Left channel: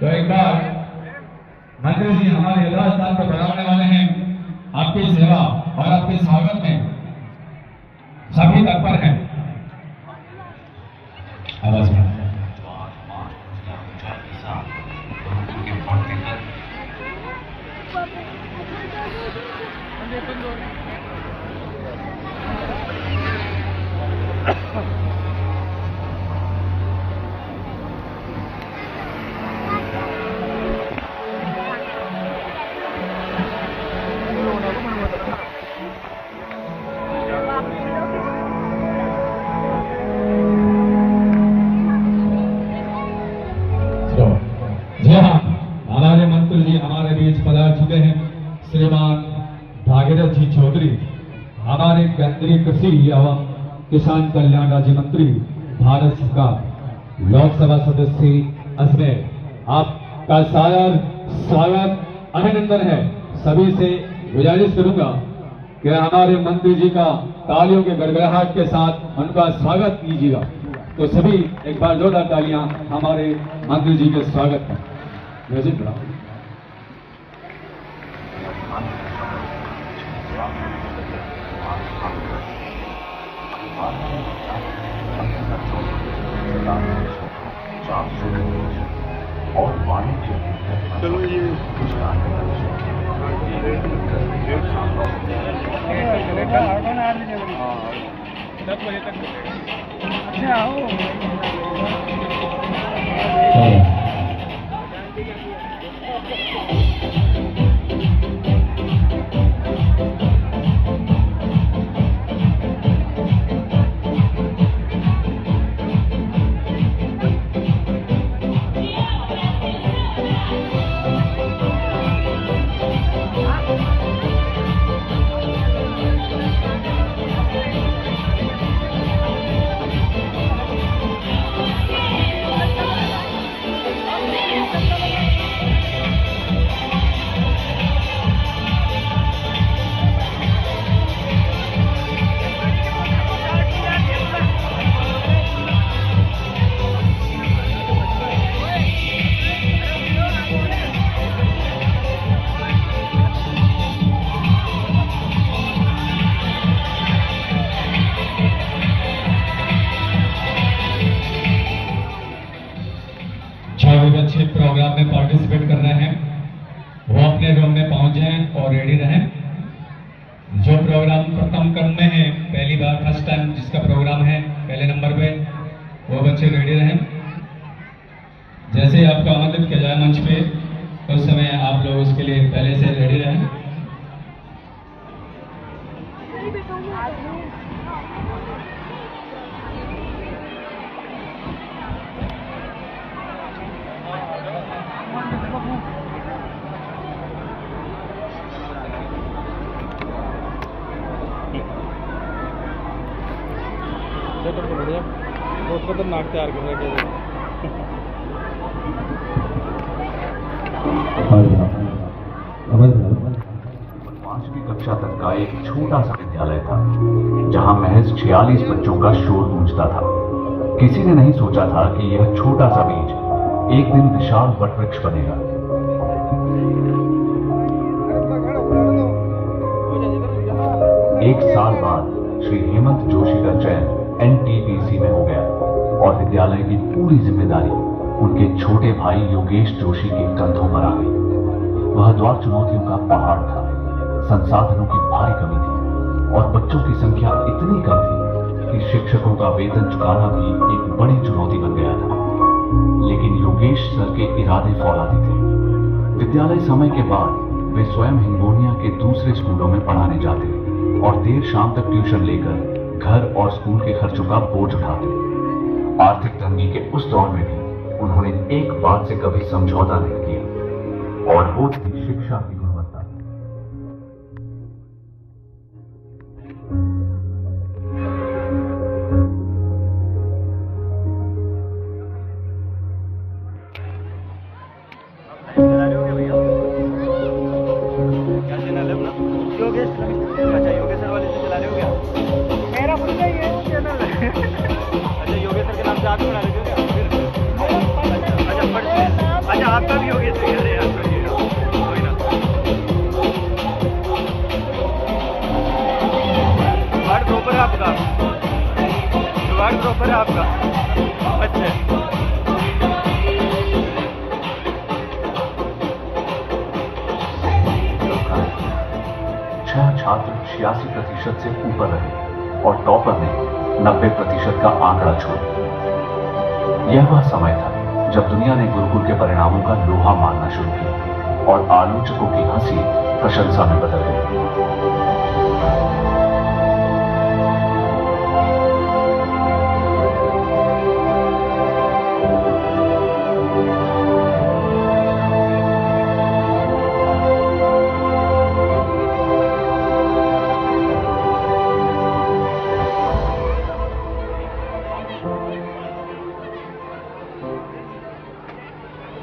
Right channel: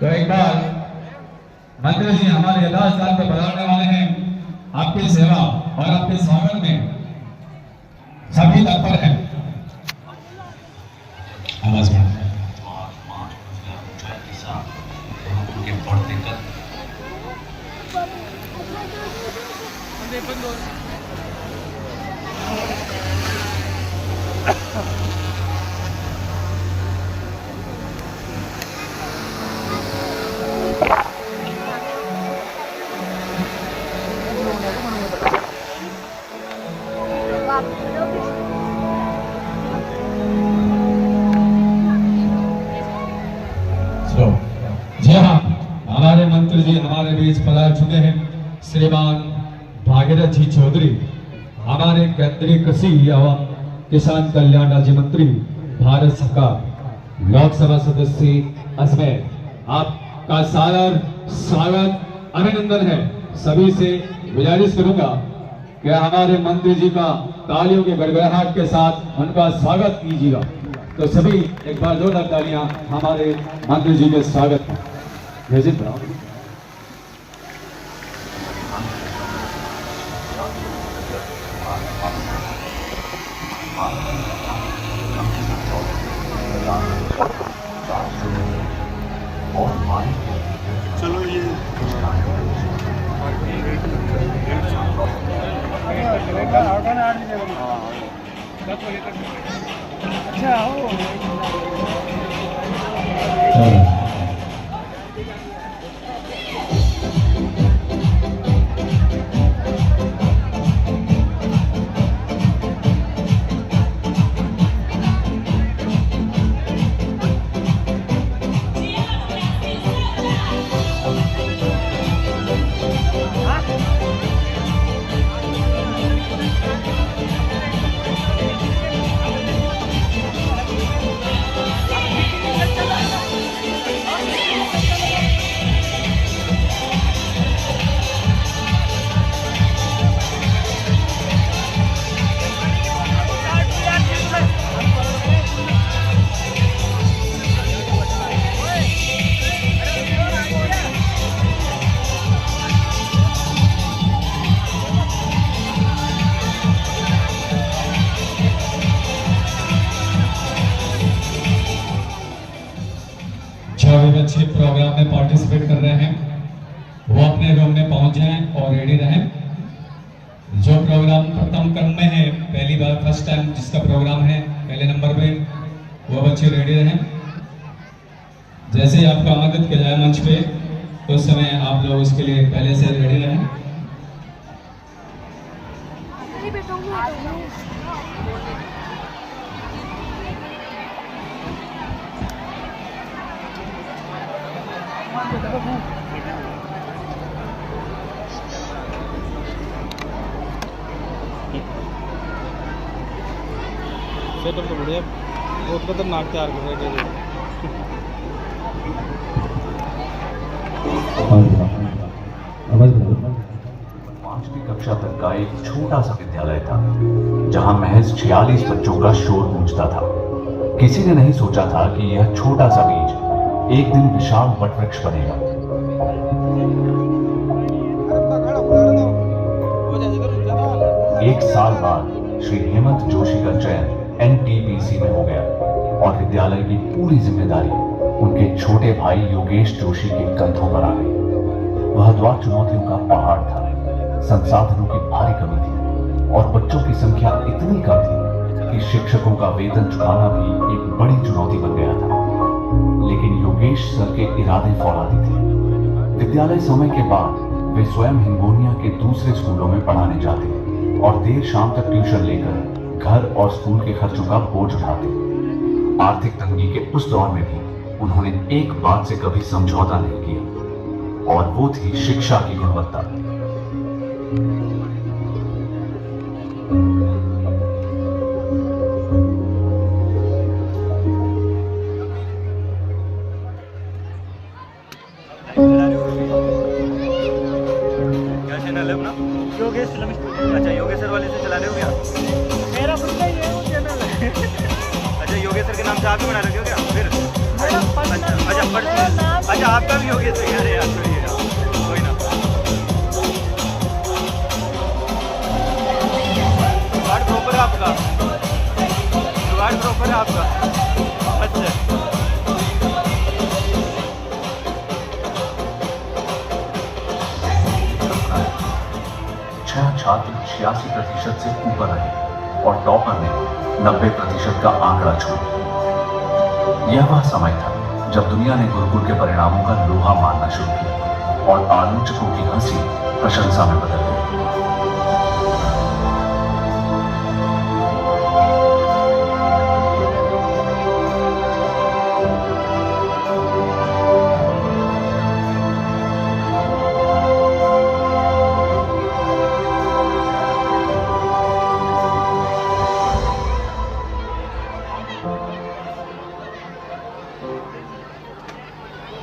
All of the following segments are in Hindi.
तो एक बार मंत्री जी हमारे राजस्थान को बढ़ाने वाले हैं। आपकी सेवा और आपके स्वागत में सभी तत्पर हैं। आवाज में हमारे मंत्री जी हमारे बीच पधार चुके हैं। श्रीमान भागीरथ जी चौधरी हमारे केंद्रीय कृषि एवं किसान कल्याण राज्य मंत्री भारत सरकार, लोकसभा सदस्य अजमेर, आपका सादर स्वागत अभिनंदन है। सभी से गुजारिश करूंगा कि हमारे मंत्री जी का तालियों के गड़गड़ाहट के साथ उनका स्वागत कीजिएगा। तो सभी एक बार जोरदार तालियां हमारे मंत्री जी के स्वागत का। म्यूजिक बनाओ। चलो ये अच्छा हो अच्छे प्रोग्राम में पार्टिसिपेट कर रहे हैं वो अपने रूम में पहुंच जाएं और रेडी रहें। जो प्रोग्राम प्रथम क्रम में है, पहली बार फर्स्ट टाइम जिसका प्रोग्राम है पहले नंबर पे, वो बच्चे रेडी रहें। जैसे ही आपको आमंत्रित किया जाए मंच पे, उस समय आप लोग उसके लिए पहले से रेडी रहें। सेटअप तो बढ़िया, बहुत खतरनाक तैयार कर रहे हैं। पांचवी कक्षा तक का एक छोटा सा विद्यालय था जहां महज 46 बच्चों का शोर गूंजता था। किसी ने नहीं सोचा था कि यह छोटा सा बीज एक दिन विशाल वटवृक्ष बनेगा। एक साल बाद श्री हेमंत जोशी का चयन NTPC में हो गया और विद्यालय की पूरी जिम्मेदारी उनके छोटे भाई योगेश जोशी के कंधों पर आ गई। वह द्वार चुनौतियों का पहाड़ था, संसाधनों की भारी कमी थी और बच्चों की संख्या इतनी कम थी कि शिक्षकों का वेतन चुकाना भी एक बड़ी चुनौती बन गया था। लेकिन योगेश सर के इरादे फौलादी थे। विद्यालय समय के बाद वे स्वयं हिंगोनिया के दूसरे स्कूलों में पढ़ाने जाते और देर शाम तक ट्यूशन लेकर घर और स्कूल के खर्चों का बोझ उठाते। आर्थिक तंगी के उस दौर में भी उन्होंने एक बात से कभी समझौता नहीं किया और वो थी शिक्षा की गुणवत्ता। योगेश अच्छा योगेश सर वाले से चला रहे हो क्या? मेरा खुद का ही है चैनल। अच्छा योगेश सर के नाम से आप ही बना रहे हो क्या? फिर अच्छा आप आता नहीं होगी तो यार याद करिए यार, कोई ना। जुगाड़ प्रॉपर है आपका, जुगाड़ प्रॉपर है आपका। अच्छा छह छात्र 86% से ऊपर रहे और टॉपर ने 90% का आंकड़ा छोड़ा। यह वह समय था जब दुनिया ने गुरुकुल के परिणामों का लोहा मानना शुरू किया और आलोचकों की हंसी प्रशंसा में बदल गई।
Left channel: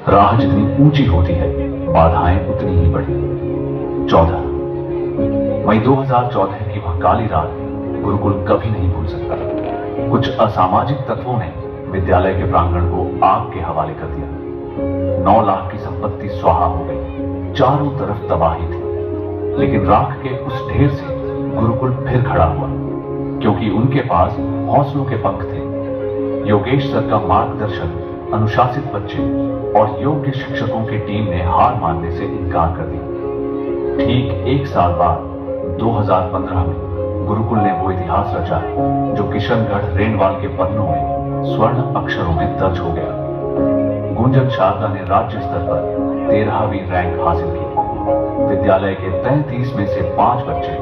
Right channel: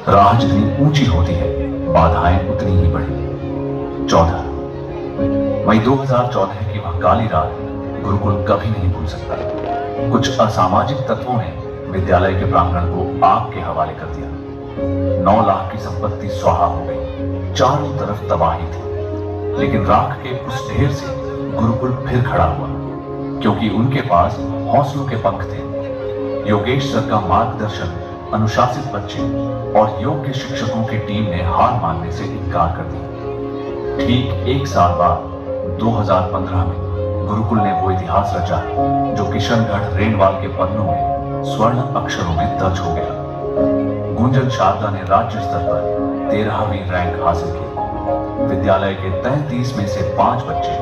राह जितनी ऊंची होती है, बाधाएं उतनी ही बढ़ी। 14 मई 2014 की वह काली रात गुरुकुल कभी नहीं भूल सकता। कुछ असामाजिक तत्वों ने विद्यालय के प्रांगण को आग के हवाले कर दिया। 9 लाख की संपत्ति स्वाहा हो गई, चारों तरफ तबाही थी। लेकिन राख के उस ढेर से गुरुकुल फिर खड़ा हुआ, क्योंकि उनके पास हौसलों के पंख थे। योगेश सर का मार्गदर्शन, अनुशासित बच्चे और योग्य शिक्षकों की टीम ने हार मानने से इनकार कर दिया। ठीक 1 साल बाद 2015 में गुरुकुल ने वो इतिहास रचा जो किशनगढ़ रेनवाल के पन्नों में स्वर्ण अक्षरों में दर्ज हो गया। गुंजन शारदा ने राज्य स्तर पर 13वीं रैंक हासिल की। विद्यालय के 33 में से 5 बच्चे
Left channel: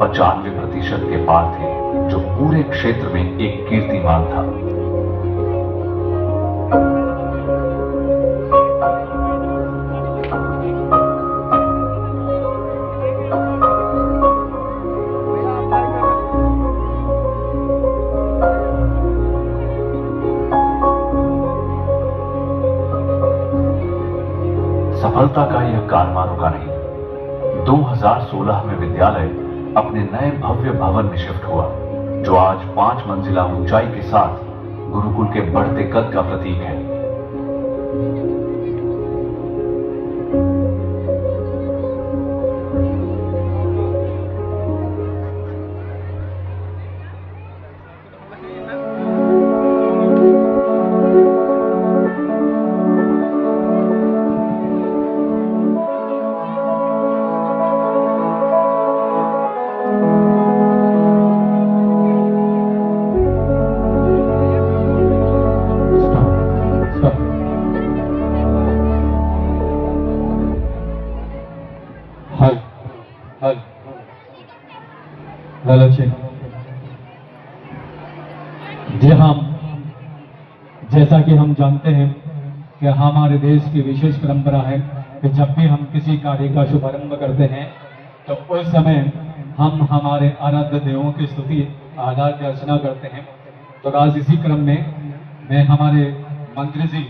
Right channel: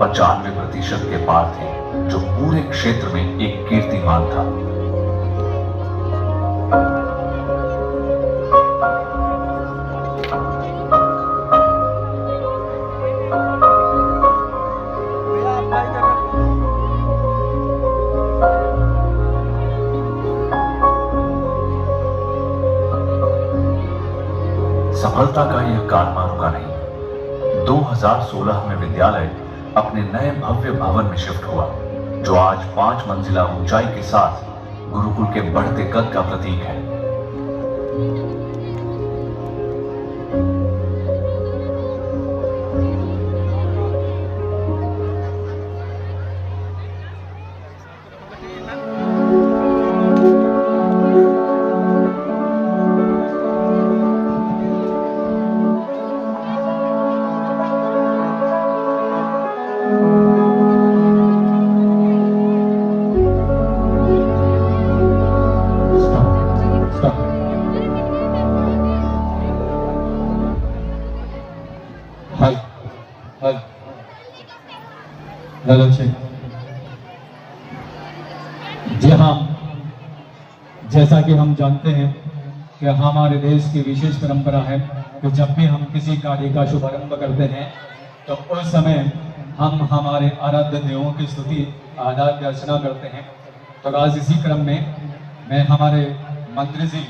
95% के पार थे, जो पूरे क्षेत्र में एक कीर्तिमान था। सफलता का यह कारवां रुका नहीं। 2016 में विद्यालय अपने नए भव्य भवन में शिफ्ट हुआ, जो आज 5 मंजिला ऊंचाई के साथ गुरुकुल के बढ़ते कद का प्रतीक है। जी हाँ, जैसा कि हम जानते हैं कि हमारे देश की विशेष परंपरा है कि जब भी हम किसी कार्य का शुभारंभ करते हैं तो उस समय हम हमारे आराध्य देवों की स्तुति आराध्य अर्चना करते हैं। तो आज इसी क्रम में मैं हमारे मंत्री जी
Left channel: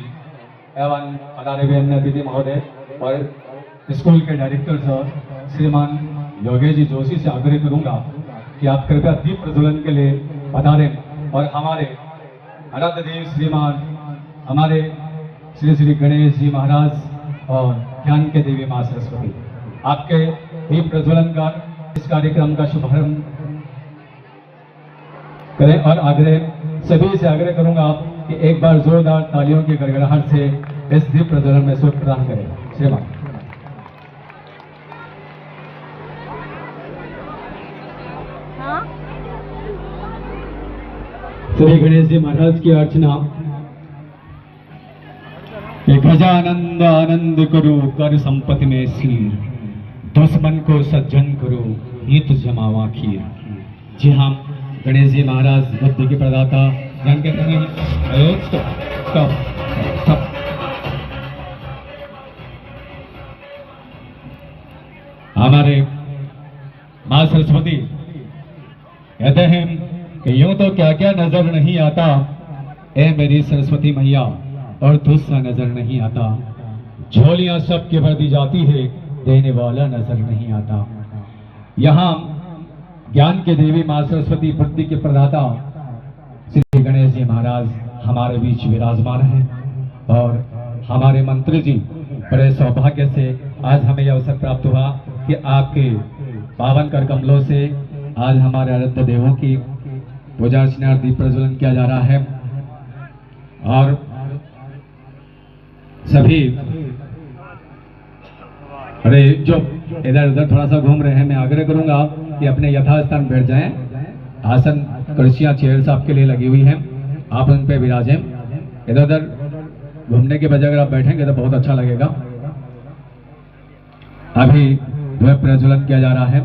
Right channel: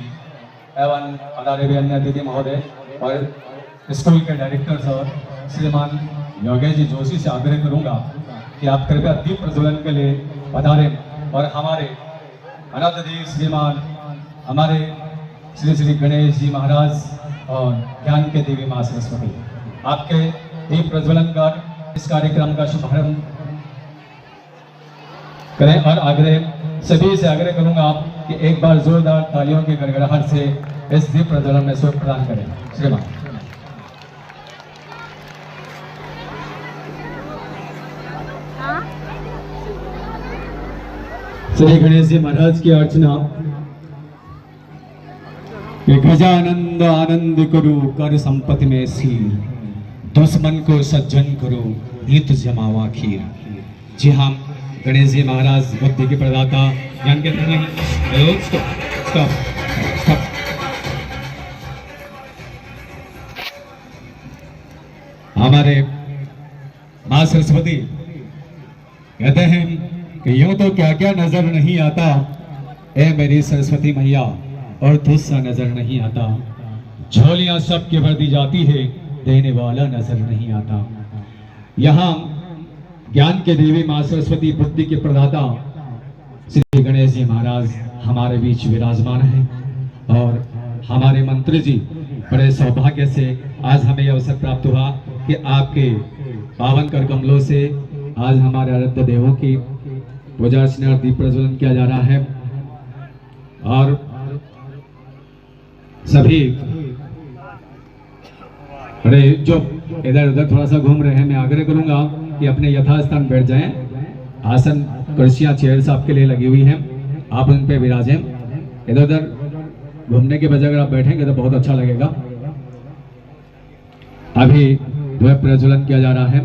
एवं आदरणीय अन्य अतिथि महोदय और स्कूल के डायरेक्टर सर श्रीमान योगेश जी जोशी से आग्रह करूंगा कि आप कृपया दीप प्रज्वलन के लिए पधारें और हमारे आराध्य देव श्रीमान हमारे श्री श्री गणेश जी महाराज और ज्ञान के देवी माँ सरस्वती आपके दीप प्रज्वलन कर इस कार्यक्रम का शुभारंभ करें। और आग्रह सभी से आग्रह करूंगा आप कि एक बार जोरदार तालियों की गड़गड़ाहट से इस दीप प्रज्वलन में सहयोग प्रदान करें। श्रीमान श्री गणेश जी महाराज की अर्चना। गजानंद आनंद करो कर संपत्ति में सीर, दुश्मन को सज्जन करो हित जमावा खीर। जी हाँ, गणेश जी महाराज बुद्धि के प्रदाता, ज्ञान के नहीं। स्टॉप। हमारे माँ सरस्वती कहते हैं कि यूं तो क्या क्या नजर नहीं आता, ए मेरी सरस्वती मैया और तुझसा नजर नहीं आता। झोलियां सबके भर दी जाती है, देने वाला नजर नहीं आता। यहाँ ज्ञान के देवी माँ सरस्वती बुद्धि के प्रदाता श्री गणेश जी महाराज हमारे बीच विराजमान है और हमारे मंत्री जी, बड़े सौभाग्य से आज हमें यह अवसर प्राप्त हुआ कि आपके पावन कर कमलों से आज हमारे आराध्य देवों की पूजा अर्चना और दीप प्रज्वलन किया जा रहा है। और सभी अरे जो इधर उधर थोड़ा सा घूम रहे हैं, मैं आग्रह करूंगा कि अपने यथास्थान बैठ जाएं। आसन कुर्सियां चेयर्स आपके लिए लगी हुई हैं, आप उन पे विराजें। इधर उधर घूमने के बजाय अगर आप बैठेंगे तो बहुत अच्छा लगेगा। अभी वह प्रज्वलन किया जा रहा है।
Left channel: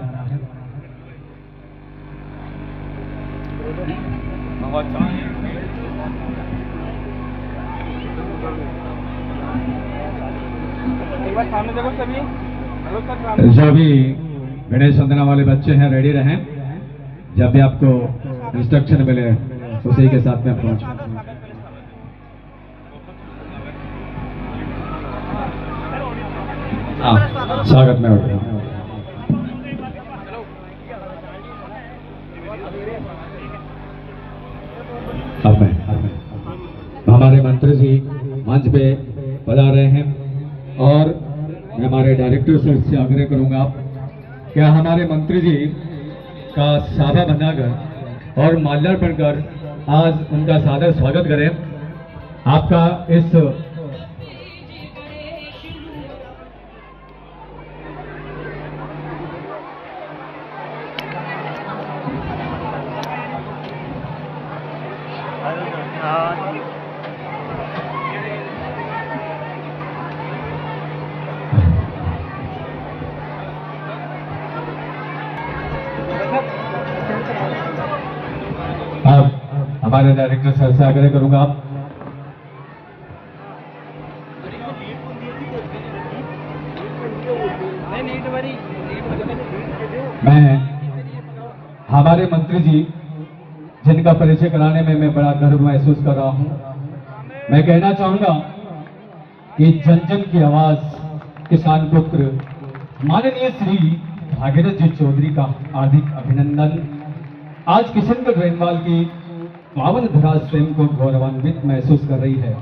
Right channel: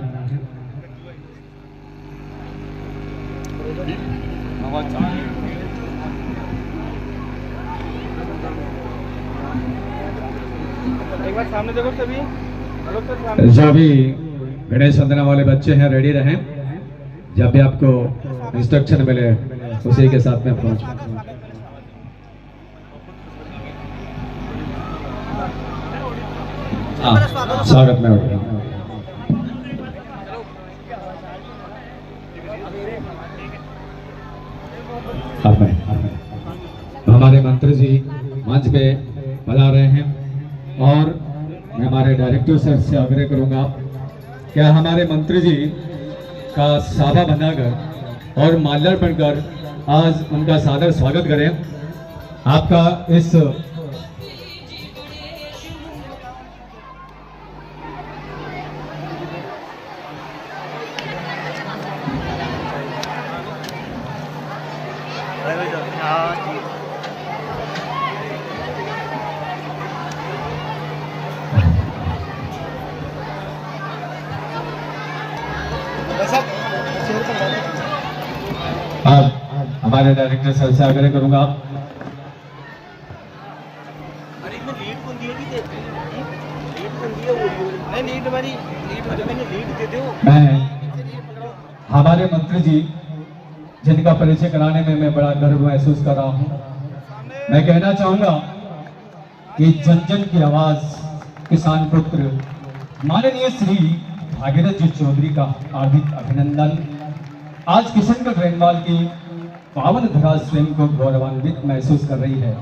सामने देखो सभी, जो भी गणेश वंदना वाले बच्चे हैं रेडी रहें, जब भी आपको इंस्ट्रक्शन मिले उसी के साथ में पहुंच। स्वागत में हमारे मंत्री जी मंच पे बता रहे हैं और मैं हमारे डायरेक्टर सर से आग्रह करूंगा क्या हमारे मंत्री जी का साफा बनाकर और माल्यार्पण कर आज उनका सादर स्वागत करें। आपका इस हाँ ठीक। हमारे डायरेक्टर सर से आग्रह करूंगा मैं हमारे मंत्री जी जिनका परिचय कराने में मैं बड़ा गर्व महसूस कर रहा हूं। मैं कहना चाहूंगा कि जन जन की आवाज किसान पुत्र माननीय श्री भागीरथ जी चौधरी का हार्दिक अभिनंदन। आज किशनगढ़ रेनवाल की पावन धरा स्वयं को गौरवान्वित महसूस कर रही है।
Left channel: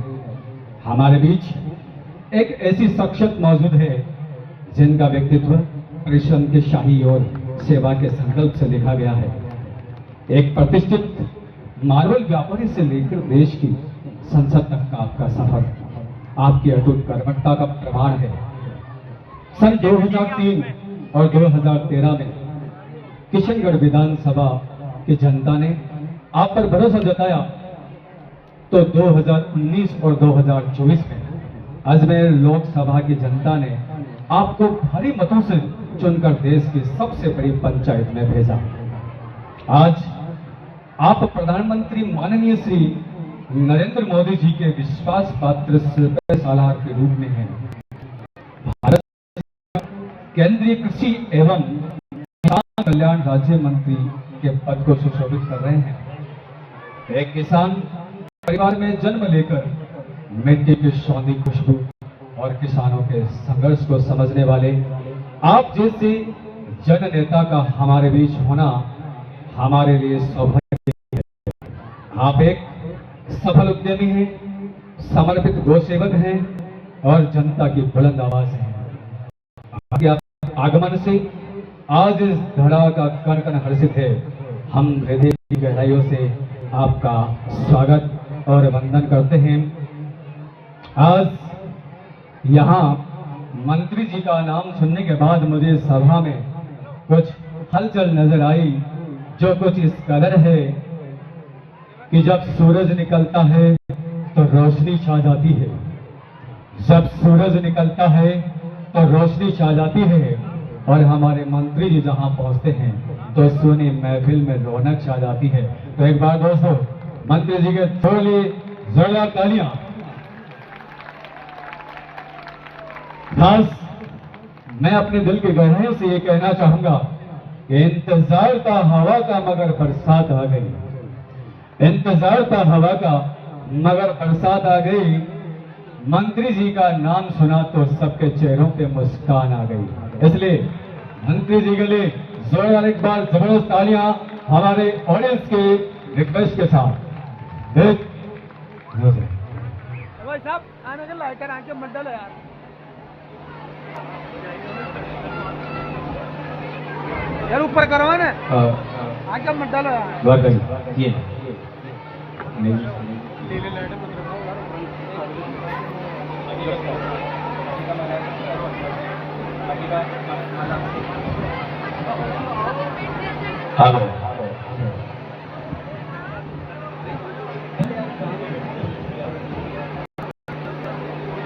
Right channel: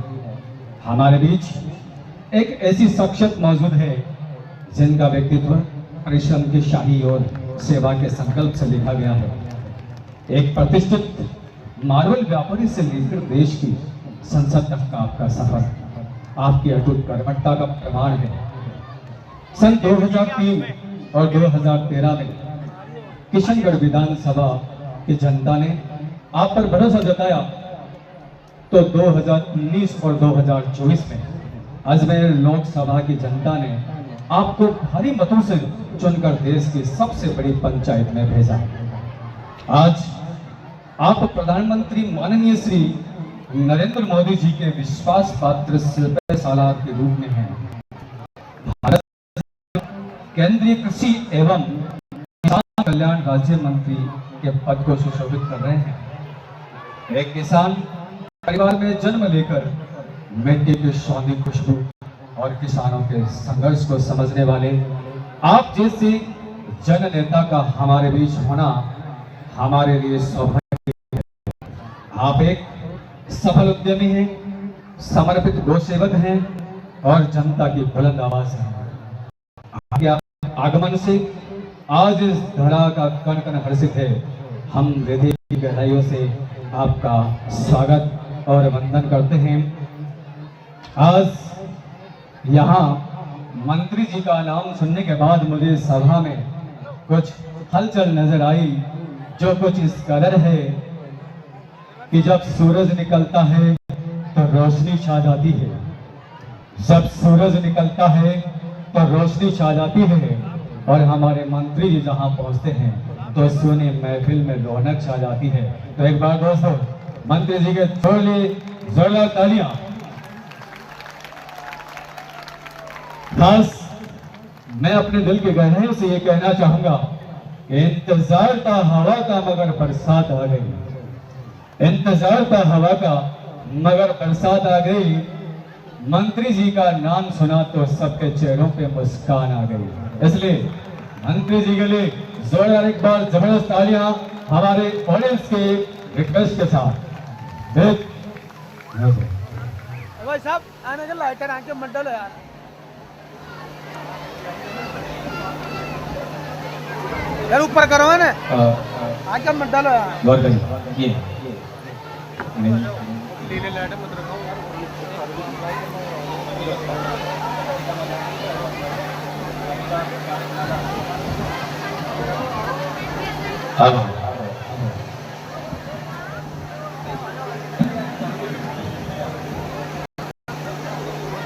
हमारे बीच एक ऐसी शख्सियत मौजूद है जिनका व्यक्तित्व परिश्रम के शाही और सेवा के संकल्प से लिखा गया है। एक प्रतिष्ठित मार्बल व्यापारी से लेकर देश की संसद तक का आपका सफर आपकी अटूट कर्मठता का प्रमाण है। सन 2003 और 2013 में किशनगढ़ विधानसभा की जनता ने आप पर भरोसा जताया तो 2019 और 2024 में अजमेर लोकसभा की जनता ने आपको भारी मतों से चुनकर देश की सबसे बड़ी पंचायत में भेजा। आज आप प्रधानमंत्री माननीय श्री नरेंद्र मोदी जी के विश्वास पात्र सालार के रूप में हैं। भारत केंद्रीय कृषि एवं किसान कल्याण राज्य मंत्री के पद को सुशोभित कर रहे हैं। एक किसान परिवार में जन्म लेकर मिट्टी की सौंधी खुशबू और किसानों के संघर्ष को समझने वाले आप जैसे जन नेता का हमारे बीच होना हमारे लिए सौभाग्य है। आप एक सफल उद्यमी हैं, समर्पित गौ सेवक हैं और जनता की बुलंद आवाज हैं। आपके आगमन से आज इस धरा का कण कण हर्षित है। हम हृदय की गहराइयों से आपका स्वागत और वंदन करते हैं। आज यहाँ मंत्री जी का नाम सुनने के बाद मुझे सभा में कुछ हलचल नजर आई, जो कुछ इस कदर है कि जब सूरज निकलता है तो रोशनी छा जाती है। जब सूरज निकलता है तो रोशनी छा जाती है और हमारे मंत्री जी जहां पहुंचते हैं तो सोनी महफिल में रौनक छा जाती है। तो एक बार दोस्तों मंत्री जी के जोरदार तालियां। खास मैं अपने दिल की गहराइयों से ये कहना चाहूंगा कि इंतजार था हवा का मगर बरसात आ गई। इंतजार था हवा का मगर बरसात आ गई। मंत्री जी का नाम सुना तो सबके चेहरों पे मुस्कान आ गई। इसलिए मंत्री जी के लिए जोरदार एक बार जबरदस्त तालियां हमारे ऑडियंस के रिक्वेस्ट के साथ। लाइटर आके मंडल है यार। यार ऊपर करो ना आके मंडल है यार। गौर करिए ये नीले लाइटर मत रखो हाँ हाँ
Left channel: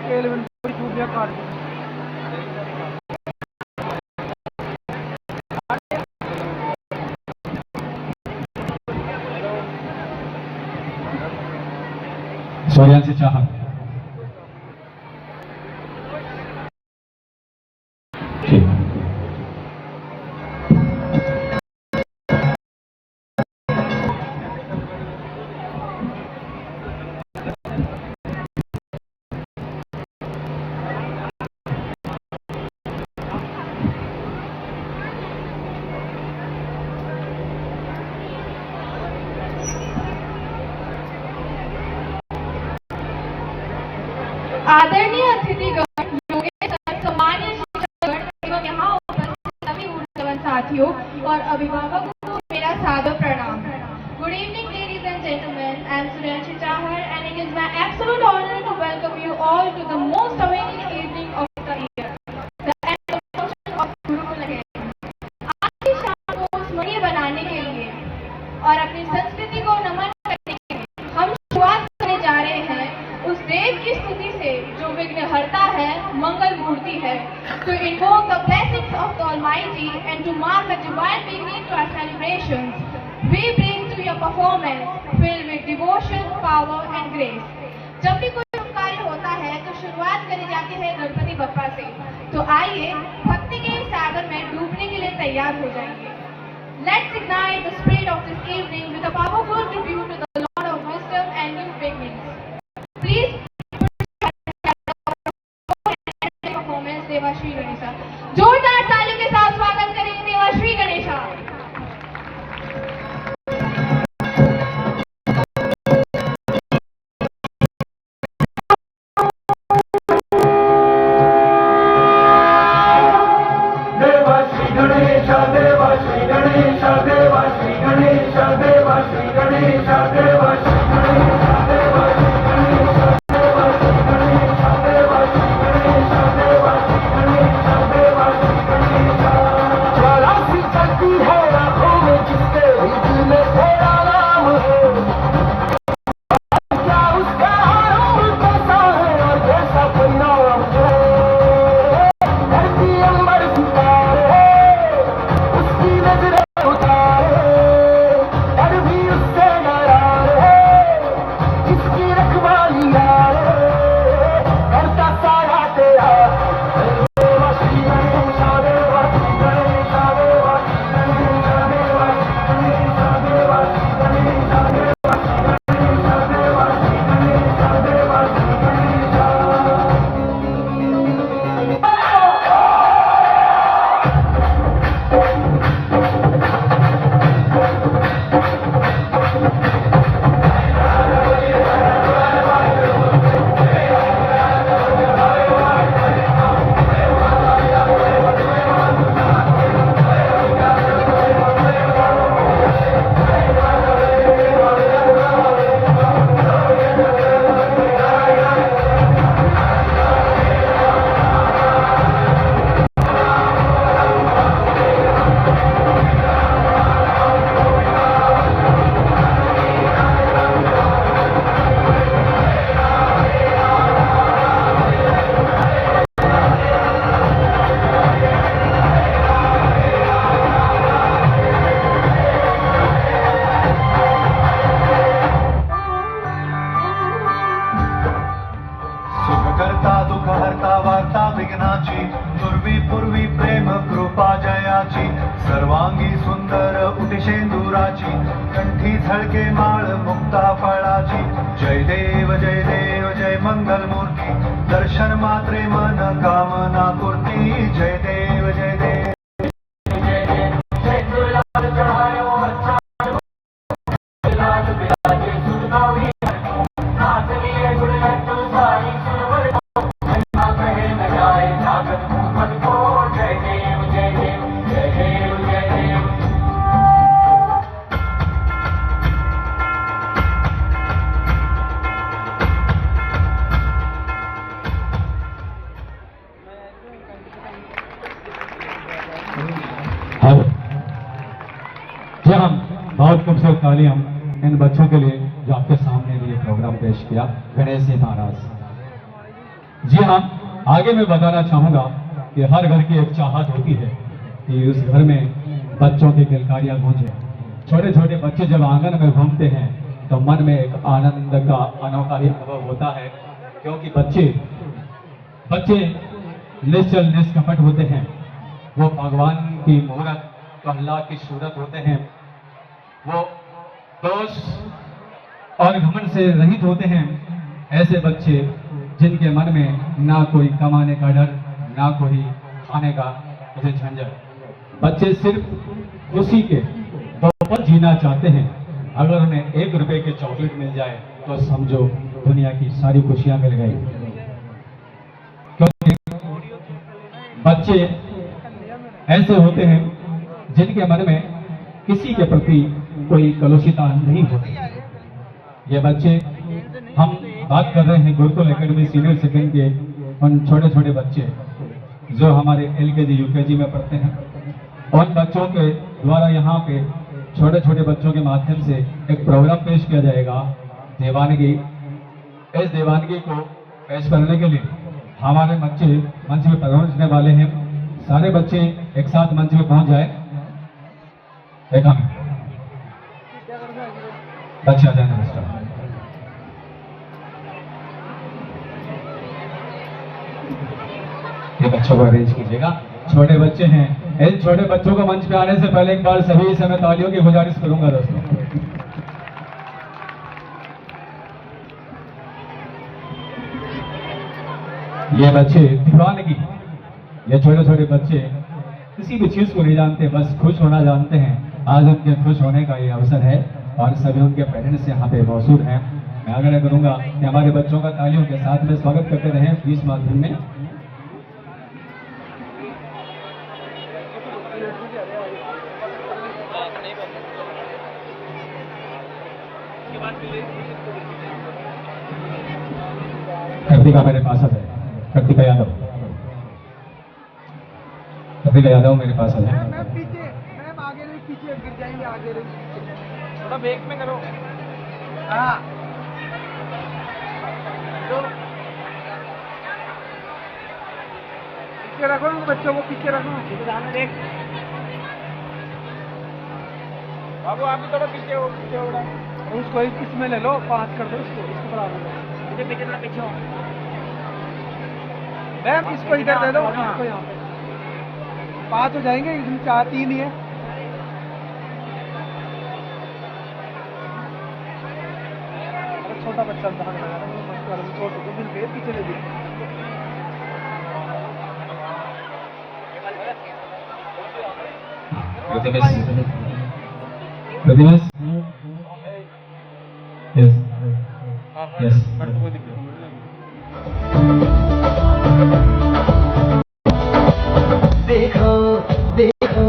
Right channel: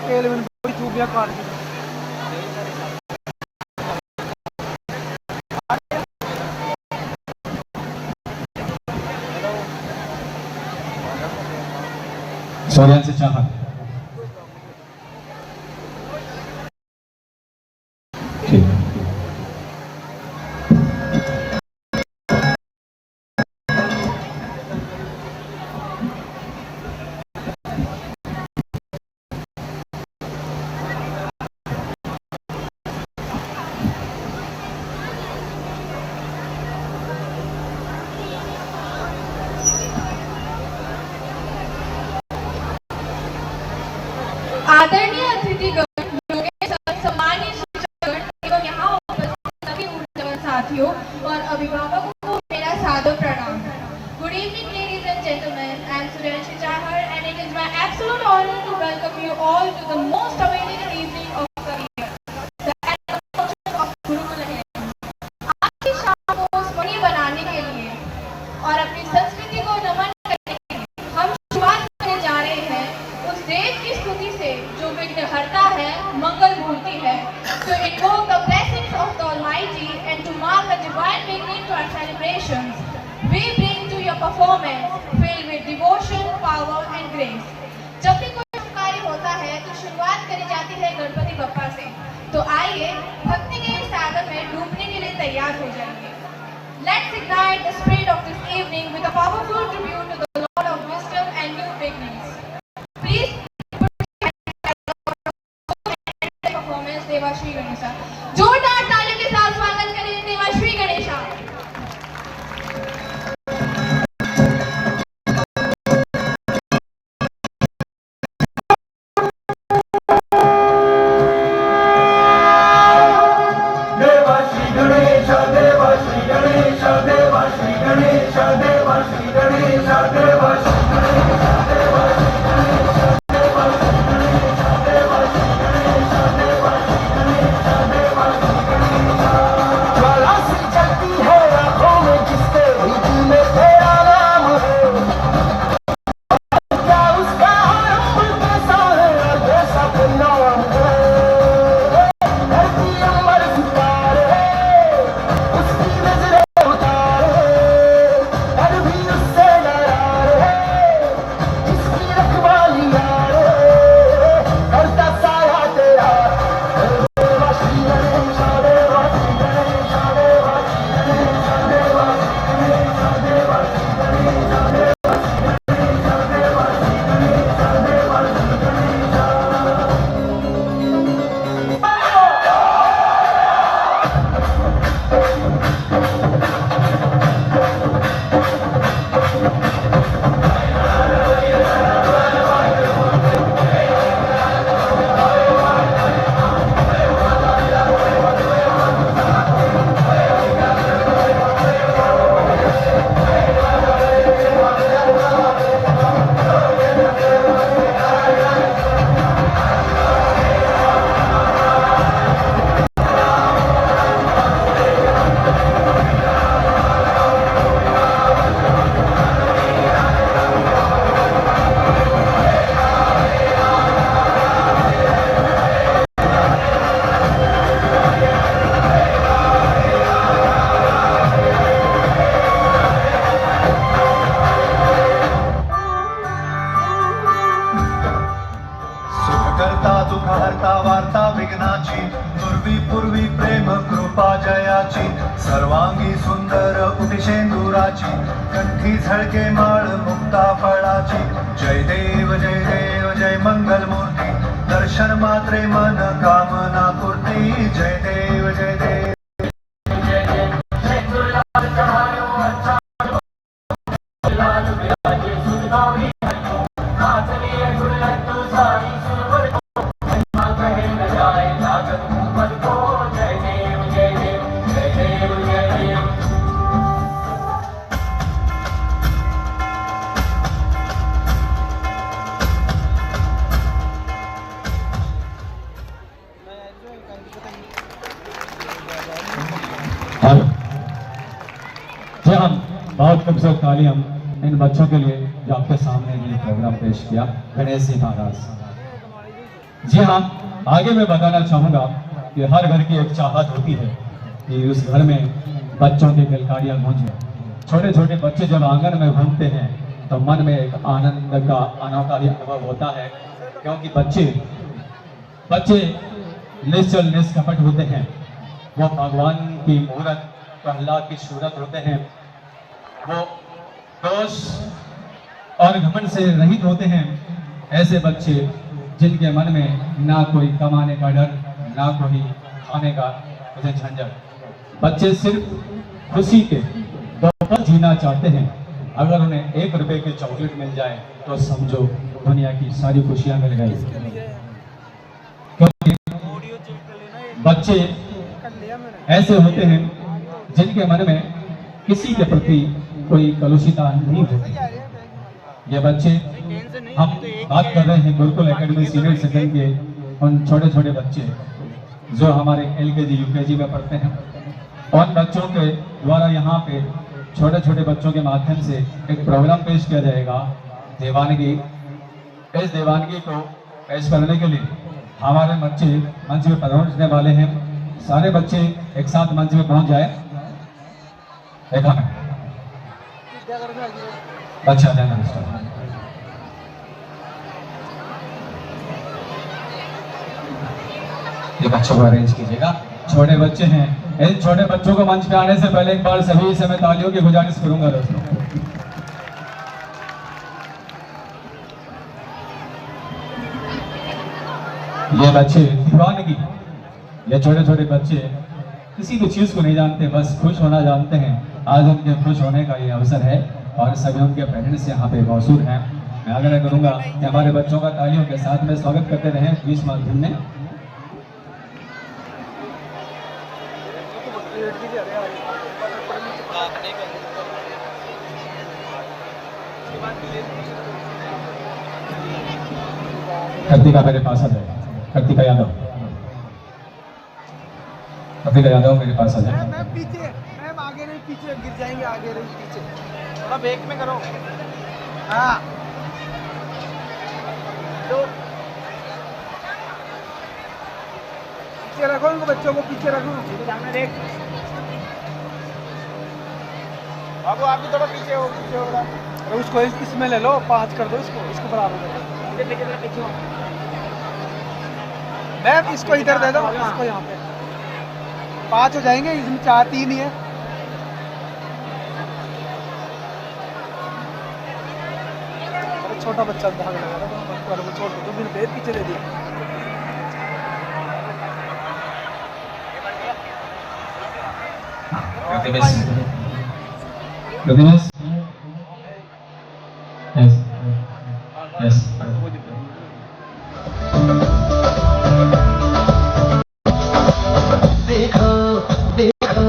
तेल में कोई चूबिया काट दो। सूर्यांश चाहर ठीक आदरणीय अतिथिगण, योगेश सम्मान्य शिक्षकगण एवं यहाँ उपस्थित सभी ऊर्जावान साथियों और अभिभावकों को मेरा सादर प्रणाम। Good evening, ladies and gentlemen. I am Suryanshi Chahar, and it is my absolute honor to welcome you all to the most awaited evening of the year, the annual function of Gurukul है। आज की शाम को स्मरणीय बनाने के लिए और अपनी संस्कृति को नमन करने के लिए हम शुरुआत करने जा रहे हैं उस देव की स्तुति से जो विघ्नहर्ता है, मंगल मूर्ति है, to invoke the blessings of the Almighty and to mark a divine beginning to our celebrations. We bring to your performance filled with devotion, power and grace. जब भी कोई शुभ कार्य होता है तो शुरुआत करी जाती है गणपति बप्पा से। तो आइए भक्ति के इस सागर में डूबने के लिए तैयार हो जाइए। Let's ignite the spirit of this evening with a powerful tribute to the Lord of Wisdom and new beginnings. Please performance Devashree Ganesha. जोरदार तालियों के साथ स्वागत करें देवाश्री गणेशा। देवाश्री गणेशा देवाश्री गणेशा देवाश्री गणेशा देवाश्री गणेशा देवाश्री गणेशा देवाश्री गणेशा देवाश्री गणेशा देवाश्री गणेशा देवाश्री गणेशा देवाश्री गणेशा। ज्वाला सी जलती है आंखों में जिसके भी दिल में तेरा नाम है, क्या उसका आनंद कैसा है और कैसा परिणाम है। धरती अंबर सितारे उसकी नजरें उतारे, डर भी उससे डरा रे, जिसकी रखवाली यारे करता साया तेरा। देवाश्री गणेशा देवाश्री गणेशा देवाश्री गणेशा देवाश्री गणेशा देवाश्री गणेशा देवाश्री गणेशा देवाश्री गणेशा देवाश्री गणेशा। सुखकर्ता दुःखहर्ता वार्ता विघ्नाची, पूर्वी पूर्वी प्रेम कृपा जयाची, सर्वांगी सुंदर उदिशेंदुराची, कंठी झळके माळ मुक्ता फळाची। जय देव जय मंगल मूर्ती, दर्शन मात्रे मन कामना पूर्ती। जय देव जय देव तालियां इन बच्चों के लिए जो आपके सामने ये प्रोग्राम पेश किया गणेश जी महाराज। जी हाँ, आगे मैं बताना चाहूँगा कि हर घर की एक चाहत होती है कि उस घर में बच्चों की किलकारियाँ गूंजे। छोटे छोटे बच्चे जब आंगन में घूमते हैं तो मन में एक आनंद का अनोखा ही अनुभव होता है, क्योंकि बच्चे निश्चल निष्कपट होते हैं। वो भगवान की मूरत तो अल्लाह की सूरत होते हैं। वो दोष और घमंड से रहित होते हैं। ऐसे बच्चे जिनके मन में ना कोई कमाने का डर, ना कोई खाने का झंझट। बच्चे सिर्फ खुशी के दो पल जीना चाहते हैं। अगर उन्हें 1 रुपए की चॉकलेट मिल जाए तो समझो दुनिया की सारी खुशियां मिल गई। क्योंकि बच्चे ऐसे होते हैं जिनके मन में किसी के प्रति कोई कलुषिता नहीं होती। ये बच्चे, हम बात कर रहे हैं गुरुकुल एकेडमी सीनियर सेकेंड के उन छोटे छोटे बच्चे जो हमारे LKG UKG में पढ़ते हैं। उन बच्चों के द्वारा यहाँ पे छोटे छोटे बच्चों के माध्यम से एक प्रोग्राम पेश किया जाएगा, देवानगी। इस देवानगी को पेश करने के लिए हमारे बच्चे मंच में पहुंचने वाले हैं। सारे बच्चे एक साथ मंच में पहुंच जाए। देखा मैं बच्चा ध्यान रखना। ये बच्चों को अरेंज कीजिएगा। छोटे बच्चे हैं, इन छोटे बच्चों को मंच पे आने से पहले एक बार सभी से मैं तालियों की गुजारिश करूंगा दोस्तों। ये बच्चे दीवानगी, ये छोटे छोटे बच्चे किसी भी चीज को नहीं जानते, बस खुश होना जानते हैं। आज उनके खुश होने का ये अवसर है और सभी उनके पेरेंट्स यहाँ पे मौजूद हैं। मैं आग्रह करूंगा कि हमारे बच्चों का तालियों के साथ में स्वागत करते रहें इस माध्यम में। कृतिका मेरे पास आ जाए। कृतिका यादव मेरे पास आ जाए। मैम पीछे, मैम आगे नहीं, पीछे गिर जाएंगे, आगे नहीं पीछे, थोड़ा बैक में करो। हाँ पीछे रखो उनको, बच्चों को पीछे रखो। बाबू आप भी थोड़ा पीछे हो, पीछे हो रहा। उसको इसमें ले लो, 5 कर दो इसको बराबर। पीछे हो मैम, इसको इधर दे दो, इसको यहाँ पे 5 हो जाएंगे, इसमें 4 3 ही है। छोटा बच्चा पीछे ले दिया। Yes. देखो देखो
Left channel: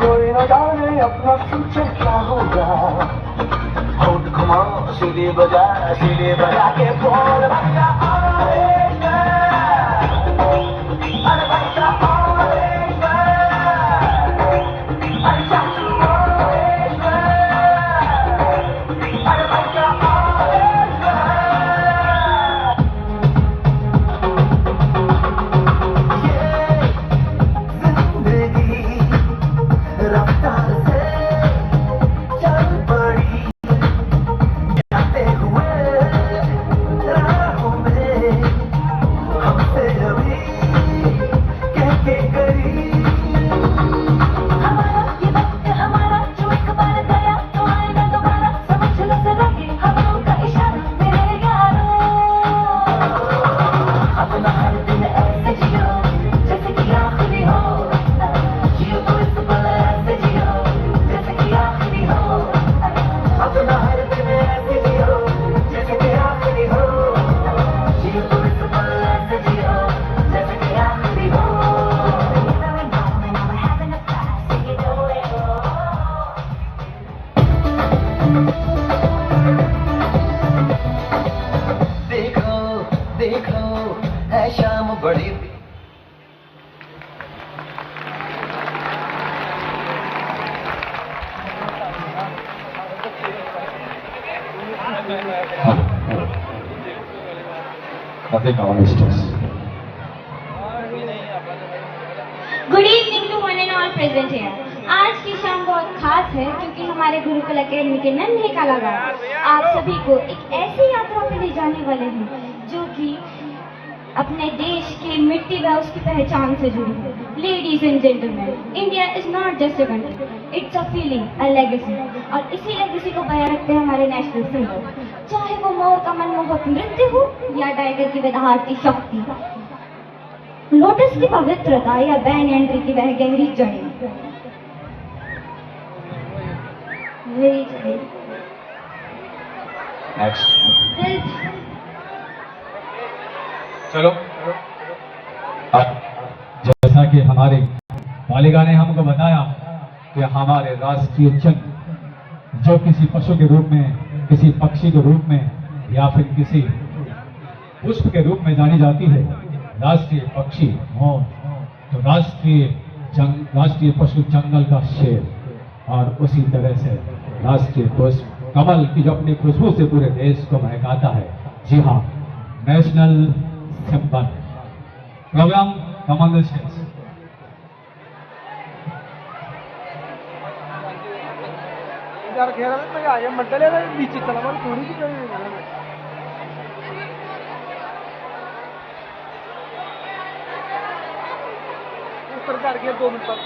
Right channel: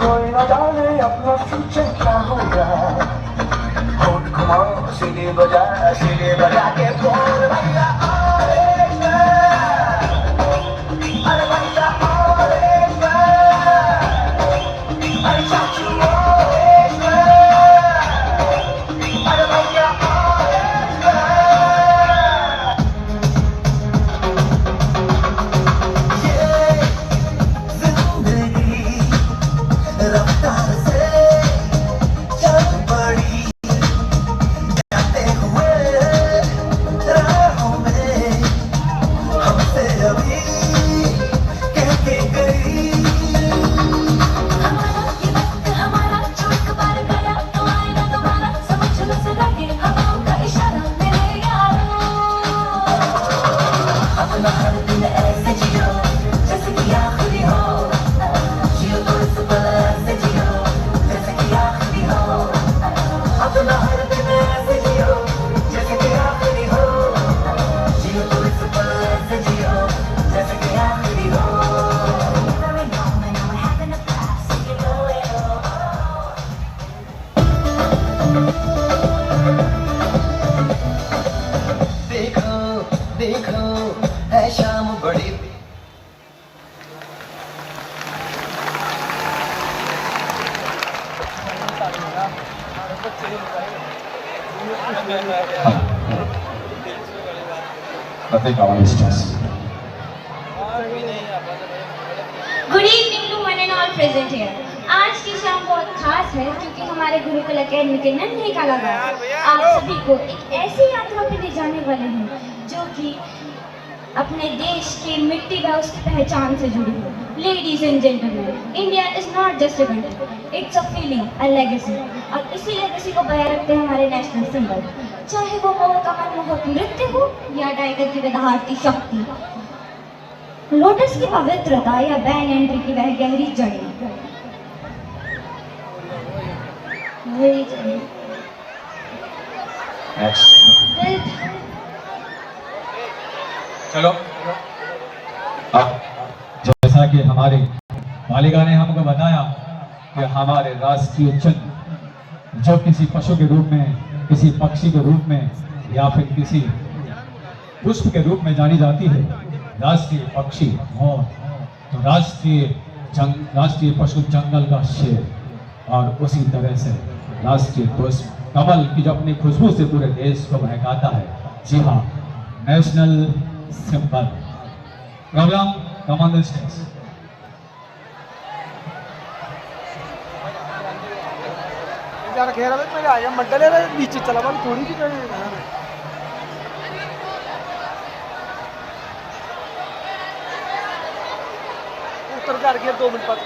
कोई न जाने अपना फ्यूचर क्या होगा। होठ घुमाओ सीढ़ी बजा के बोल बच्चा आएगा, अरे बच्चा देखो देखो है शाम बड़ी Nothing wrong with this. Good evening to one and all present here. आज की शाम बहुत खास है क्योंकि हमारे गुरुकुल अकेडमी के नन्हे कलाकार आप सभी को एक ऐसी यात्रा पे ले जाने वाले हैं जो कि अपने देश की मिट्टी व उसकी पहचान से जुड़ी है। Ladies and gentleman, India is not just a country, it's a feeling, a legacy. और इसी लेगेसी को बयां रखते हैं हमारे नेशनल सिंबल, चाहे वो मोर का मनमोहक नृत्य हो या टाइगर की दहाड़ती शक्ति, लोटस की पवित्रता या बैन एंट्री की वह गहरी जड़ी। Next. चलो अब जैसा कि हमारे मालिका ने हमको बताया कि हमारे राष्ट्रीय चिन्ह जो किसी पशु के रूप में, किसी पक्षी के रूप में या फिर किसी पुष्प के रूप में जानी जाती है, राष्ट्रीय पक्षी मोर, तो राष्ट्रीय पशु जंगल का शेर, और उसी तरह से राष्ट्रीय पुष्प कमल की जो अपनी खुशबू से पूरे देश को महकाता है। जी हाँ, national symbol. Programme command stage. यार घेरा में मैं आया मंडले रे नीचे चला बन थोड़ी सी ऊपर कर गया 2 मिनट बाद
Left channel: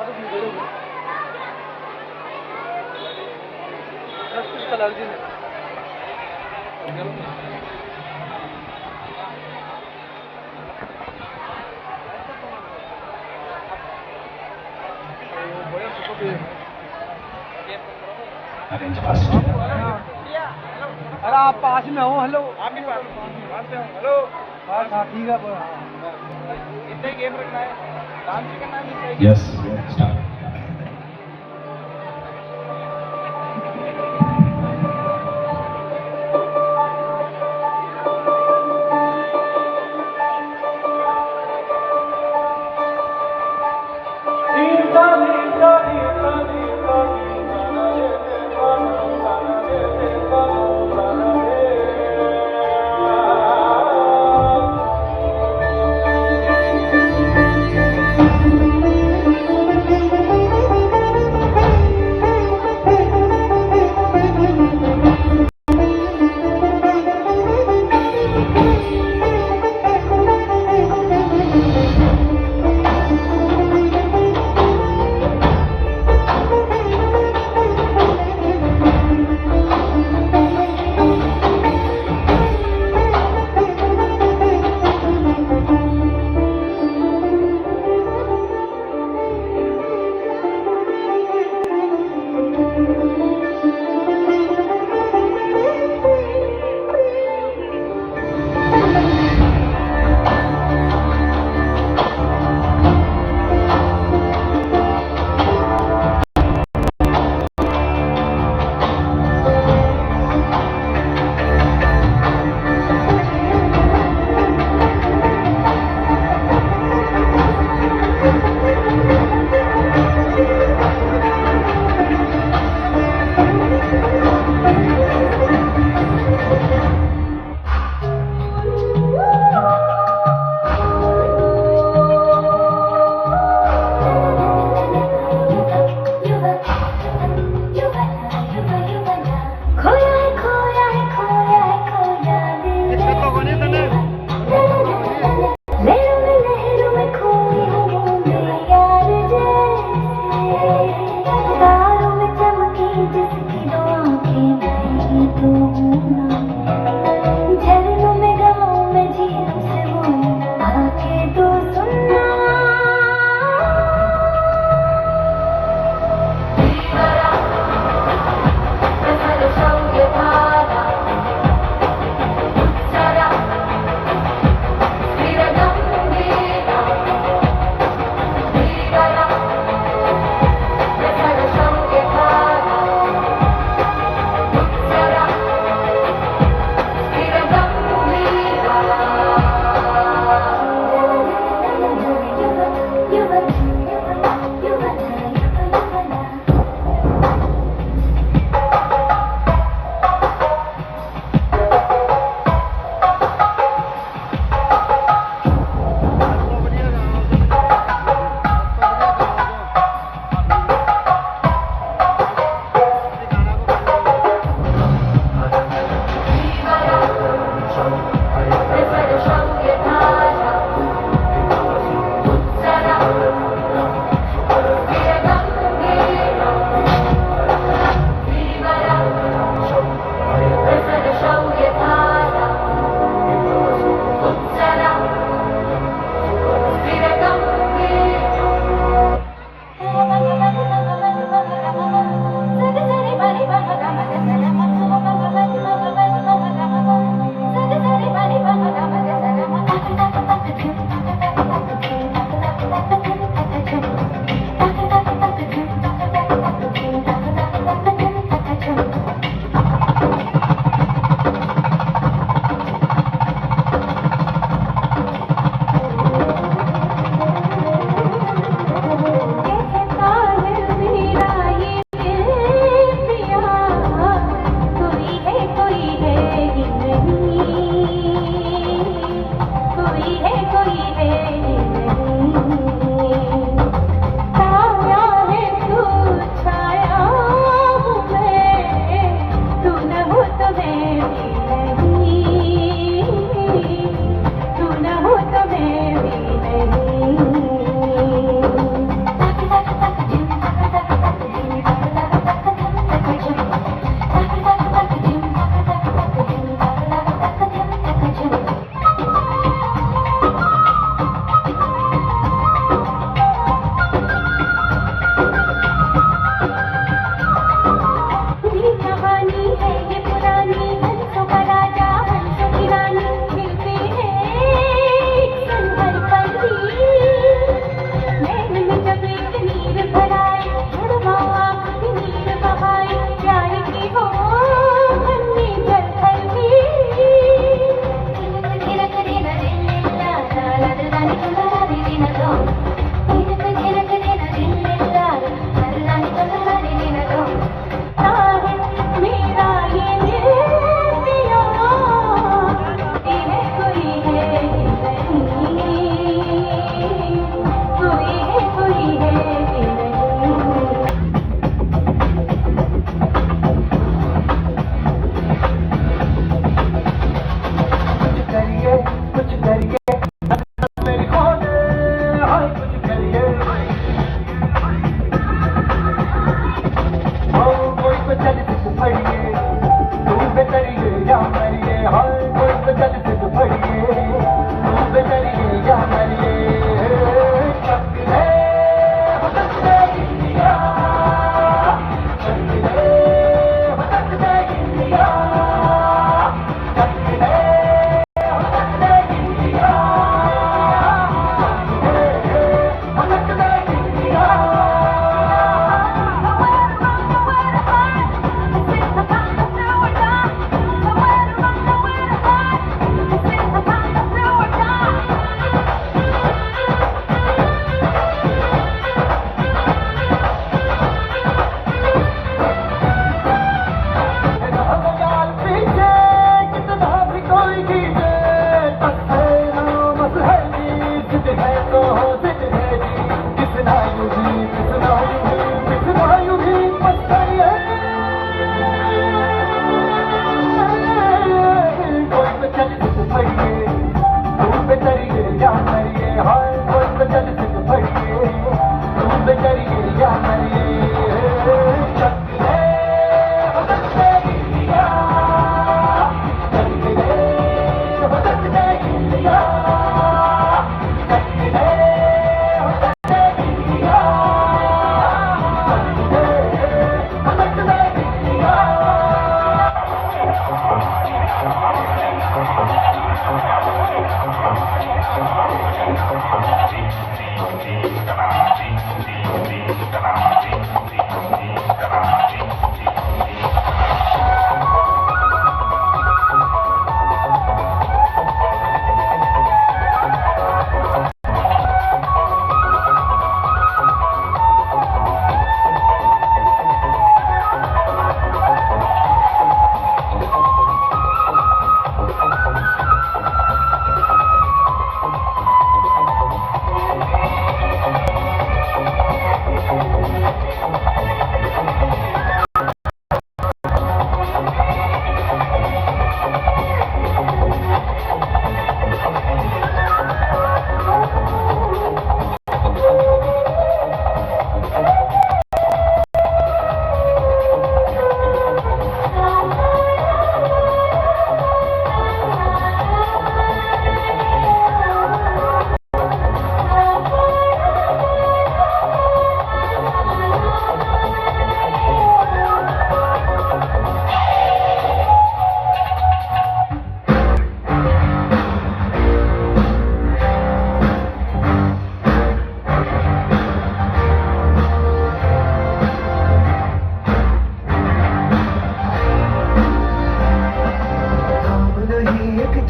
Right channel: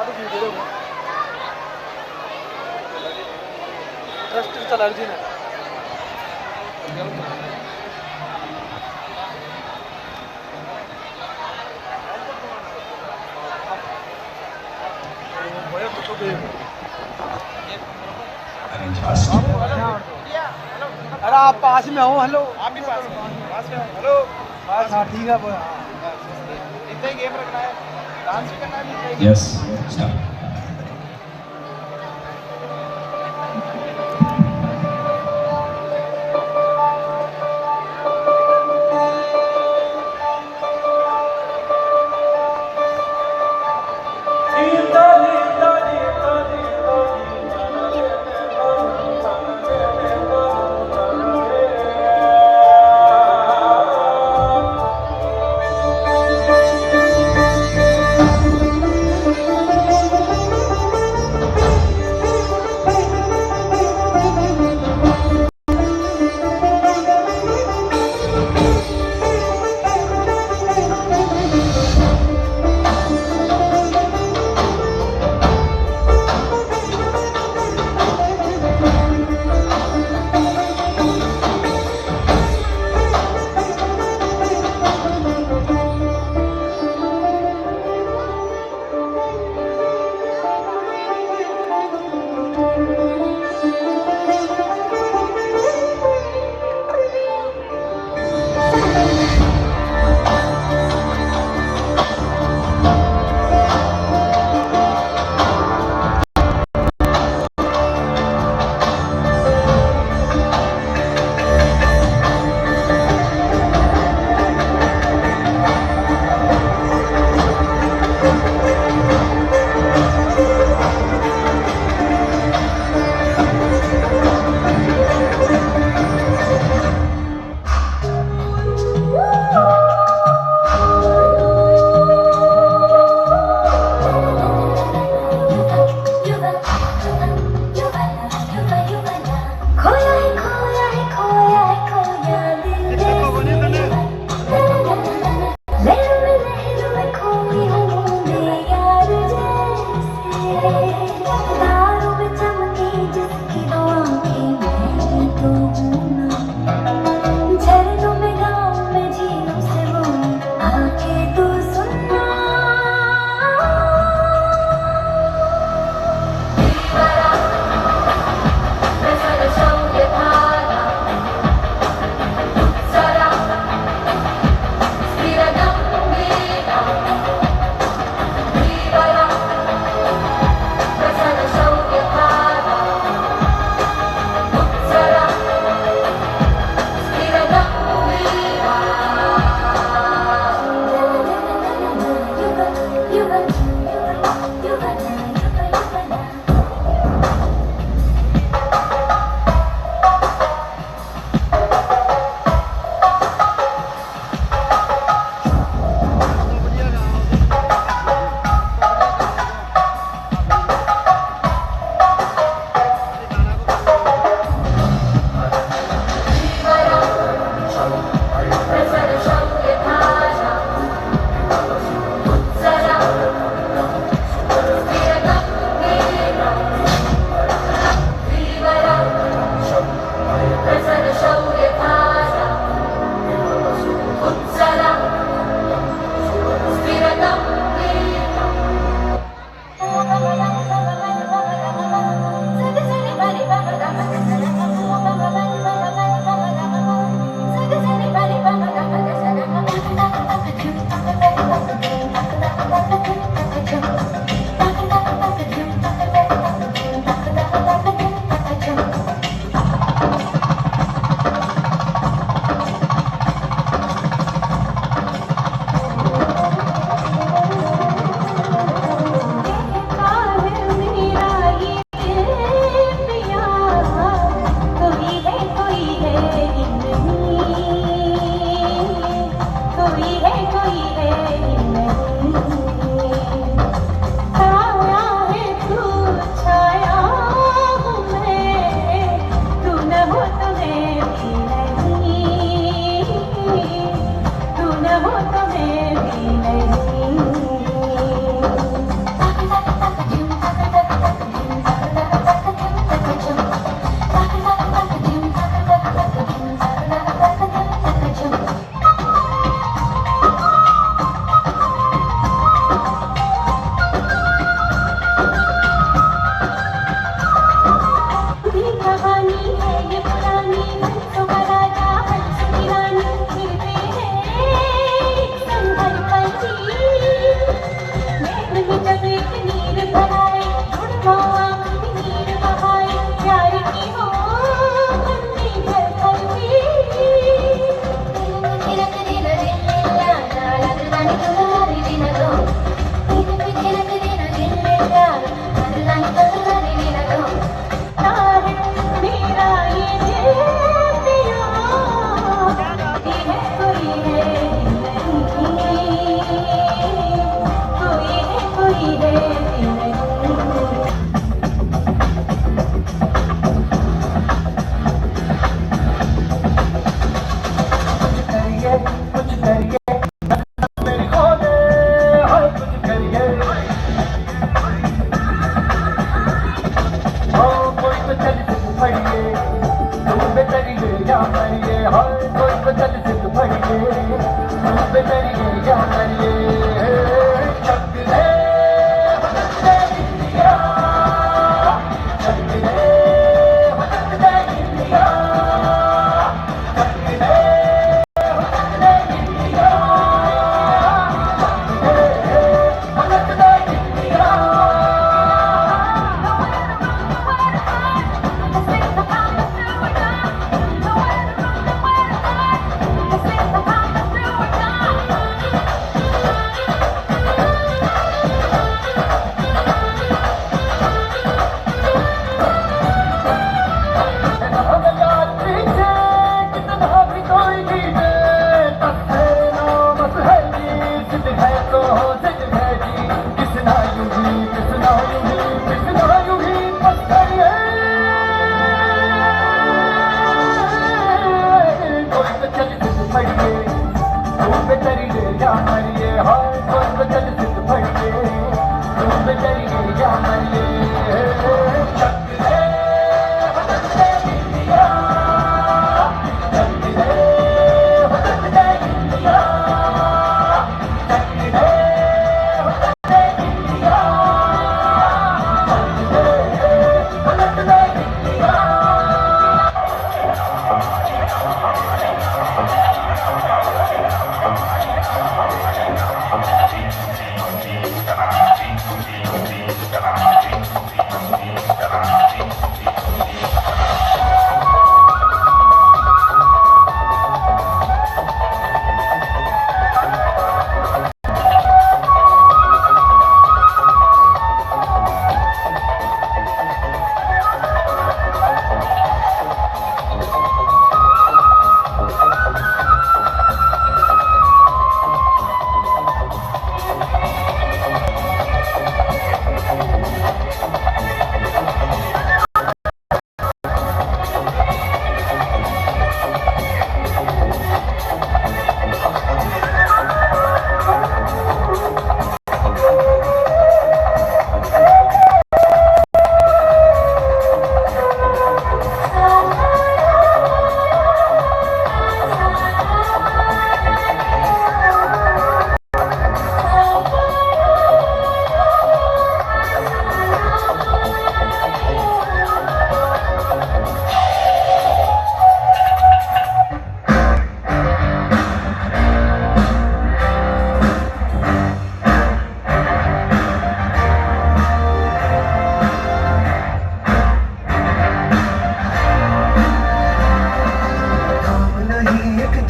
अब वीडियो हो जस्ट चला जी ने Arrange first. अरे आप पास में हो। हेलो आप भी पास में हो। हेलो हाँ ठीक है पूरा इतना ही गेम रखना है, डांस भी करना है। Yes, start.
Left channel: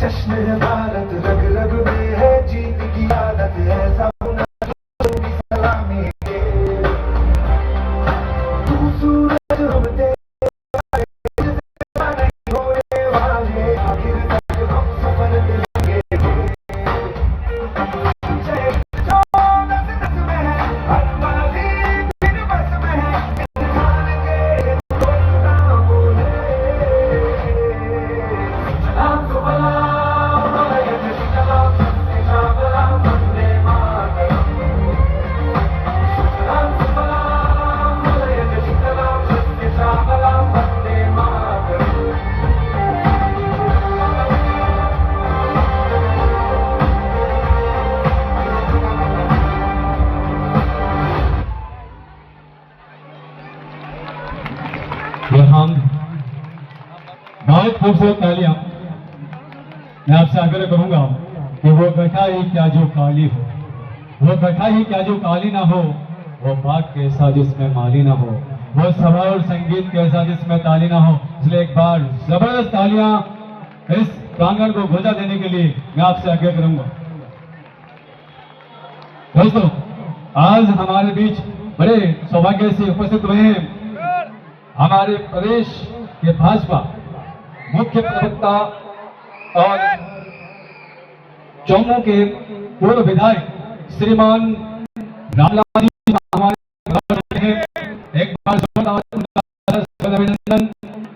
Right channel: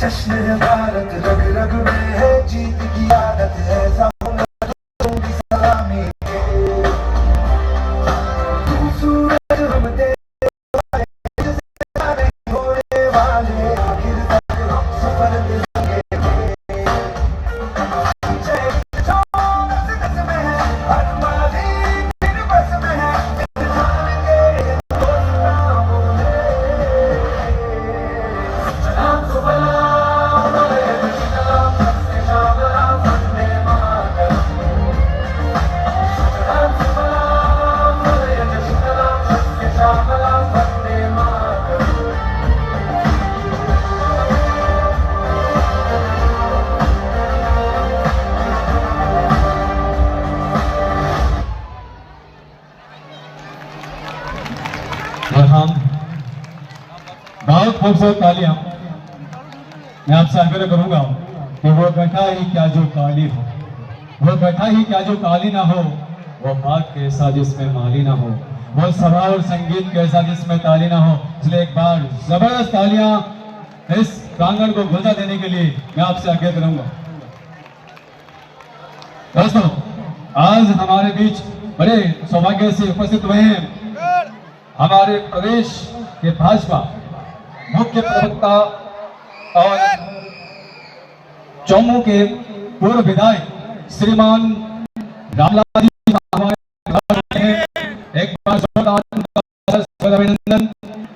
जश्न है भारत, रग रग में है जीत की आदत, ऐसा होना होगी सलामी के। तू सूरज हम तेरे वाले, जिससे नहीं होने वाले, आखिर तक हम सफर में लगेंगे। चाहे जो दस में है, हर वाली फिर बस में है, इंसान के दोस्त ना बोले। सलाम को बला बहुत खूबसूरत तालियां। मैं आपसे आग्रह करूंगा कि वो गठा ही क्या जो काली हो, वो गठा ही क्या जो काली ना हो, वो बाग के ऐसा जिसमें माली ना हो, वो सभा और संगीत के ऐसा जिसमें ताली ना हो। इसलिए एक बार जबरदस्त तालियां इस प्रांगण को गुंजा देने के लिए मैं आपसे आग्रह करूंगा। दोस्तों, आज हमारे बीच बड़े सौभाग्य से उपस्थित हुए हैं हमारे प्रदेश के भाजपा मुख्य प्रवक्ता और चौमू के पूर्व विधायक श्रीमान रामलाल जी हमारे घर में। एक बार जोरदार अभिनंदन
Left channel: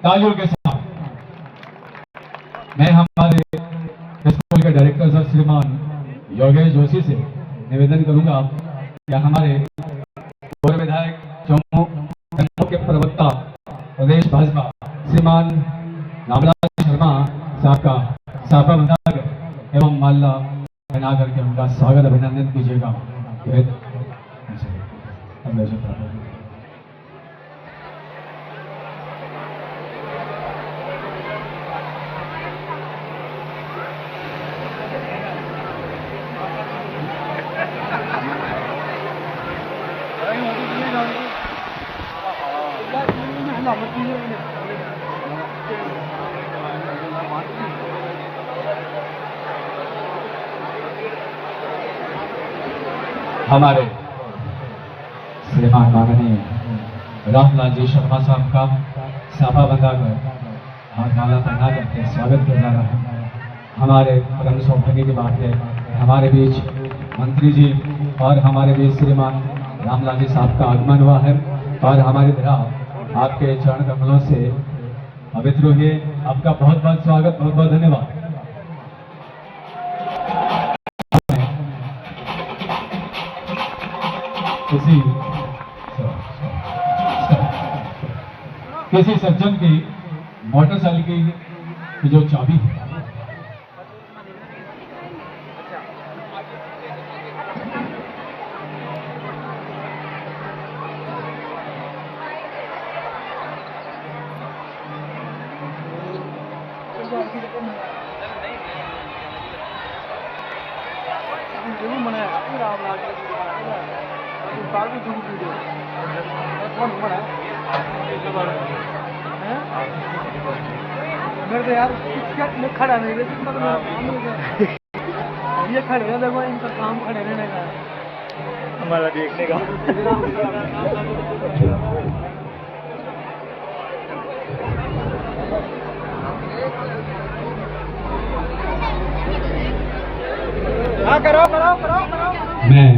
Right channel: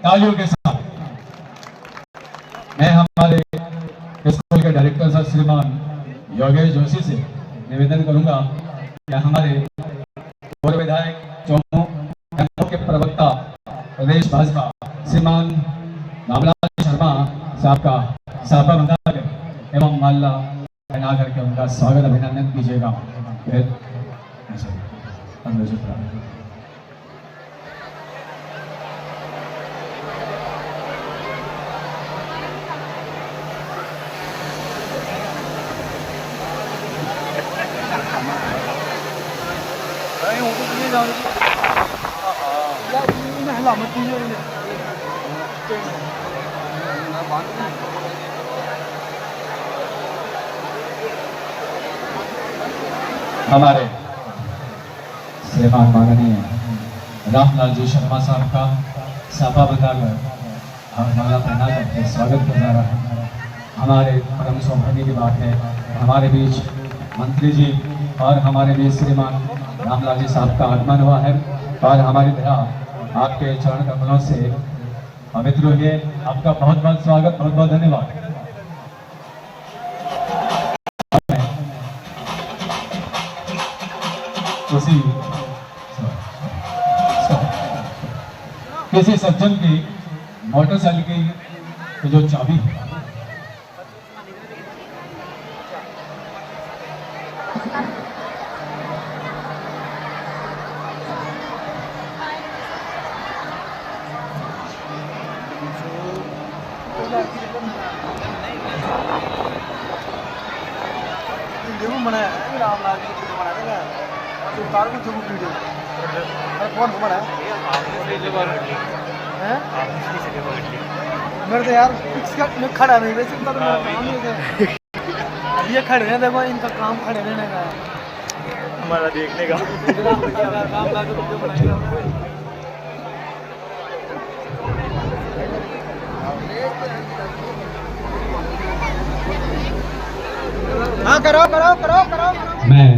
तालियों के साथ मैं हमारे स्कूल के डायरेक्टर सर श्रीमान योगेश जोशी से निवेदन करूंगा कि हमारे पूर्व विधायक चौमू के प्रवक्ता प्रदेश भाजपा श्रीमान रामलाल शर्मा साहब का साफा बंधा कर एवं माला पहना करके उनका स्वागत अभिनंदन कीजिएगा। हमारे श्रीमान माननीय रामलाल जी शर्मा साहब का साफा बताकर और माला पहना करके स्वागत किया जा रहा है। हमारे परम सौभाग्य की बात है हमारे बीच मंत्री जी और हमारे बीच श्रीमान रामलाल जी साहब का आगमन हुआ है और हमारी तरह आपके चरण कमलों से पवित्र हुए। आपका बहुत बहुत स्वागत, बहुत बहुत धन्यवाद। किसी सज्जन की मोटरसाइकिल की जो चाबी है वीडियो बनाया है रामलाल की वीडियो बनाया है और कार की जो वीडियो कौन बनाया है मेरे तो यार इसका मैं खड़ा नहीं रह सकता तो मेरा काम नहीं है। ये खड़े हैं देखो इनका काम खड़े रहने का है हमारा देखने का। हाँ करो करो करो करो। मैं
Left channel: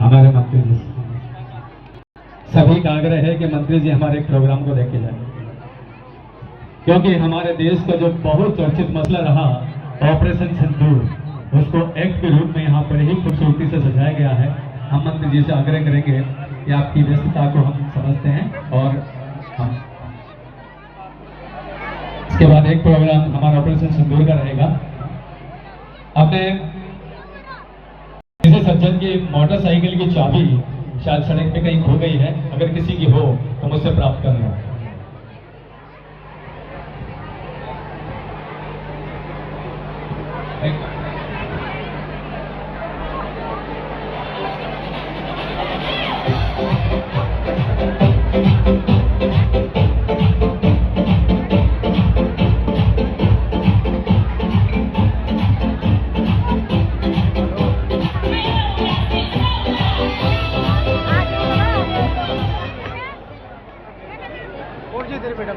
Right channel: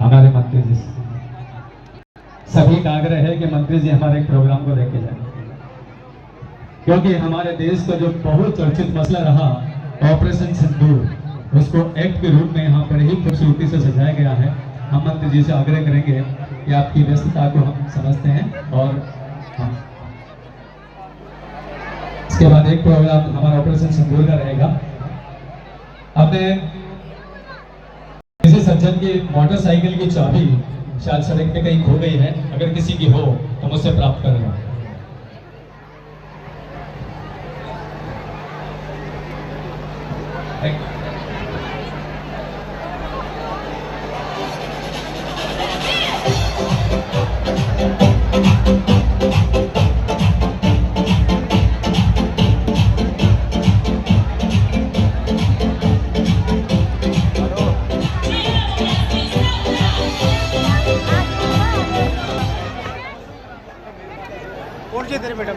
हमारे मंत्री जी सभी का आग्रह है कि मंत्री जी हमारे प्रोग्राम को लेके जाए, क्योंकि हमारे देश का जो बहुत चर्चित मसला रहा ऑपरेशन सिंदूर, उसको एक्ट के रूप में यहाँ पर ही खूबसूरती से सजाया गया है। हम मंत्री जी से आग्रह करेंगे कि आपकी व्यस्तता को हम समझते हैं और हम इसके बाद एक प्रोग्राम हमारा ऑपरेशन सिंदूर का रहेगा। आपने किसी सज्जन की मोटरसाइकिल की चाबी शायद सड़क पे कहीं खो गई है, अगर किसी की हो तो मुझसे प्राप्त करना। और जी तेरे बेटा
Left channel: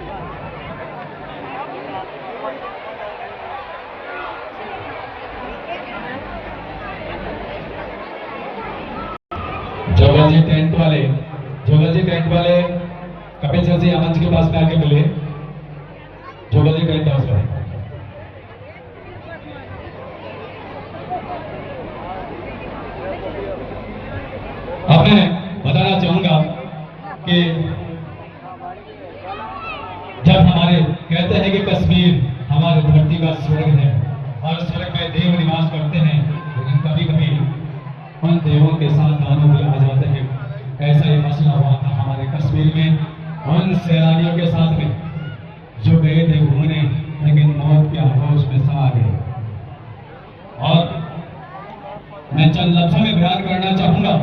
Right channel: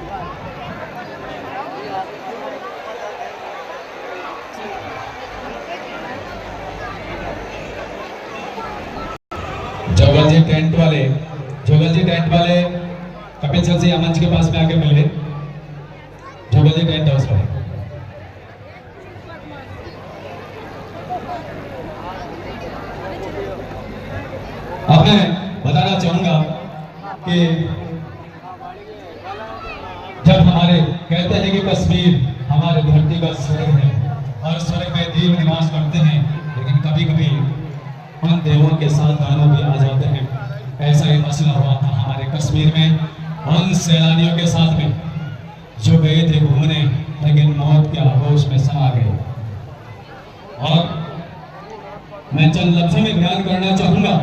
जोगल जी टेंट वाले कपिल सर से मंच के पास में आके मिले। जोगल जी टेंट हाउस वाले अब मैं बताना चाहूंगा कि जब हमारे कहते हैं कि कश्मीर हमारे धरती का स्वर्ग है और स्वर्ग में देव निवास करते हैं, लेकिन कभी कभी उन देवों के साथ दानव भी आ जाते हैं। ऐसा ही मसला हुआ था हमारे कश्मीर में उन सैलानियों के साथ में जो गए थे घूमने, लेकिन मौत के आगोश में समा गए। और मैं चंद लफ्जों में बयान करना चाहूंगा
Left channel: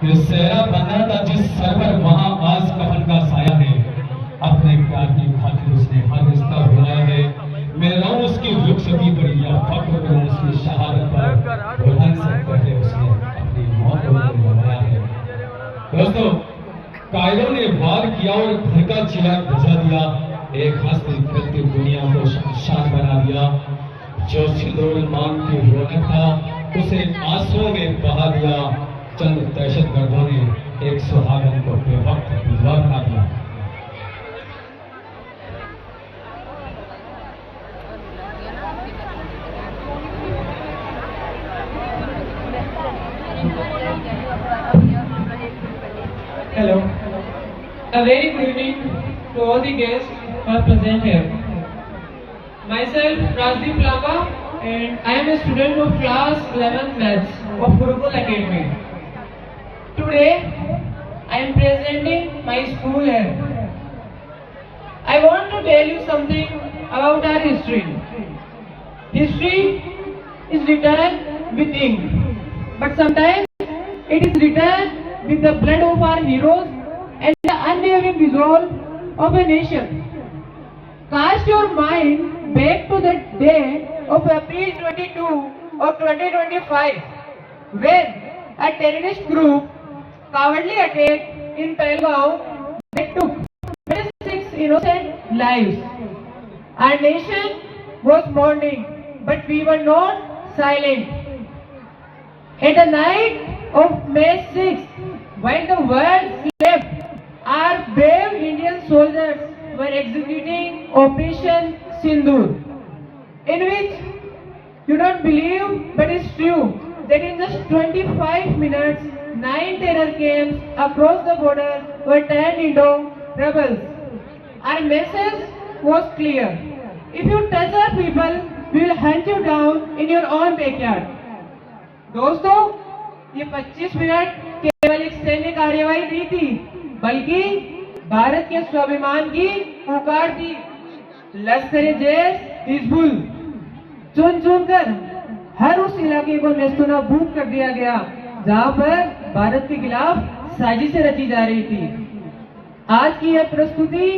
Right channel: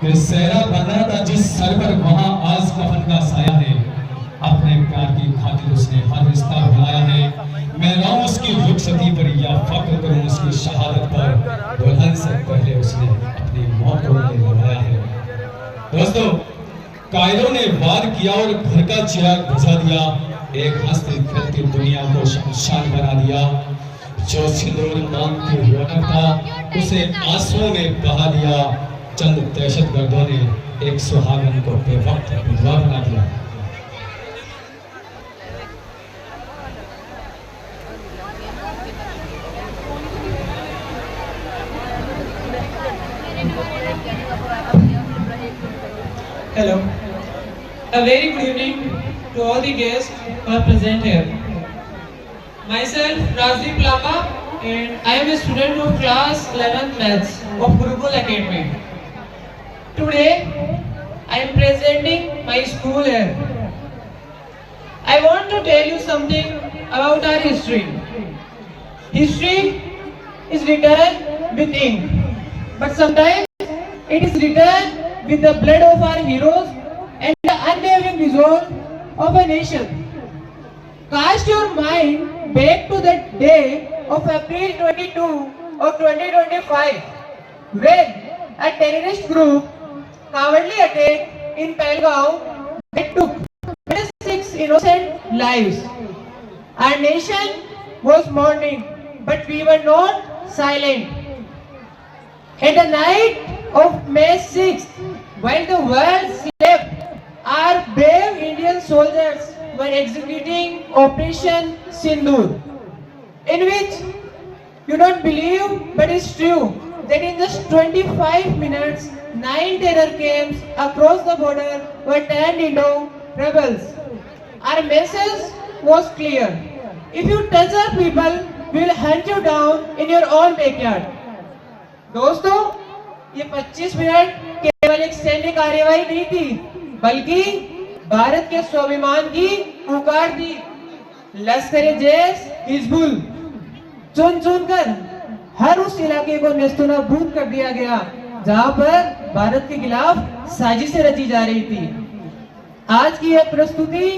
कि सेहरा बंधा था जिस सर पर वहां आज कफन का साया है। अपने प्यार की खातिर उसने हर रिश्ता भुलाया है। मैं रहूं उसकी रुखसती पर या फख्र करूं उसकी शहादत पर, दुल्हन से पहले उसने अपनी मौत को निभाया है। दोस्तों, कायरों ने वार किया और घर का चिराग बुझा दिया, एक हंसती खेलती दुनिया को शमशान बना दिया। जो सिंदूर मांगती रौनक था उसे आंसुओं में बहा दिया। चंद दहशतगर्दों ने एक सुहागन को बेवक्त विधवा बना दिया। Hello. A very good evening to all the guests who are present here. Myself, Razdeep Lamba, and I am a student of class 11th Maths of Gurukul Academy. Today, I am presenting my school here. I want to tell you something about our history. History is written with ink, but sometimes it is written with the blood of our heroes and the unwavering resolve of a nation. Cast your mind back to the day of April 22 of 2025 when a terrorist group cowardly attacked in Pahalgam that took 26 innocent lives. Our nation was mourning, but we were not silent. At the night of May 6th, while the world slept, our brave Indian soldiers were executing Operation Sindoor, in which you don't believe, but it's true, that in just 25 minutes, 9 terror camps across the border were turned into rebels. Our message was clear. If you touch our people, we will hunt you down in your own backyard. दोस्तों, ये 25 मिनट केवल एक सैन्य कार्यवाही नहीं थी, बल्कि भारत के स्वाभिमान की पुकार थी। लश्कर-ए-जैश हिजबुल चुन चुन कर हर उस इलाके को नेस्तनाबूद कर दिया गया जहां पर भारत के खिलाफ साजिशें रची जा रही थी। आज की यह प्रस्तुति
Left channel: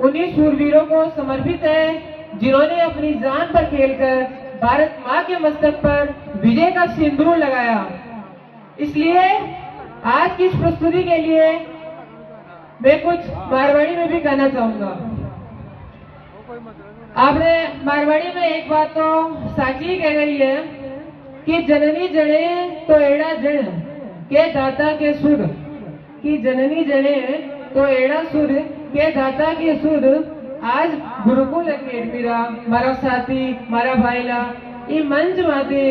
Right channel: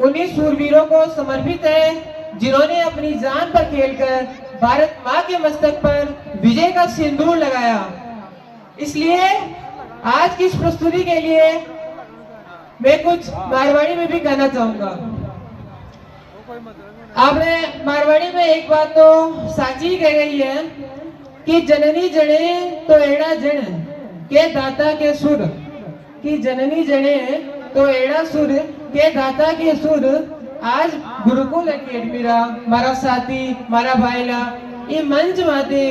उन्हीं शूरवीरों को समर्पित है जिन्होंने अपनी जान पर खेलकर भारत माँ के मस्तक पर विजय का सिंदूर लगाया। इसलिए आज की इस प्रस्तुति के लिए मैं कुछ मारवाड़ी में भी कहना चाहूंगा। आपने मारवाड़ी में एक बात तो साची कह गई है कि जननी जने तो एड़ा जन के दाता के सुर, कि जननी जने तो एड़ा सुर के दाता के सुर। आज गुरुकुल अकेडमीरा मारा साथी मारा भाईला ये मंच माते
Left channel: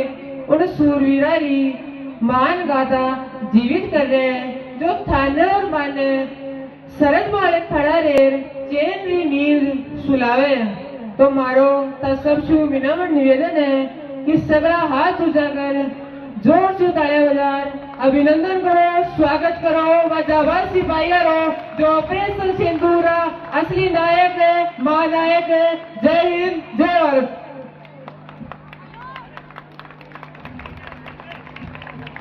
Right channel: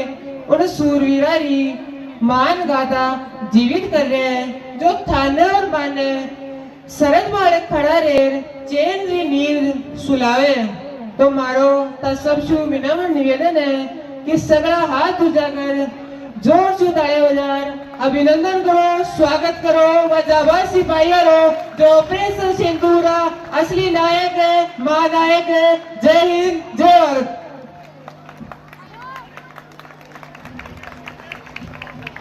उन सूरवीरा री मान गाथा जीवित कर रहे हैं, जो थाने और माने सरद मारे खड़ा रेर चैन री नींद सुलावे। तो मारो तसबशु विनम्र निवेदन है कि सगड़ा हाथ उजागर जोर से तालियां बजार अभिनंदन करो, स्वागत करो वजाबाज सिपाहियों जो ऑपरेशन सिंदूरा असली नायक है, महानायक है। जय हिंद, जय भारत।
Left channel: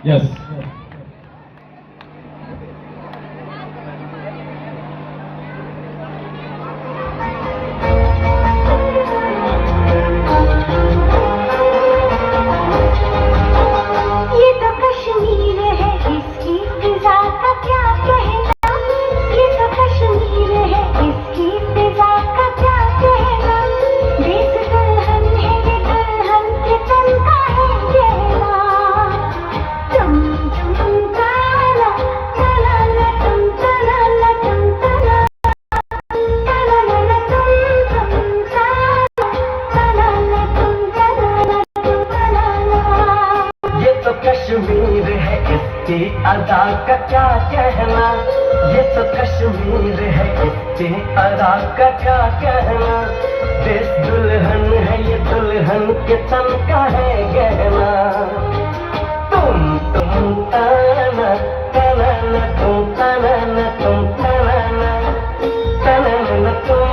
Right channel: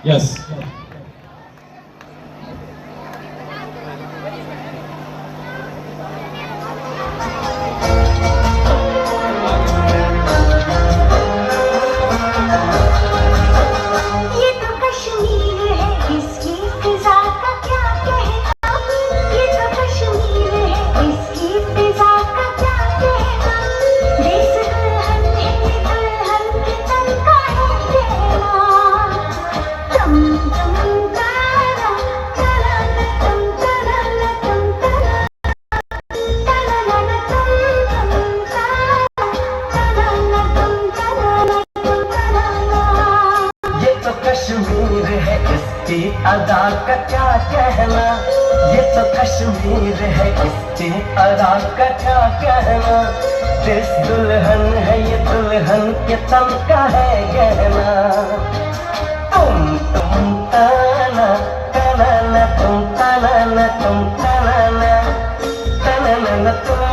यस कश्मीर है, इसकी अदा का क्या कहना। ये तो कश्मीर है, इसकी अदा का क्या कहना। देश दुल्हन है, ये दुल्हन के तन का है गहना। तुम ताना ताना तुम ताना तुम ताना ताना तुम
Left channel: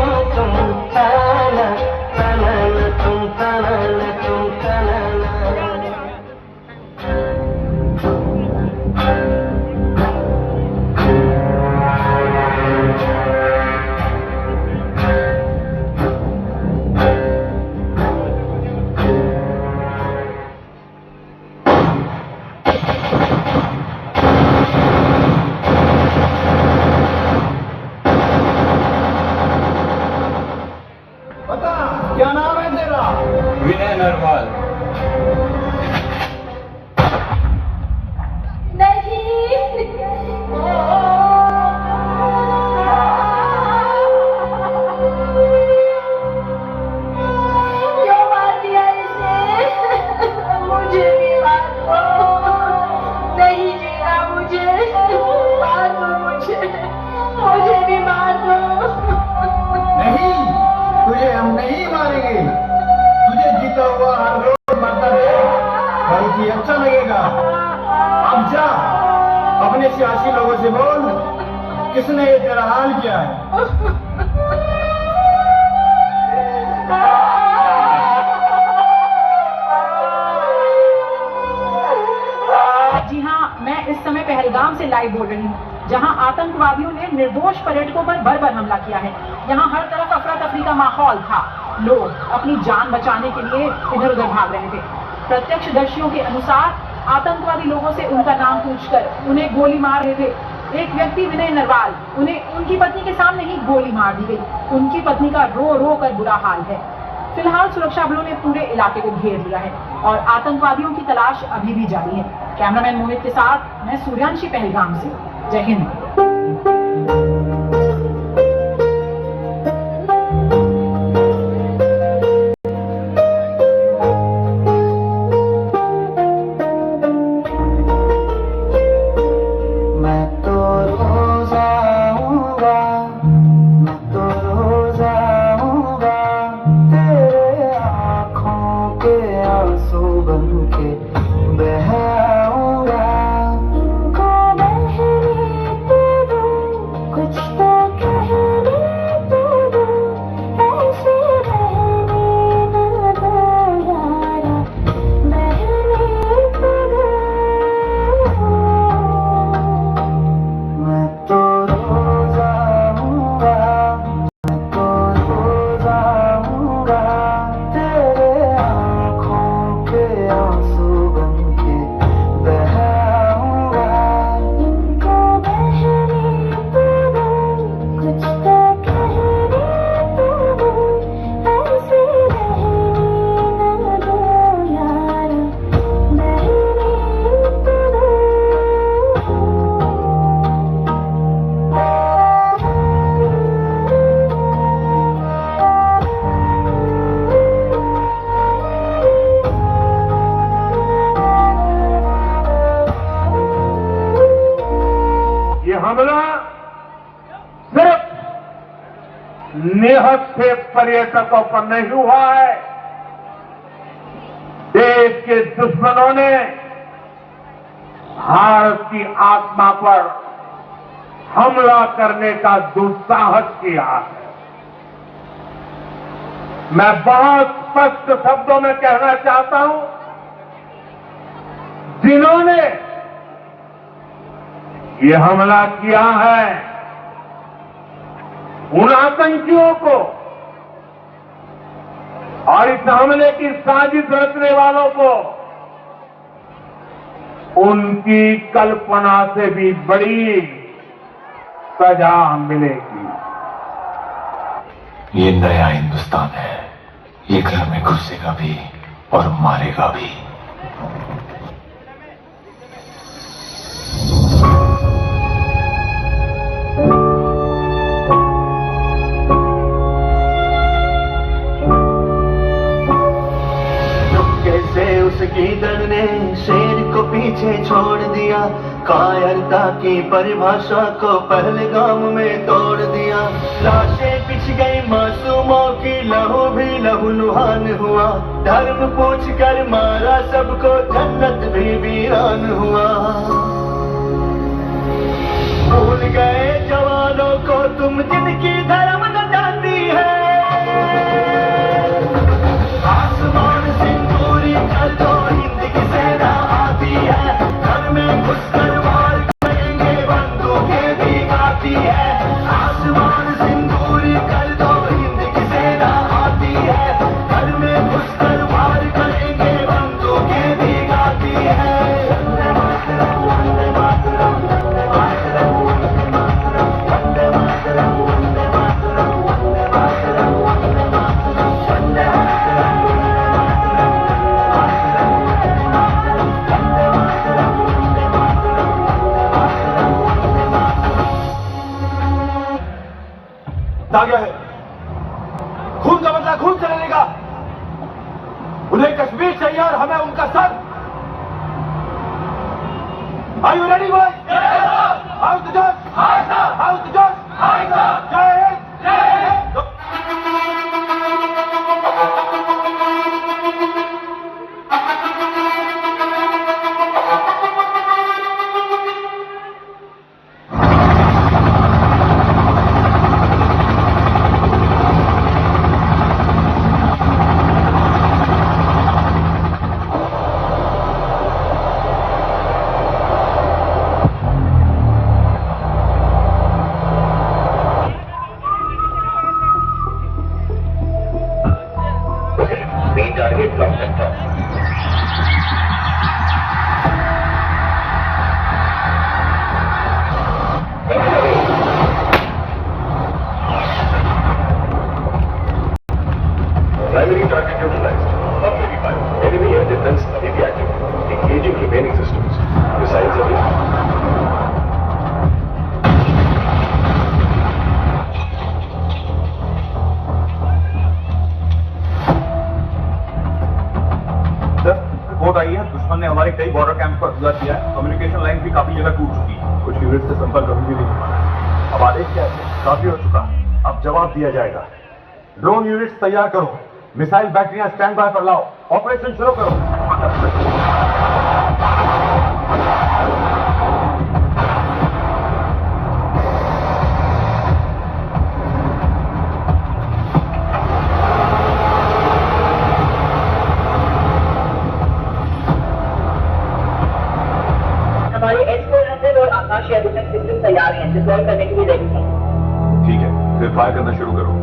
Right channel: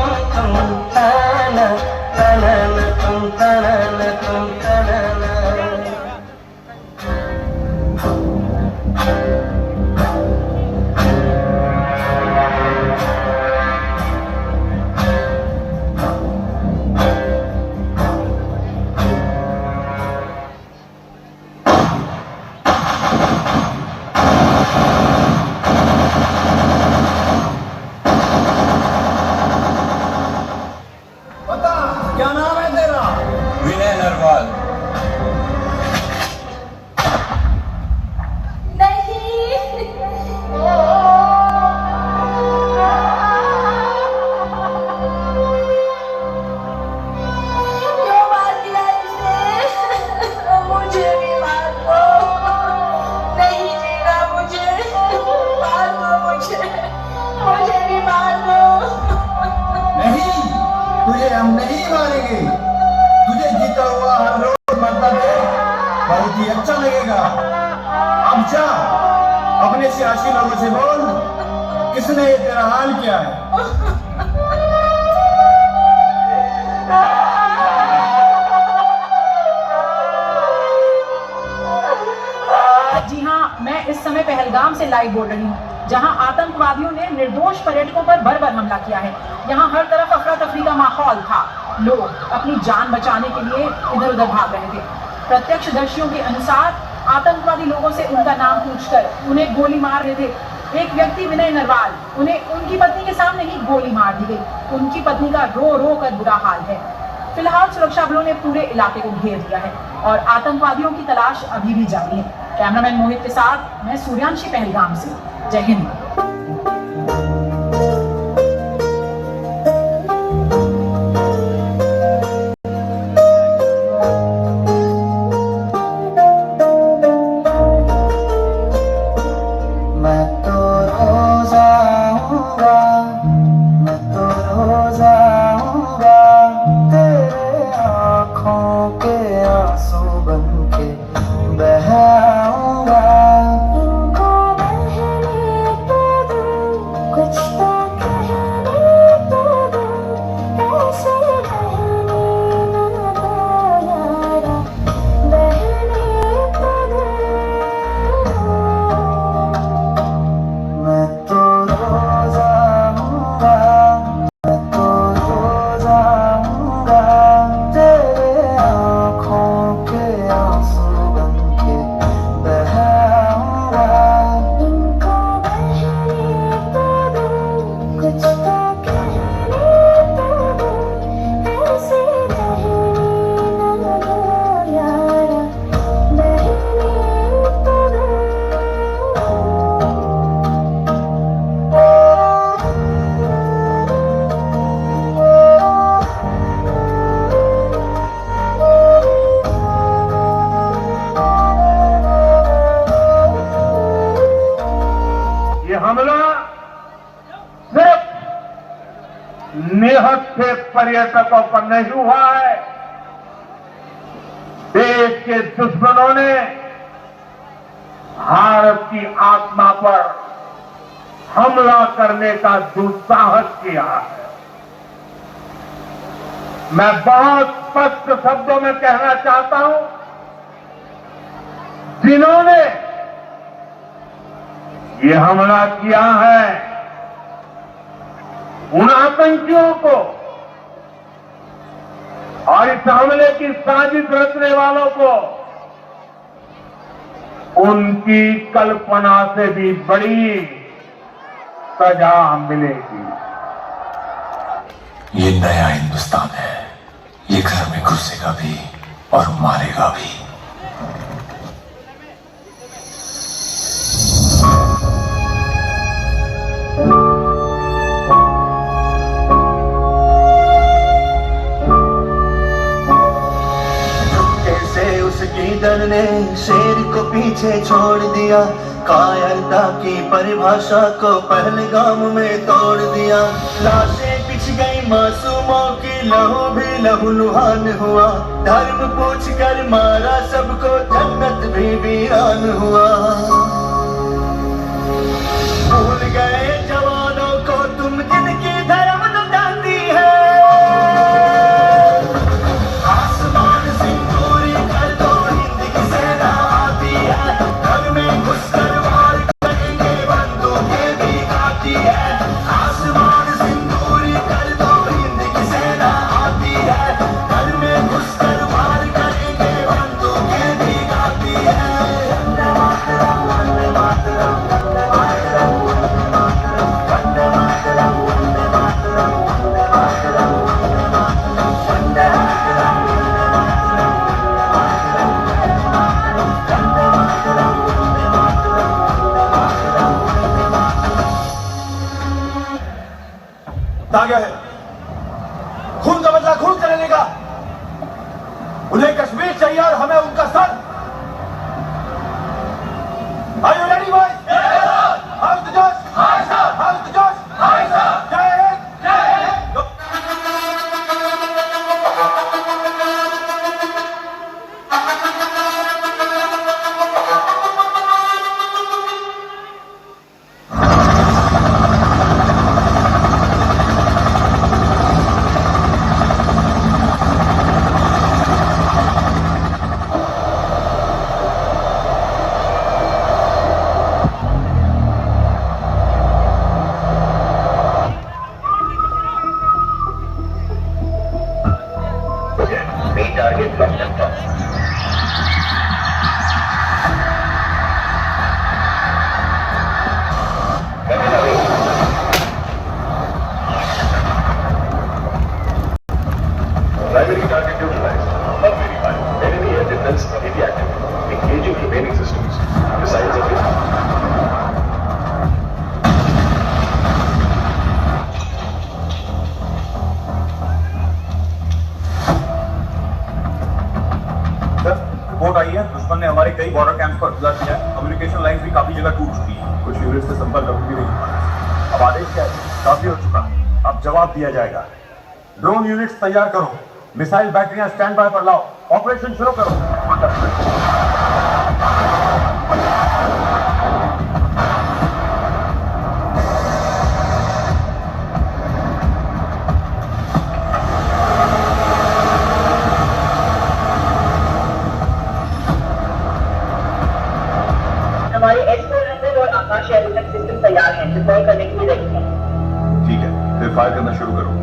ताना ताना तुम ताना तुम ताना। क्या नाम है तेरा? विनय नरवाल। क्यों मार दिया इसे? मुझे भी मार दो। नहीं जीना मुझे, मार दो मुझे भी मार दो। नहीं, तुझे हम नहीं मारेंगे। तुझे जीता हुआ हर रोज मरता देख बहुत ही अच्छा लगेगा। अब जा अपने सियासी लोगों से बोल, किसने ये तेरा हाल किया है। जी हाँ, मैं इस समय पहलगाम से लाइव बोल रही हूँ, जहां आतंकवादियों ने निर्दोष पर्यटकों पर बर्बर हमला किया है। यहां हर तरफ अफरा तफरी का माहौल था, लोग अपनी जान बचाने के लिए इधर उधर भाग रहे थे। प्रत्यक्षदर्शियों के अनुसार आतंकवादी लोगों से उनका नाम पूछकर उन्हें गोली मार रहे थे। एक व्यक्ति विनय नरवाल, उन्हें उनकी पत्नी के सामने ही गोली मार दी गई। उनकी पत्नी का रो रो कर बुरा हाल है। फिलहाल सुरक्षा बलों ने पूरे इलाके को घेर लिया है और आतंकवादियों की तलाश अभी भी जारी है। कैमरामैन मोहित के साथ मैं सूर्यांशी, पहलगाम से। जय हिंद। हमला सिर्फ निहत्थे पर्यटकों पर नहीं हुआ है, देश के दुश्मनों ने भारत की आत्मा पर हमला करने का दुस्साहस किया है। मैं बहुत स्पष्ट शब्दों में कहना चाहता हूं, जिन्होंने ये हमला किया है, उन आतंकियों को और इस हमले की साजिश रचने वालों को उनकी कल्पना से भी बड़ी सजा मिलेगी। ये नया हिंदुस्तान है, ये घर में घुसेगा भी और मारेगा भी। उसकी डर ने शेर को पीछे छोड़ दिया, कायरता की परिभाषा को पहलगाम में तोड़ दिया। लाशें बिछ गई मासूमों की, लहू भी लहूलुहान हुआ। धर्म पूछ कर मारा सबको, जन्नत भी वीरान हुआ। भूल गए जवानों को तुम जिनकी धर्म न जानती है। आसमान से पूरी कर दो, हिंद की सेना आती है। घर में घुसकर वार करेंगे, बंदूकें भी आती है। आसमान से पूरी कर दो, हिंद की सेना आती है। घर में घुसकर वार करेंगे, बंदूकें भी आती है। वंदे मातरम, वंदे मातरम, वंदे मातरम, वंदे मातरम, वंदे मातरम, वंदे मातरम, वंदे मातरम, वंदे मातरम, वंदे मातरम। आगे है, खून का बदला खून से लेगा। उन्हें कश्मीर चाहिए और हमें उनका sir. Are you ready, boys? How's the Josh? How's the Josh? जय हिंद, जय Hind. Primary target neutralized. Not very fire. Enemy air defense inactive. Engaging remaining systems. Missiles available. Sir report आई है, दुश्मन ने हमारे कई बॉर्डर कैंप्स पर हमला किया है। कम्युनिकेशन लाइन भी काफी जगह टूट चुकी है। कुछ यूनिट से संपर्क अभी भी नहीं हो पा रहा। अब आदेश क्या है? काफी हो चुका है, अब जवाब दिया जाएगा। ड्रोन यूनिट्स तैयार करो, मिसाइल बैटरियां स्टैंड बाय पर लाओ, ऑपरेशन शुरू करो। हमारे S-400 और आकाश अभिनव सिस्टम तैयार हैं, डिप्लॉय करने के लिए रेडी हैं। ठीक है, फिर फायर करना शुरू करो।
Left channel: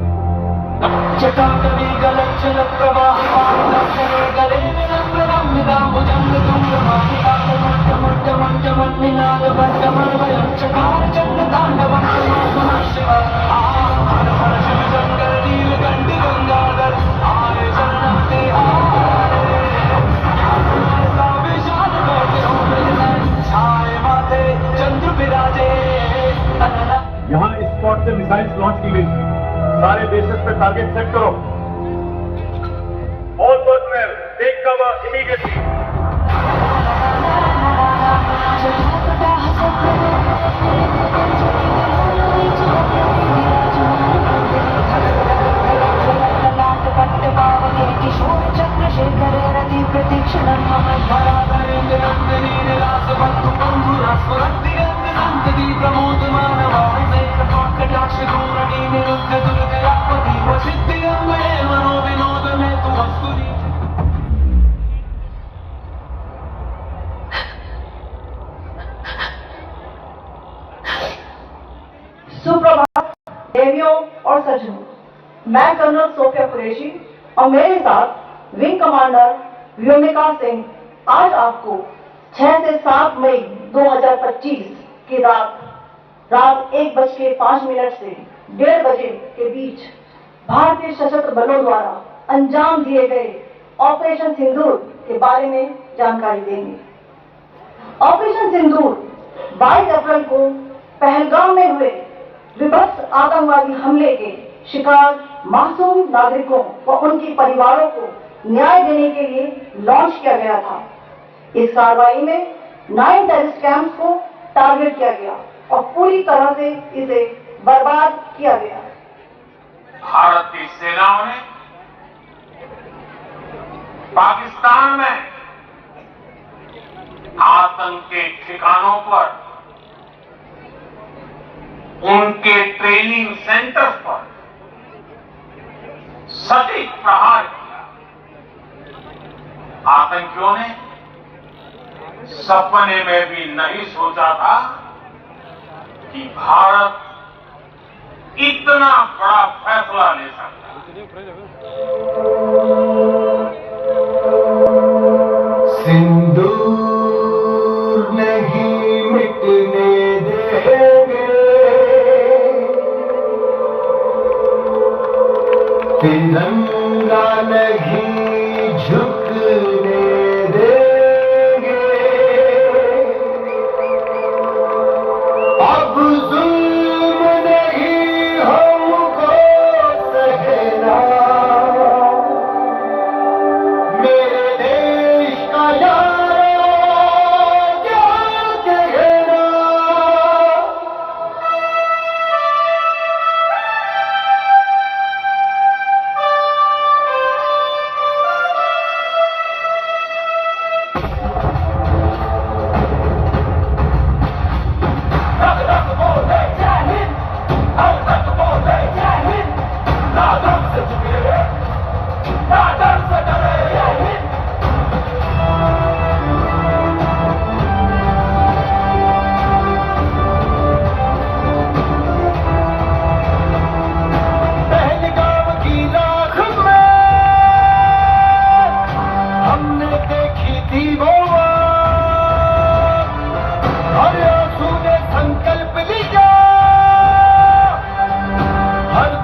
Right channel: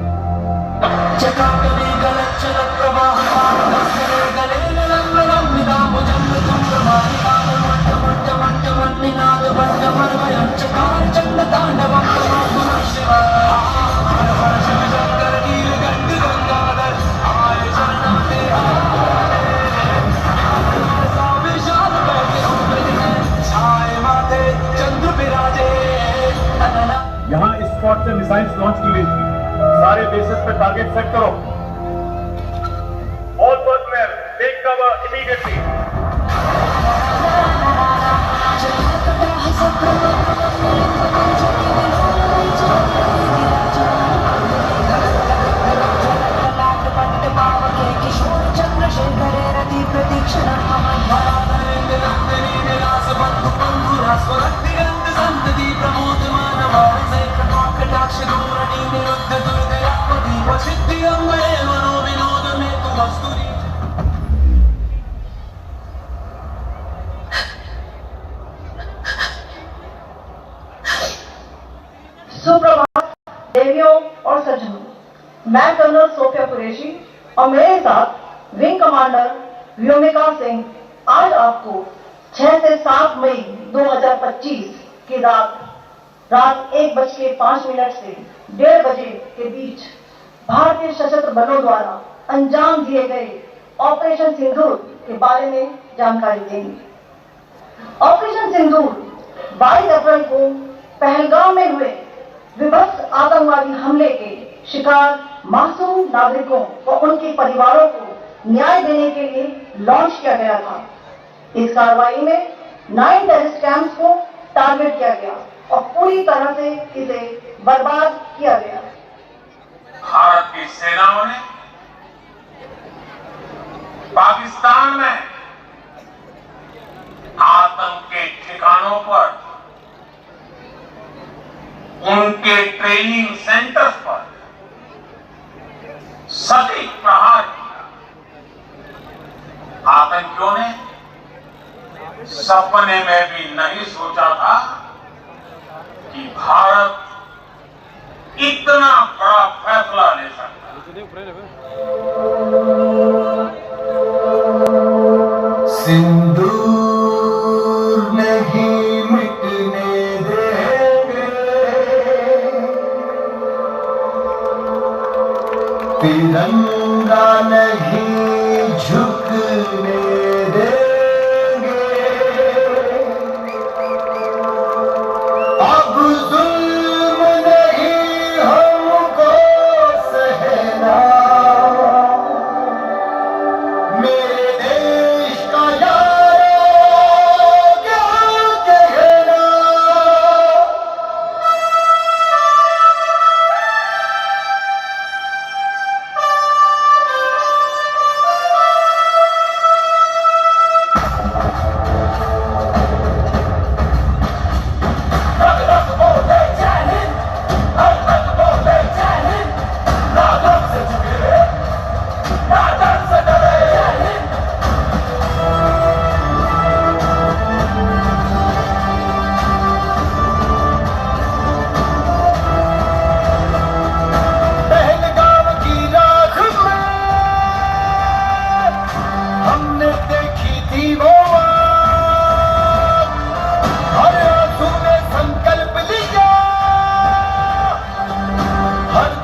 यहाँ इस स्पॉट से मिसाइल्स लॉन्च की गई थी। सारे बेसेस पे टारगेट सेट करो। All personnel take cover immediately. Chandrashekhar रति प्रतीक्षण संतति प्रमोद मानव कटाक्ष धूमरणि निरुद्ध दुर्गयापति वसिद्धि अंगणे मनो विनोद में तु वस्तुरी। सुप्रभात देवियों और सज्जनों, मैं कर्नल सोफिया कुरैशी और मेरे साथ विंग कमांडर व्योमिका सिंह आज आपको 6 से 7 मई 2025 की रात 1:05 से 1:30 बजे के बीच भारतीय सशस्त्र बलों द्वारा अंजाम दिए गए ऑपरेशन सिंदूर के बारे में जानकारी देंगे। ऑपरेशन सिंदूर 22 अप्रैल को पहलगाम में हुए विभत्स आतंकवादी हमले के शिकार मासूम नागरिकों व उनके परिवारों को न्याय देने के लिए लॉन्च किया गया था। इस कार्रवाई में 9 टेररिस्ट कैंप्स को टारगेट किया गया और पूरी तरह से इसे बर्बाद किया गया। भारत की सेनाओं ने पाकिस्तान में आतंक के ठिकानों पर, उनके ट्रेनिंग सेंटर्स पर सटीक प्रहार किया। आतंकियों ने सपने में भी नहीं सोचा था कि भारत इतना बड़ा फैसला ले सकता है। सिंदूर नहीं मिटने देंगे, तिरंगा नहीं झुकने देंगे, अब जुल्म नहीं हमको सहना, मेरे देश का यारो क्या कहना।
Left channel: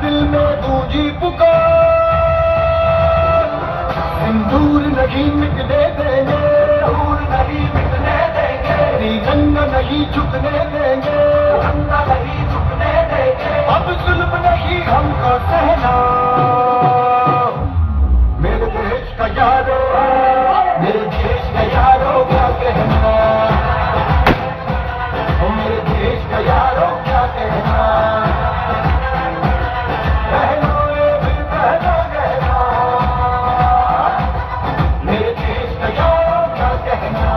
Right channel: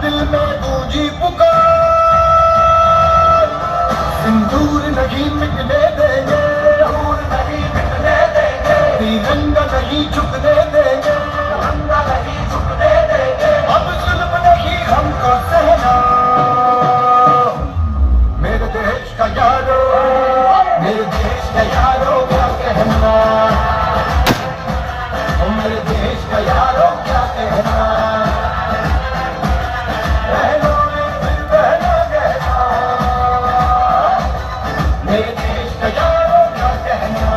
दिल में गूंजी पुकार, सिंदूर नहीं मिटने देंगे, सिंदूर नहीं मिटने देंगे, तिरंगा नहीं झुकने देंगे, तिरंगा नहीं झुकने देंगे, अब जुल्म नहीं हमका सहना। मेरे देश का यारो, मेरे देश का यारो क्या कहना, ओ मेरे देश का यारो क्या कहना, बहनों ये दिल बहना कहना, मेरे देश का यारो क्या कहना।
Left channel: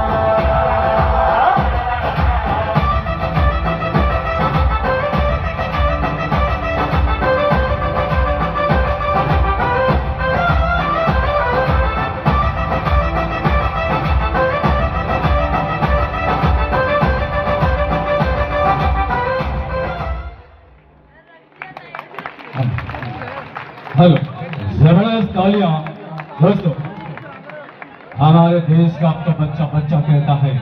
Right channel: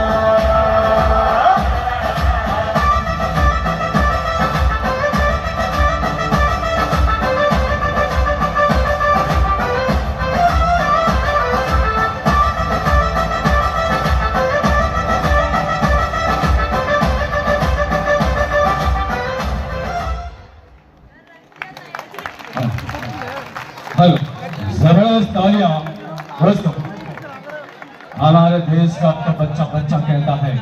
हेलो, जबरदस्त तालियां दोस्तों। हमारे देश का अब तो बच्चा बच्चा कहता है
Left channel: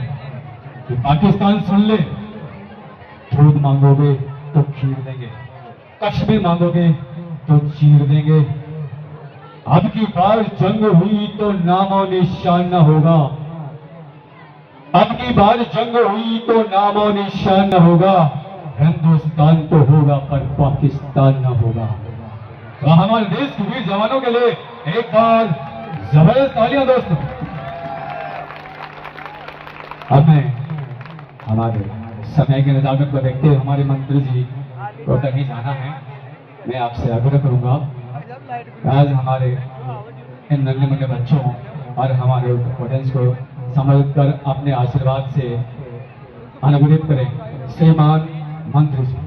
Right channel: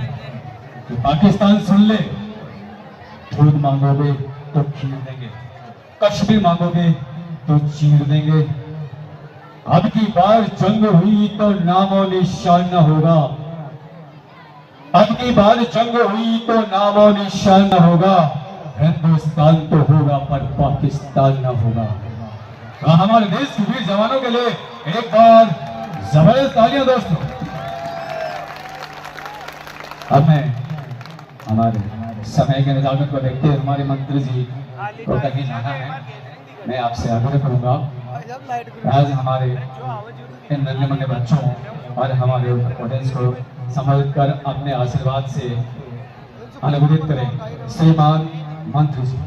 कि पाकिस्तान सुन ले, दूध मांगोगे तो खीर देंगे, कश्मीर मांगोगे तो चीर देंगे। अब की बार जंग हुई तो नामो निशान न होगा, अब की बार जंग हुई तो नामो निशान न होगा। हिंदुस्तान तो होगा पर पाकिस्तान न होगा। तो हमारे देश के वीर जवानों के लिए एक बार जबरदस्त तालियां दोस्तों। अब मैं हमारे समय के निजामत को देखते हुए हमारे मंत्री जी को कहीं जाना है, मैं आपसे आग्रह करूंगा आज हमारे इन नन्हे मुन्ने बच्चों और हमारे ऑडियंस को संबोधित कर अपने आशीर्वाद से अनुग्रहित करें। श्रीमान मंत्री जी।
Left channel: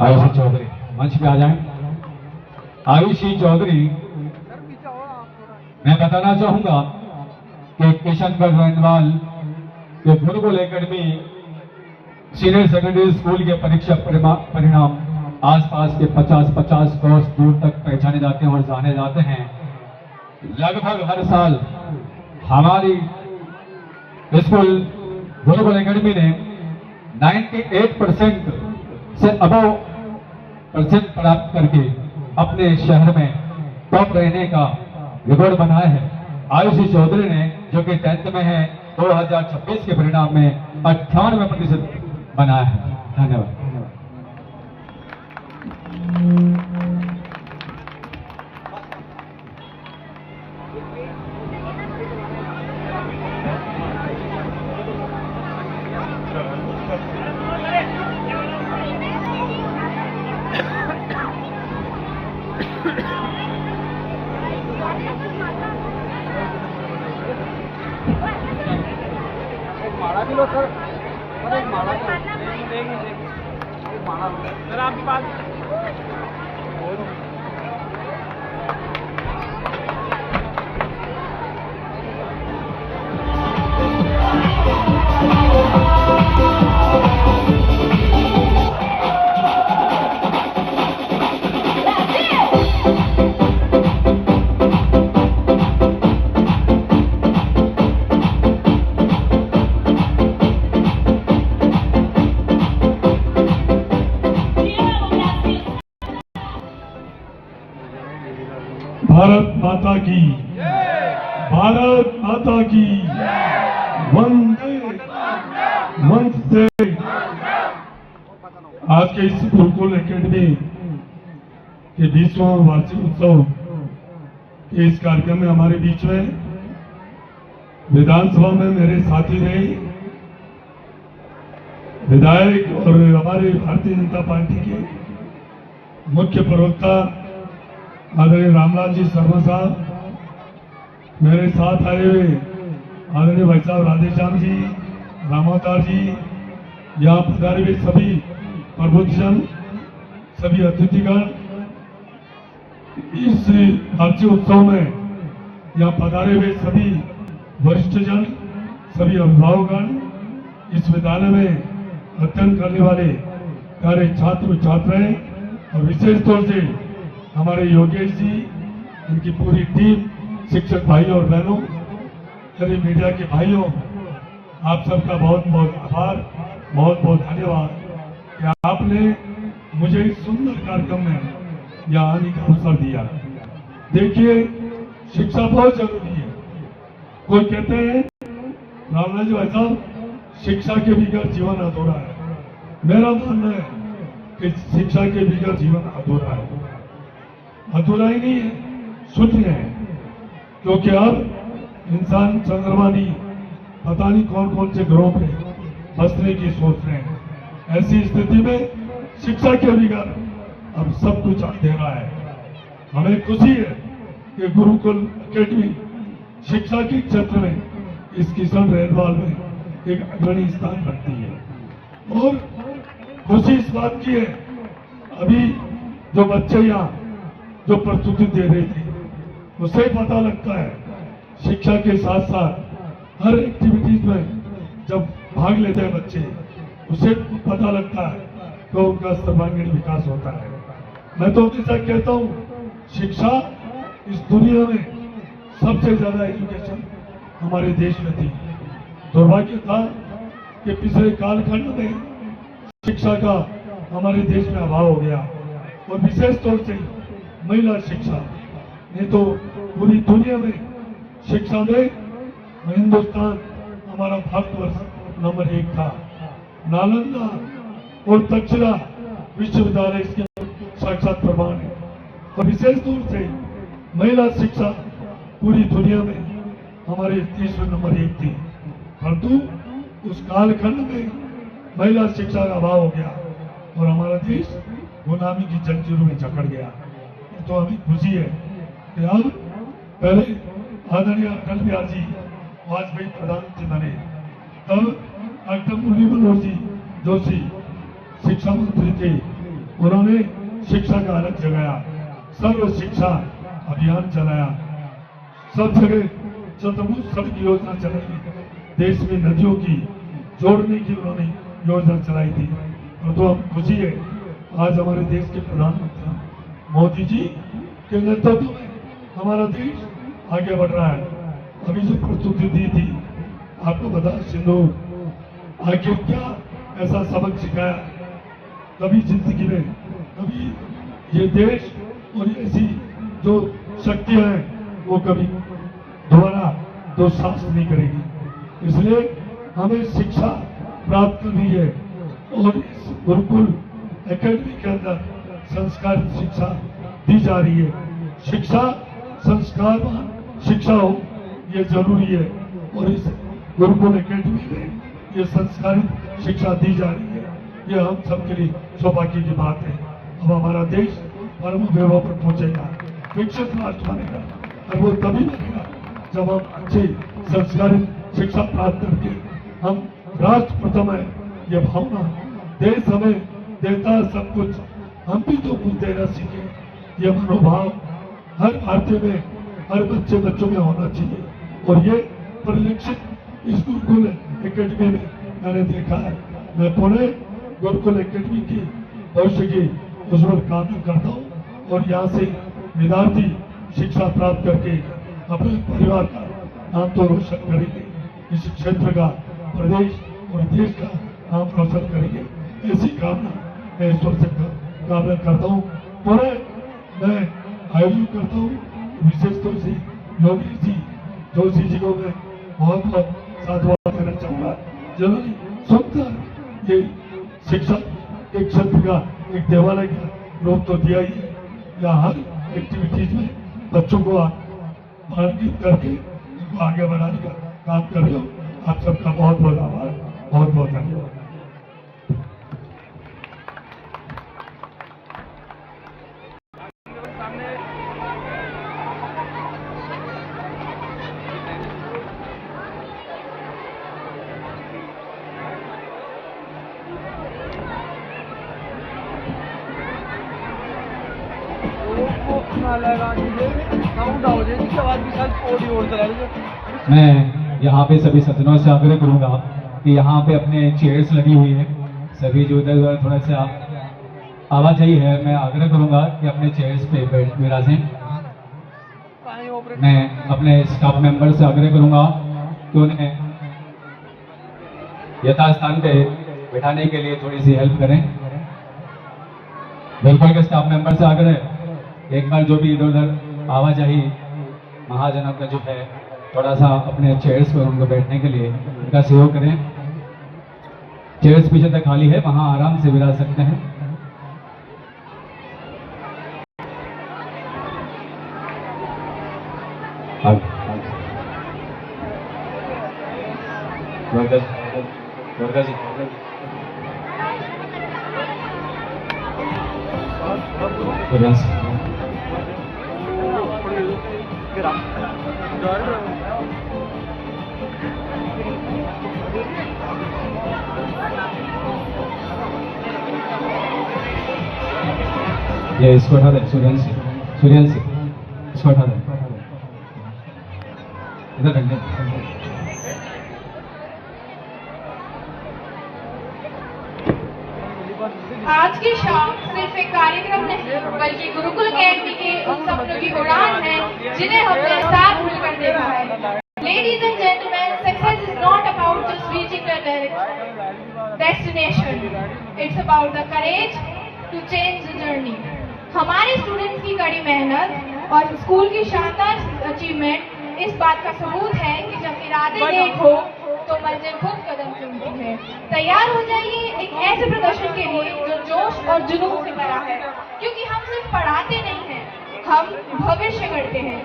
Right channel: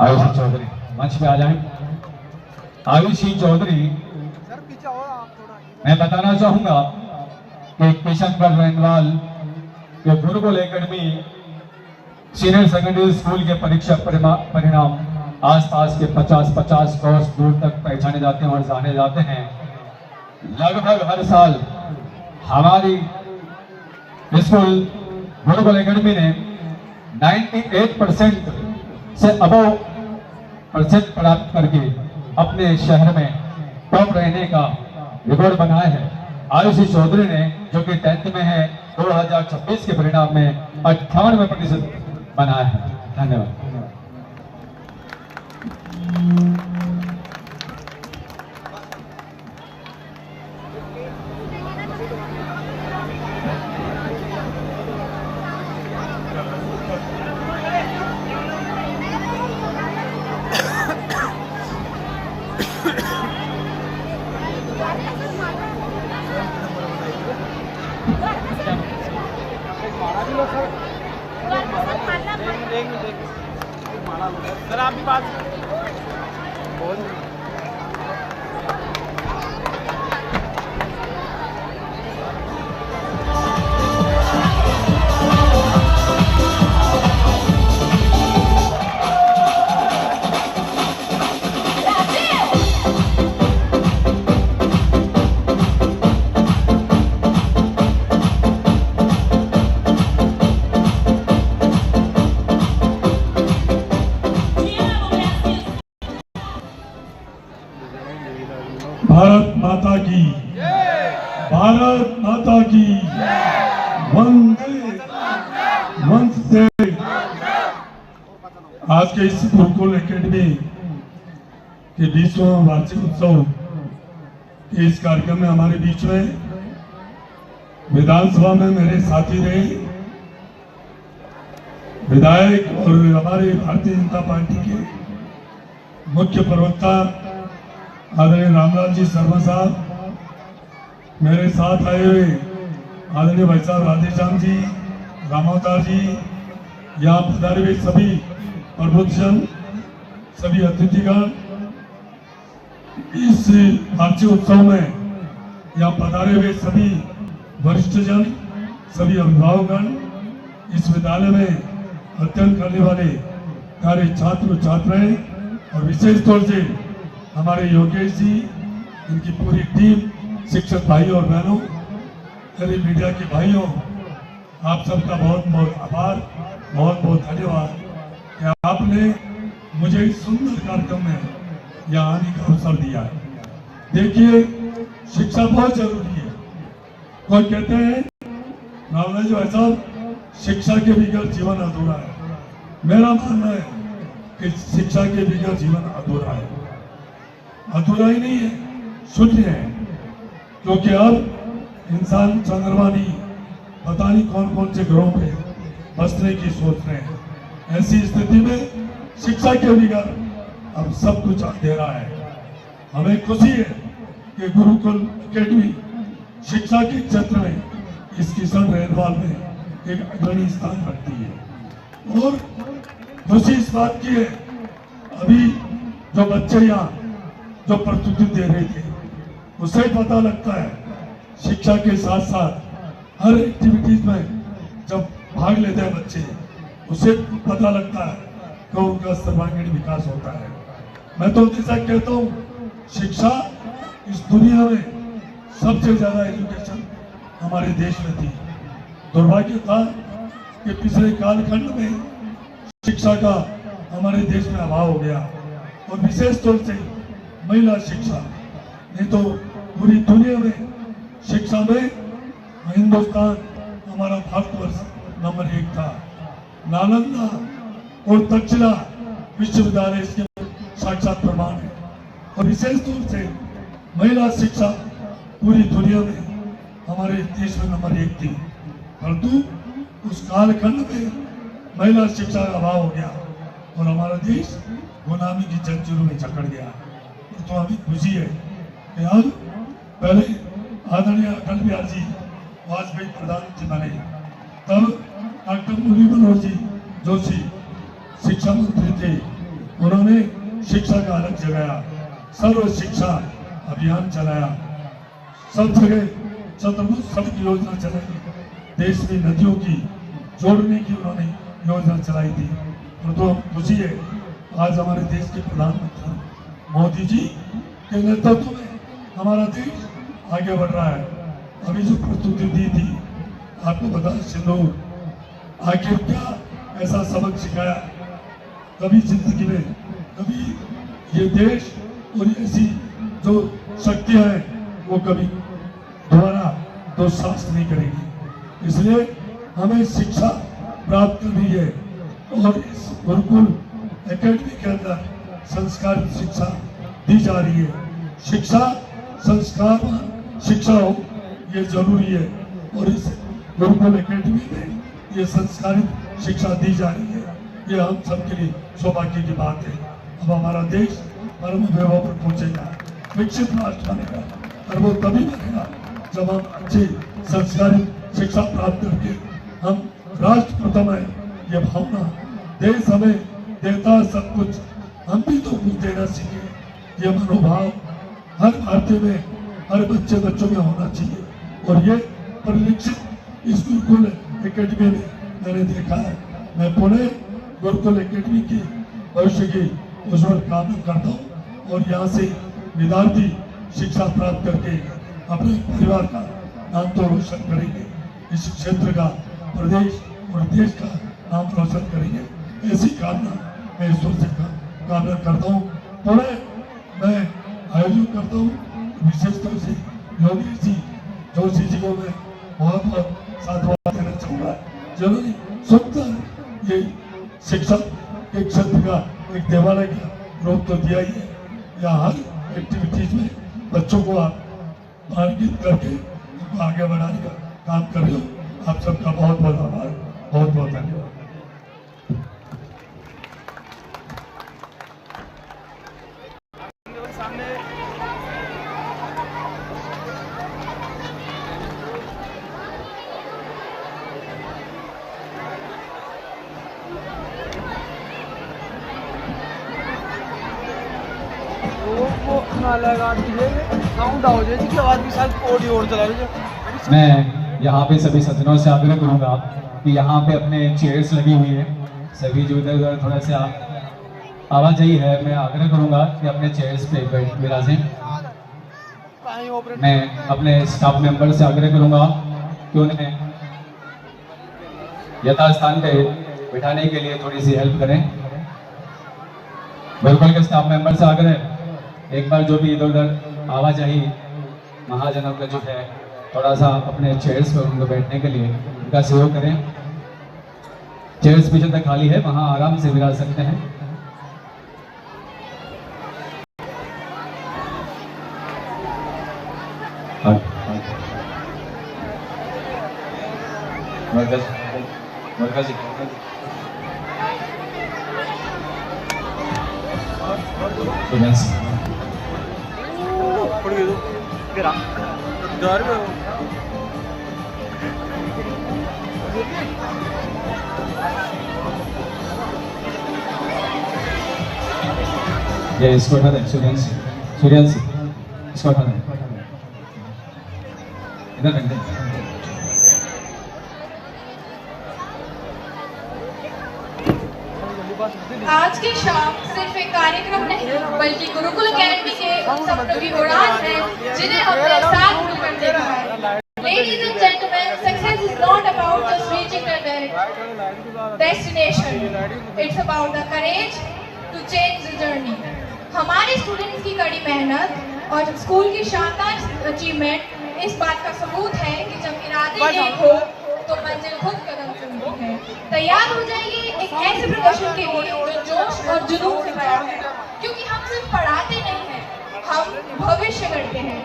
आयुषी चौधरी मंच पे आ जाएं। आयुषी चौधरी, मैं बताना चाहूंगा कि किशनगढ़ रेंगवाल के Gurukul academy senior secondary school के परीक्षा परिणाम आसपास के 50 कोर्स दूर तक पहचाने जाते हैं और जाने जाते हैं। लगभग हर साल हमारी स्कूल गुरुकुल एकेडमी ने 98% से अबव परसेंट प्राप्त करके अपने शहर में टॉप रहने का रिकॉर्ड बनाया है। आयुषी चौधरी ने, जो कि 10th में है, 2026 के परिणाम में 98% बनाया है। धन्यवाद। भारत माता की, भारत माता की, वंदे मंच से आज के इस गुरुकुल एकेडमी के 20वां वार्षिक उत्सव के इस कार्यक्रम में हमारे बीच में विधानसभा में मेरे साथी रहे विधायक और हमारे भारतीय जनता पार्टी के मुख्य प्रवक्ता आदरणीय रामलाल जी शर्मा साहब, मेरे साथ आए हुए आदरणीय भाई साहब राधेश्याम जी, रामावतार जी, यहाँ पधारे हुए सभी प्रबुद्धजन, सभी अतिथिगण, इस वार्षिक उत्सव में यहाँ पधारे हुए सभी वरिष्ठ जन, सभी अभिभावकगण, इस विद्यालय में अध्ययन करने वाले प्यारे छात्र छात्राएं और विशेष तौर से हमारे योगेश जी, इनकी पूरी टीम, शिक्षक भाई और बहनों, मेरे मीडिया के भाइयों, आप सबका बहुत बहुत आभार, बहुत बहुत धन्यवाद कि आपने मुझे इस सुंदर कार्यक्रम में यहाँ आने का अवसर दिया। देखिए, शिक्षा बहुत जरूरी है। कोई कहते हैं रामलाल जी भाई साहब, शिक्षा के बगैर जीवन अधूरा है। मेरा मानना है कि शिक्षा के बगैर जीवन अधूरा है। अधूरा ही नहीं है, शून्य है, क्योंकि अब इंसान चंद्रमा नहीं, पता नहीं कौन कौन से ग्रहों पे बसने की सोच रहे हैं। ऐसी स्थिति में शिक्षा के बगैर अब सब कुछ अंधेरा है। हमें खुशी है कि गुरुकुल एकेडमी शिक्षा के क्षेत्र में इस किशन रेलवाल में एक अग्रणी स्थान रखती है। और खुशी इस बात की है, अभी जो बच्चे यहाँ जो प्रस्तुति दे रहे थे, उसे पता लगता है शिक्षा के साथ साथ हर एक्टिविटीज में जब भाग लेते हैं बच्चे, उसे पता लगता है कि उनका सर्वांगीण विकास होता है। मैं तो हमेशा कहता हूँ, शिक्षा इस दुनिया में सबसे ज्यादा एजुकेशन हमारे देश में थी। दुर्भाग्य था कि पिछले कालखंड में शिक्षा का हमारे देश में अभाव हो गया, और विशेष तौर से महिला शिक्षा। नहीं तो पूरी दुनिया में शिक्षा में हिंदुस्तान, हमारा भारतवर्ष नंबर 1 था। नालंदा और तक्षशिला विश्वविद्यालय इसके साक्षात प्रमाण है। तो विशेष तौर से महिला शिक्षा पूरी दुनिया में हमारे देश में नंबर 1 थी, परंतु उस कालखंड में महिला शिक्षा का अभाव हो गया और हमारा देश गुलामी की जंजीरों में जकड़ गया। तो हमें खुशी है कि अब पहले आदरणीय अटल बिहारी वाजपेयी प्रधानमंत्री बने, तब डॉक्टर मुरली मनोहर जी जोशी शिक्षा मंत्री थे। उन्होंने शिक्षा का अलग जगाया, सर्व शिक्षा अभियान चलाया, सब जगह चतुर्भुज सड़क योजना चलाई, देश में नदियों की जोड़ने की उन्होंने योजना चलाई थी। और तो हम खुशी है आज हमारे देश के प्रधानमंत्री मोदी जी के नेतृत्व में हमारा देश आगे बढ़ रहा है। अभी जो प्रस्तुति दी थी, आपको बता, सिंदूर आखिर क्या ऐसा सबक सिखाया, कभी जिंदगी में कभी ये देश और ऐसी जो शक्तियां हैं वो कभी दोबारा दुस्साहस नहीं करेगी। इसलिए हमें शिक्षा प्राप्त करनी है और इस गुरुकुल एकेडमी के अंदर संस्कारित शिक्षा दी जा रही है। शिक्षा संस्कारवान शिक्षा हो, ये जरूरी है, और इस गुरुकुल एकेडमी में ये संस्कारित शिक्षा दी जा रही है। ये हम सबके लिए सौभाग्य की बात है। अब हमारा देश परम वैभव पर पहुंचेगा, विकसित राष्ट्र बनेगा, और वो तभी बनेगा जब हम अच्छे संस्कारित शिक्षा प्राप्त करके हम राष्ट्र प्रथम है ये भावना, देश हमें देता है सब कुछ, हम भी तो कुछ देना सीखे, ये मनोभाव हर भारतीय में, हर बच्चों में होना चाहिए। और ये परिलक्षित इस गुरुकुल एकेडमी में मैंने देखा है। मैं पुणे गुरुकुल एकेडमी की भविष्य की उज्जवल कामना करता हूँ, और यहाँ से विद्यार्थी शिक्षा प्राप्त करके अपने परिवार का नाम तो रोशन करेंगे, इस क्षेत्र का, प्रदेश और देश का नाम रोशन करेंगे। ऐसी कामना मैं ईश्वर से कामना करता हूँ। पुणे मैं आयोजन करता हूँ, विशेष तौर से योगेश जी जोशी जी को मैं बहुत बहुत साधुवाद देना चाहूँगा, जिन्होंने सुंदर ये शिक्षा के क्षेत्र का एक देवालय का रूप तो दिया ही है। या हर एक्टिविटीज में बच्चों को आप मार्गित करके उनको आगे बढ़ाने का काम कर रहे हो। आप सबका बहुत बहुत आभार, बहुत बहुत धन्यवाद। मैं यहाँ पे सभी सज्जनों से आग्रह करूँगा कि यहाँ पे अपने चेयर्स लगी हुई हैं, सभी जो इधर उधर थोड़ा सा आप आवाजाही है, मैं आग्रह करूंगा कि अपने चेयर्स पे बैठ विराजें। मैं अपने स्टाफ मेंबर से आग्रह करूंगा कि उन्हें यथास्थान पे बिठाने के लिए थोड़ी सी हेल्प करें। बिल्कुल के स्टाफ मेंबर से आग्रह, एक बार जो भी इधर उधर आवाजाही महाजनों का जो है थोड़ा सा अपने चेयर्स पर उनको बैठने के लिए उनका सहयोग करें। चेयर्स पीछे तक खाली है, वहां आराम से विराज सकते हैं। ये इसको उठा दे, सूर्यांशी इसको उठा दे, इधर रख दे। आज की शाम सिर्फ एक कार्यक्रम नहीं बल्कि गुरुकुल अकेडमी के उन सपनों की उड़ान है जिन्हें हमने साथ मिलकर देखा है। Ladies and gentlemen, success is not about just reaching the destination. It's about the courage to change the journey. हमारे स्टूडेंट्स की कड़ी मेहनत और स्कूल की शानदार अचीवमेंट इस बात का सबूत है कि जब इरादे नेक हो तो मंजिल खुद कदम चुनती है। तैयार हो जाइए एक ऐसे प्रदर्शन के लिए जो जोश और जुनून से भरा है, क्योंकि हम सिर्फ पढ़ाते नहीं हैं, हम भविष्य गढ़ते हैं।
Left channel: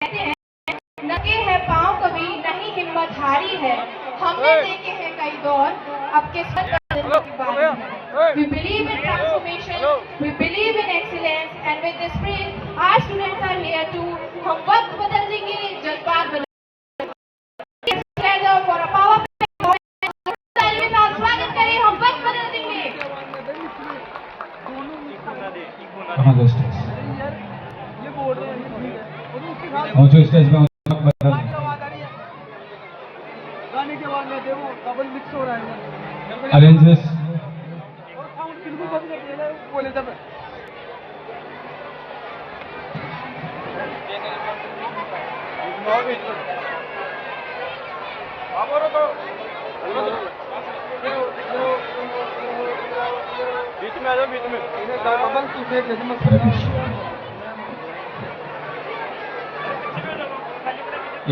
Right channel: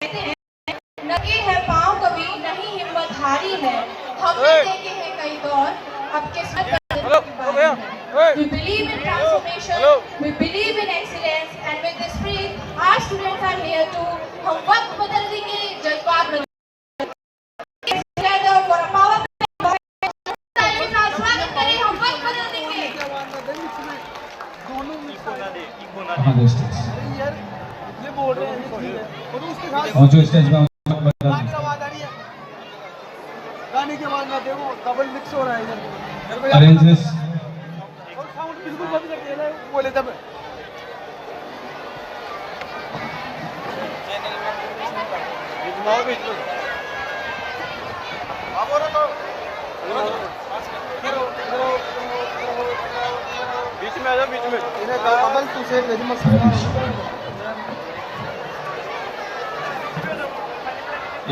कहते हैं नंगे है पांव कभी नहीं हिम्मत हारी है, हमने देखे हैं कई दौर, अब किस्मत बदलने की बारी है। We believe in transformation, we believe in excellence, and with this spirit, our students are here to हम वक्त बदल देंगे, जज्बात बदल स्वागत करें, हम वक्त बदल देंगे। जो स्टेज पे गाने के बाद ना देखो डबल मिक्स हो रहा है। Arrange this. बोले जब बीच में आ जाओ, बीच में डबल टू से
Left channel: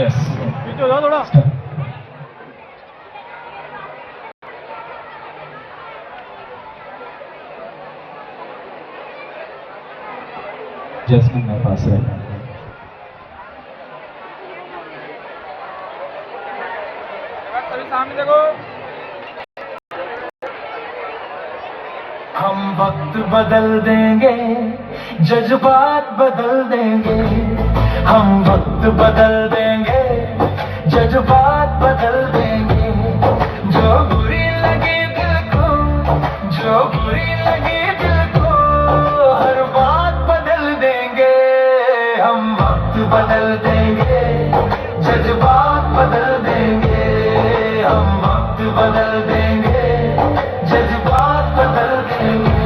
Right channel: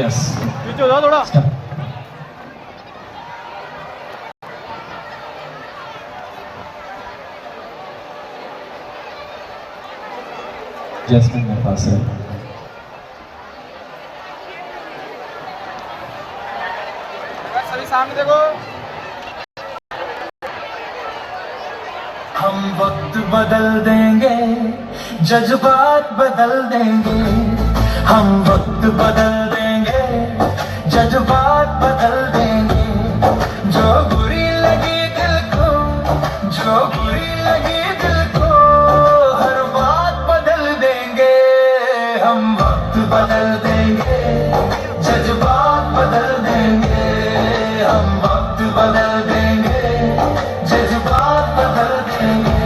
यस बीच हो जाओ थोड़ा। जैस्मिन मेरे पास है। सभी सामने देखो। हम वक्त बदल देंगे, जज्बात बदल देंगे, हम वक्त बदल देंगे, जज्बात बदल देंगे। जो बुरी लगी दिल को, जो बुरी लगी दिल को, हर बात बदल देंगे। हम वक्त बदल देंगे, जज्बात बदल देंगे, हम वक्त बदल देंगे, जज्बात बदल देंगे।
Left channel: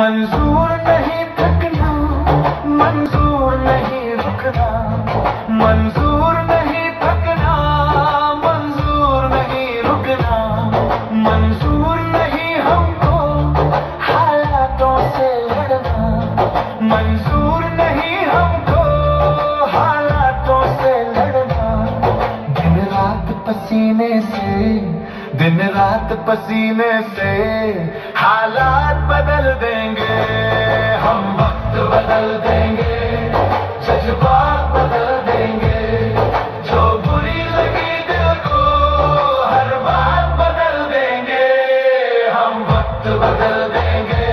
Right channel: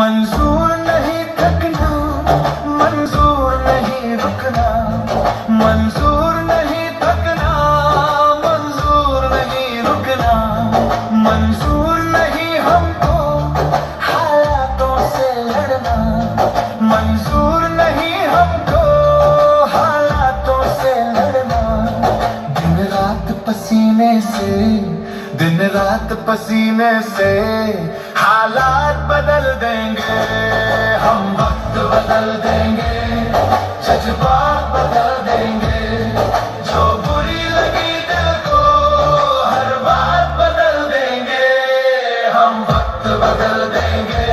मंजूर नहीं थकना, मंजूर नहीं रुकना, मंजूर नहीं थकना, मंजूर नहीं रुकना, मंजूर नहीं हमको हालातों से लड़ना, मंजूर नहीं हमको हालातों से लड़ना। दिन रात पसीने से, दिन रात पसीने से हालात बदल देंगे। हम वक्त बदल देंगे, जज्बात बदल देंगे। जो बुरी लगी दिल को, हर बात बदल देंगे। हम वक्त बदल देंगे,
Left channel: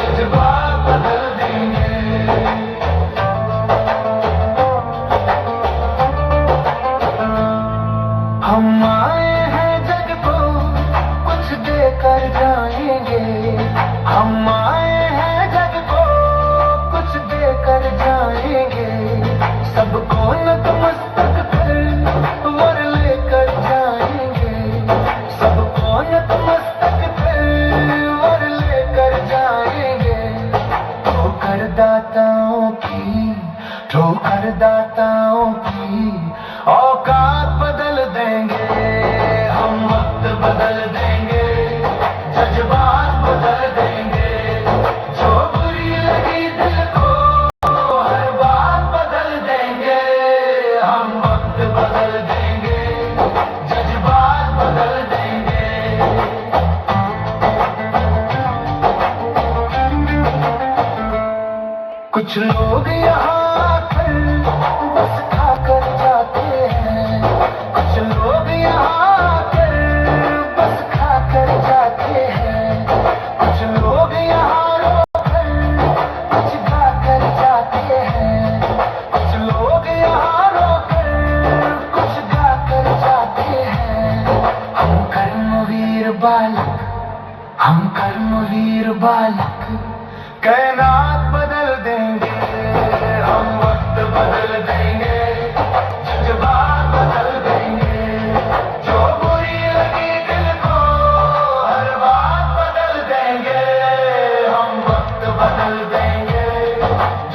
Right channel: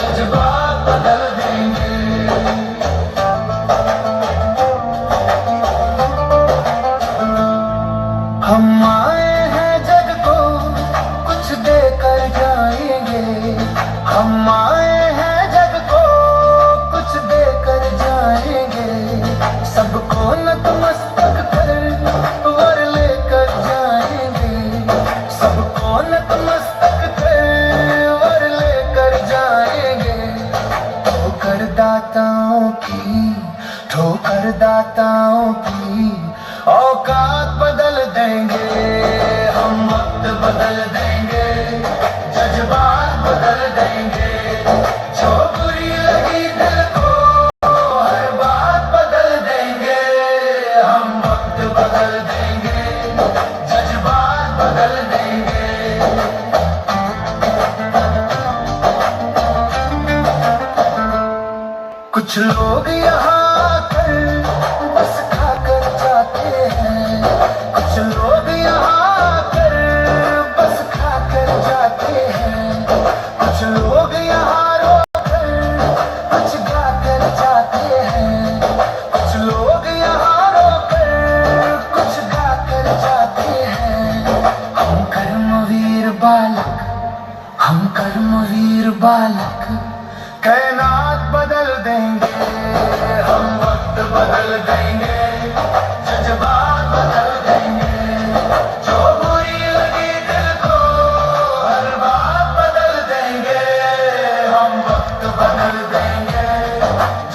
जज्बात बदल देंगे। हम आए हैं जग को कुछ देकर जाएंगे, हम आए हैं जग को कुछ देकर जाएंगे। सबको नतमस्तक कर वर लेकर नेताओं की औकात बदल देंगे, हम वक्त बदल देंगे, जज्बात बदल देंगे, जो बुरी लगी दिल को हर बात बदल देंगे, हम वक्त बदल देंगे, जज्बात बदल देंगे। कुछ लोग यहाँ आकर बस खाकर जाते हैं, कुछ लोग यहाँ आकर बस खाकर जाते हैं, कुछ लोग यहाँ रोकर कुछ गाकर जाते हैं, कुछ लोग यहाँ रोकर कुछ गाकर जाते हैं। हम कर्मवीर बालक, हम कर्मवीर बालक कायनात बदल देंगे, हम वक्त बदल देंगे, जज्बात बदल देंगे, जो बुरी लगी दिल को हर बात बदल देंगे, हम वक्त बदल देंगे,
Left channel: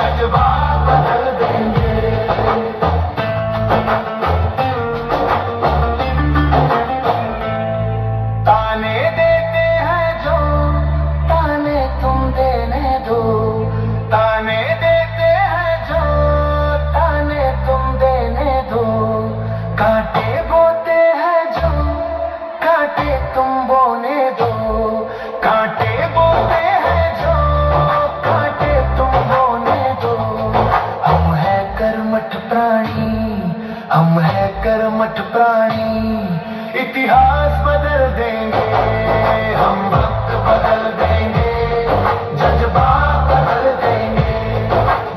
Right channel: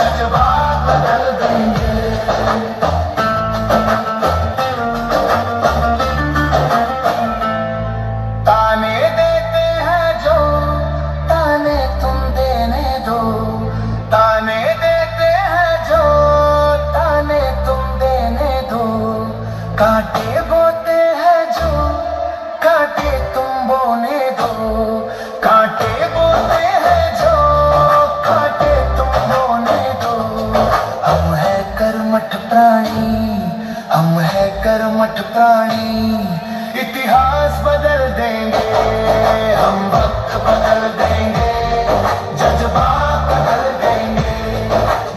जज्बात बदल देंगे। ताने देते हैं जो ताने तुम देने दो, ताने देते हैं जो ताने तुम देने दो, कांटे बोते हैं जो कांटे तुम बोने दो, कांटे बोते हैं जो कांटे तुम बोने दो। हम है कर्मठ प्राणी, हम है कर्मठ प्राणी, इतिहास बदल देंगे, हम वक्त बदल देंगे, जज्बात बदल देंगे,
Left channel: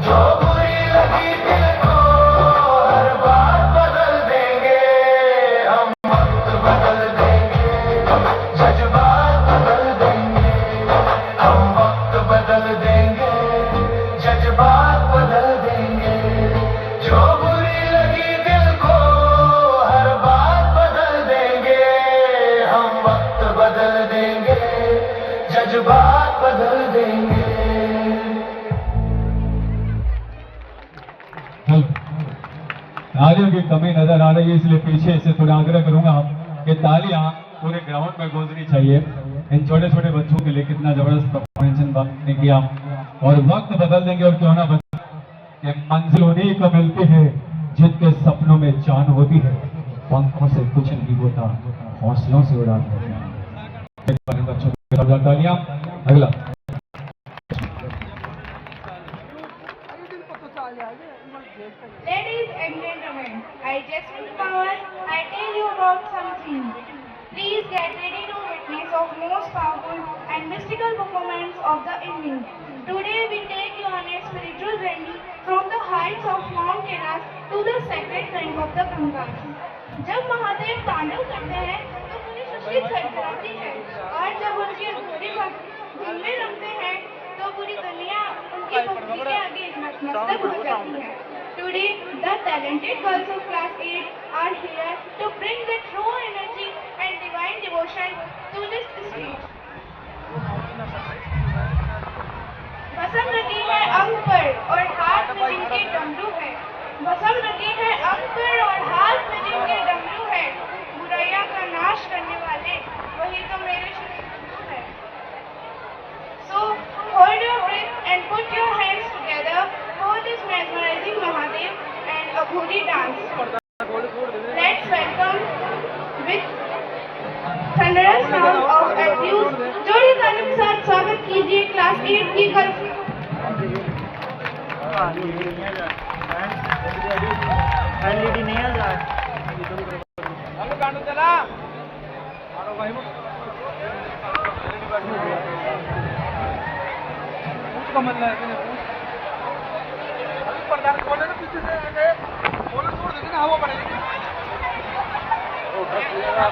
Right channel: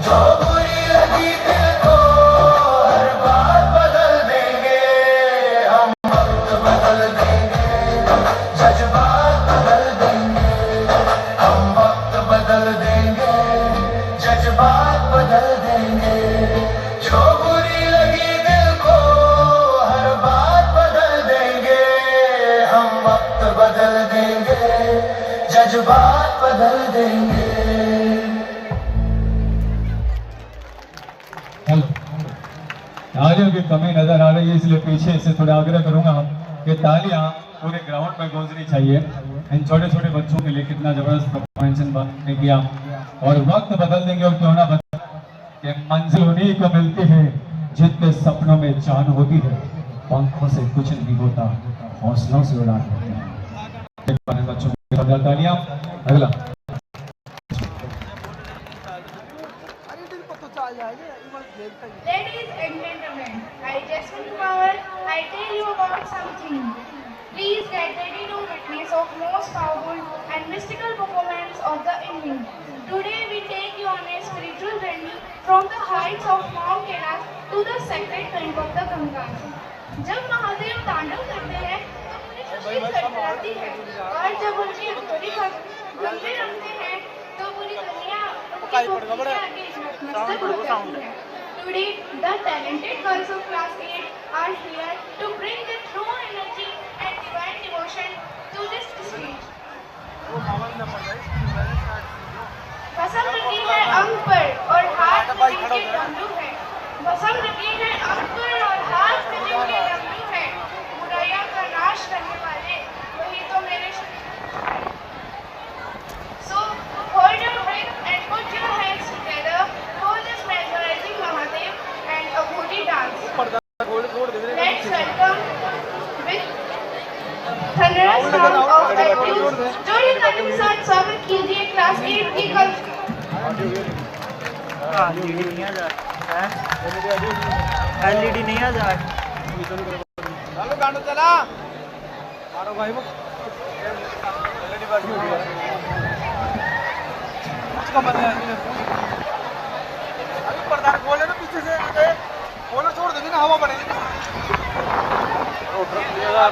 जो बुरी लगी दिल को हर बात बदल देंगे, हम वक्त बदल देंगे, जज्बात बदल देंगे, हम वक्त बदल देंगे, जज्बात बदल देंगे, जो बुरी लगी दिल को हर बात बदल देंगे, हम वक्त बदल देंगे, जज्बात बदल देंगे। तालियों की कमी नजर आ रही है, इसलिए पीछे से थोड़ा आग्रह करूंगा कि तालियां पूरे ग्राउंड में गूंजनी चाहिए। इन छोटे छोटे बच्चों के लिए कितना जबरदस्त परफॉर्मेंस ने किया, और वक्त बदल देंगे और क्यों ना बदल कि मंजिल उन्हीं को मिलती है जिनके सपनों में जान होती है, पंखों से कुछ नहीं होता, हौसलों से उड़ान होती है। बच्चों की तालियां। अगला Ladies and gentlemen, I Jasmine Power, I tell you about something. Please get ready to witness of most powerful and mystical moments of the evening. Today we take you on a spiritual journey from the heights of Mount Kailash to the sacred bank of the Ganga. जब महादेव तांडव करते हैं तो पूरी सृष्टि थरथराती है, और जब उनकी अधूरी गंगे रखते हैं तो पूरी दुनिया उनकी भक्ति के आगे नतमस्तक हो जाती है। Today, the talented girls of class 8 are here to bring the true energy and divine devotion to this stage. बसम रखी है अंग पर और हाथ में जिनके डमरू है, बसम रखी है अंग पर और हाथ में जिनके डमरू है, बुराइयां का नाश करने वाले वही तो मेरे। So, hold your breath and put your hands together for this mesmerizing Mahadev and Abhuri dance. Let's welcome with thunderous sound of abuse. जोड़ी ताली के साथ स्वागत कीजिए क्लास 8 की गर्ल्स। एलईडी नहीं आ जा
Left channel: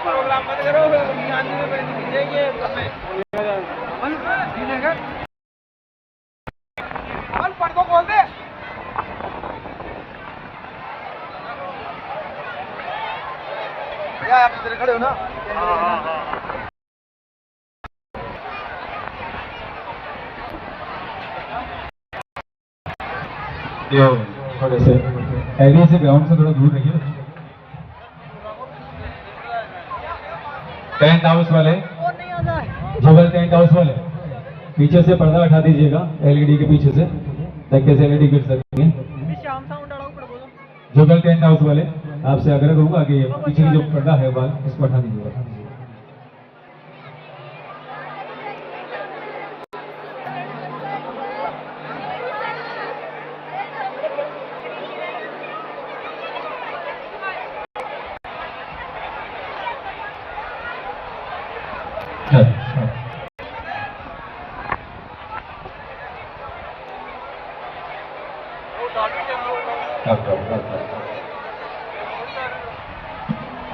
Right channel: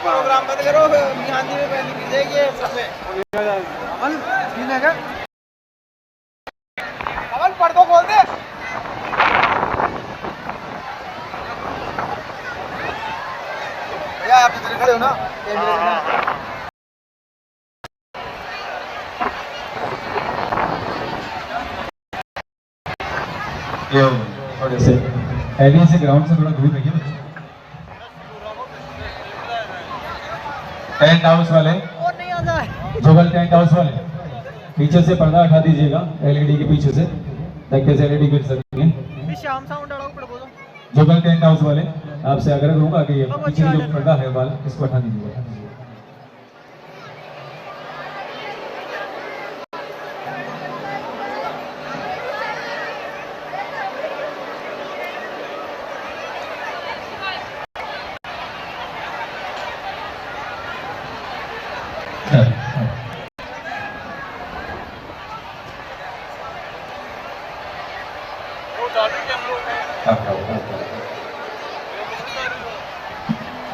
प्रोग्राम बंद करो, गांधी में पहले की जाएगी सब में पढ़ दो, बोल दे। भैया आप इधर खड़े हो ना। थोड़े से एरिया से ग्राउंड से थोड़ा दूर रहिए बच्चे। टेंट हाउस वाले, जुगल टेंट हाउस वाले पीछे से पर्दा हटा दीजिएगा, एलईडी के पीछे से, ताकि से एलईडी गिर सकें। जुगल टेंट हाउस वाले आपसे आग्रह करूंगा कि पीछे की जो पर्दा है वाल इसको हटा दीजिएगा।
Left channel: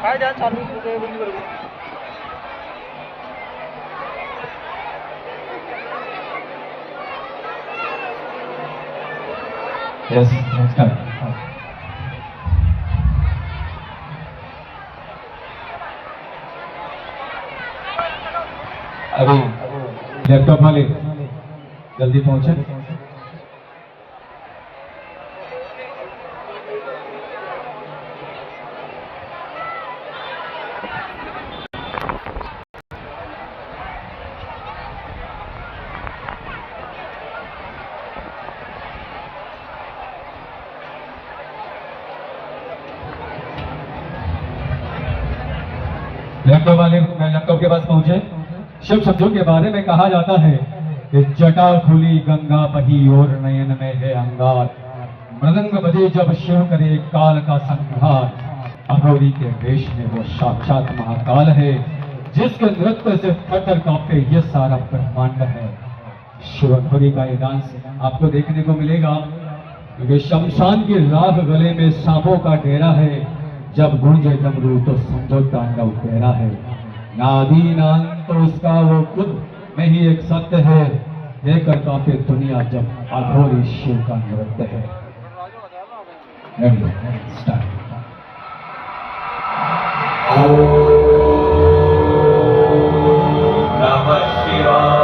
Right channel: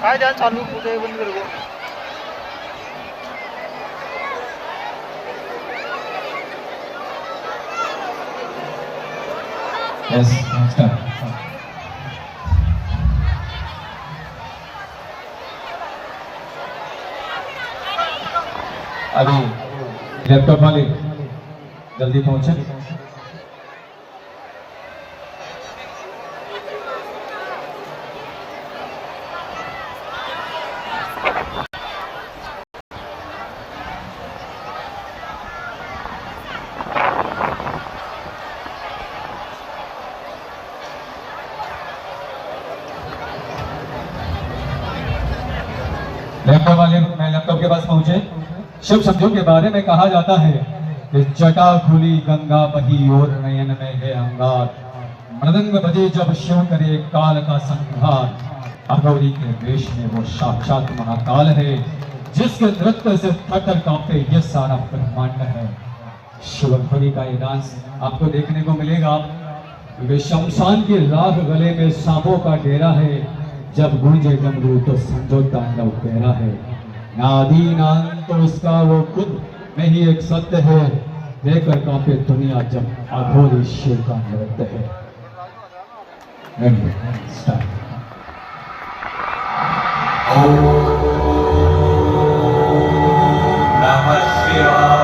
काय ध्यान चालू कुठे बंद कर गो यस नेक्स्ट टाइम अभी लैपटॉप वाले जल्दी पहुंचे। लैपटॉप वाले लैपटॉप के पास पहुंचे। शुभ शब्दों के बारे में कहा जाता है कि जटा खुली गंगा बही और नयन में है अंगार, मृदंग बजे जब शिव करे काल का संहार, अगौरी के वेश में वो साक्षात महाकाल है, जिसके नृत्य से थर कांपे ये सारा ब्रह्मांड है। शिवखोरी का ये डांस आपको देखने को मिलेगा, क्योंकि शमशान की राख गले में सांपों का डेरा है, जब गूंजे डमरू तो समझो तांडव तेरा है। नादी नाम तो उसका वो खुद में ही एक सत्य है, लेकर कांपे दुनिया जब अघोरी शिव का नृत्य है। स्टार्ट। नमः शिवाय।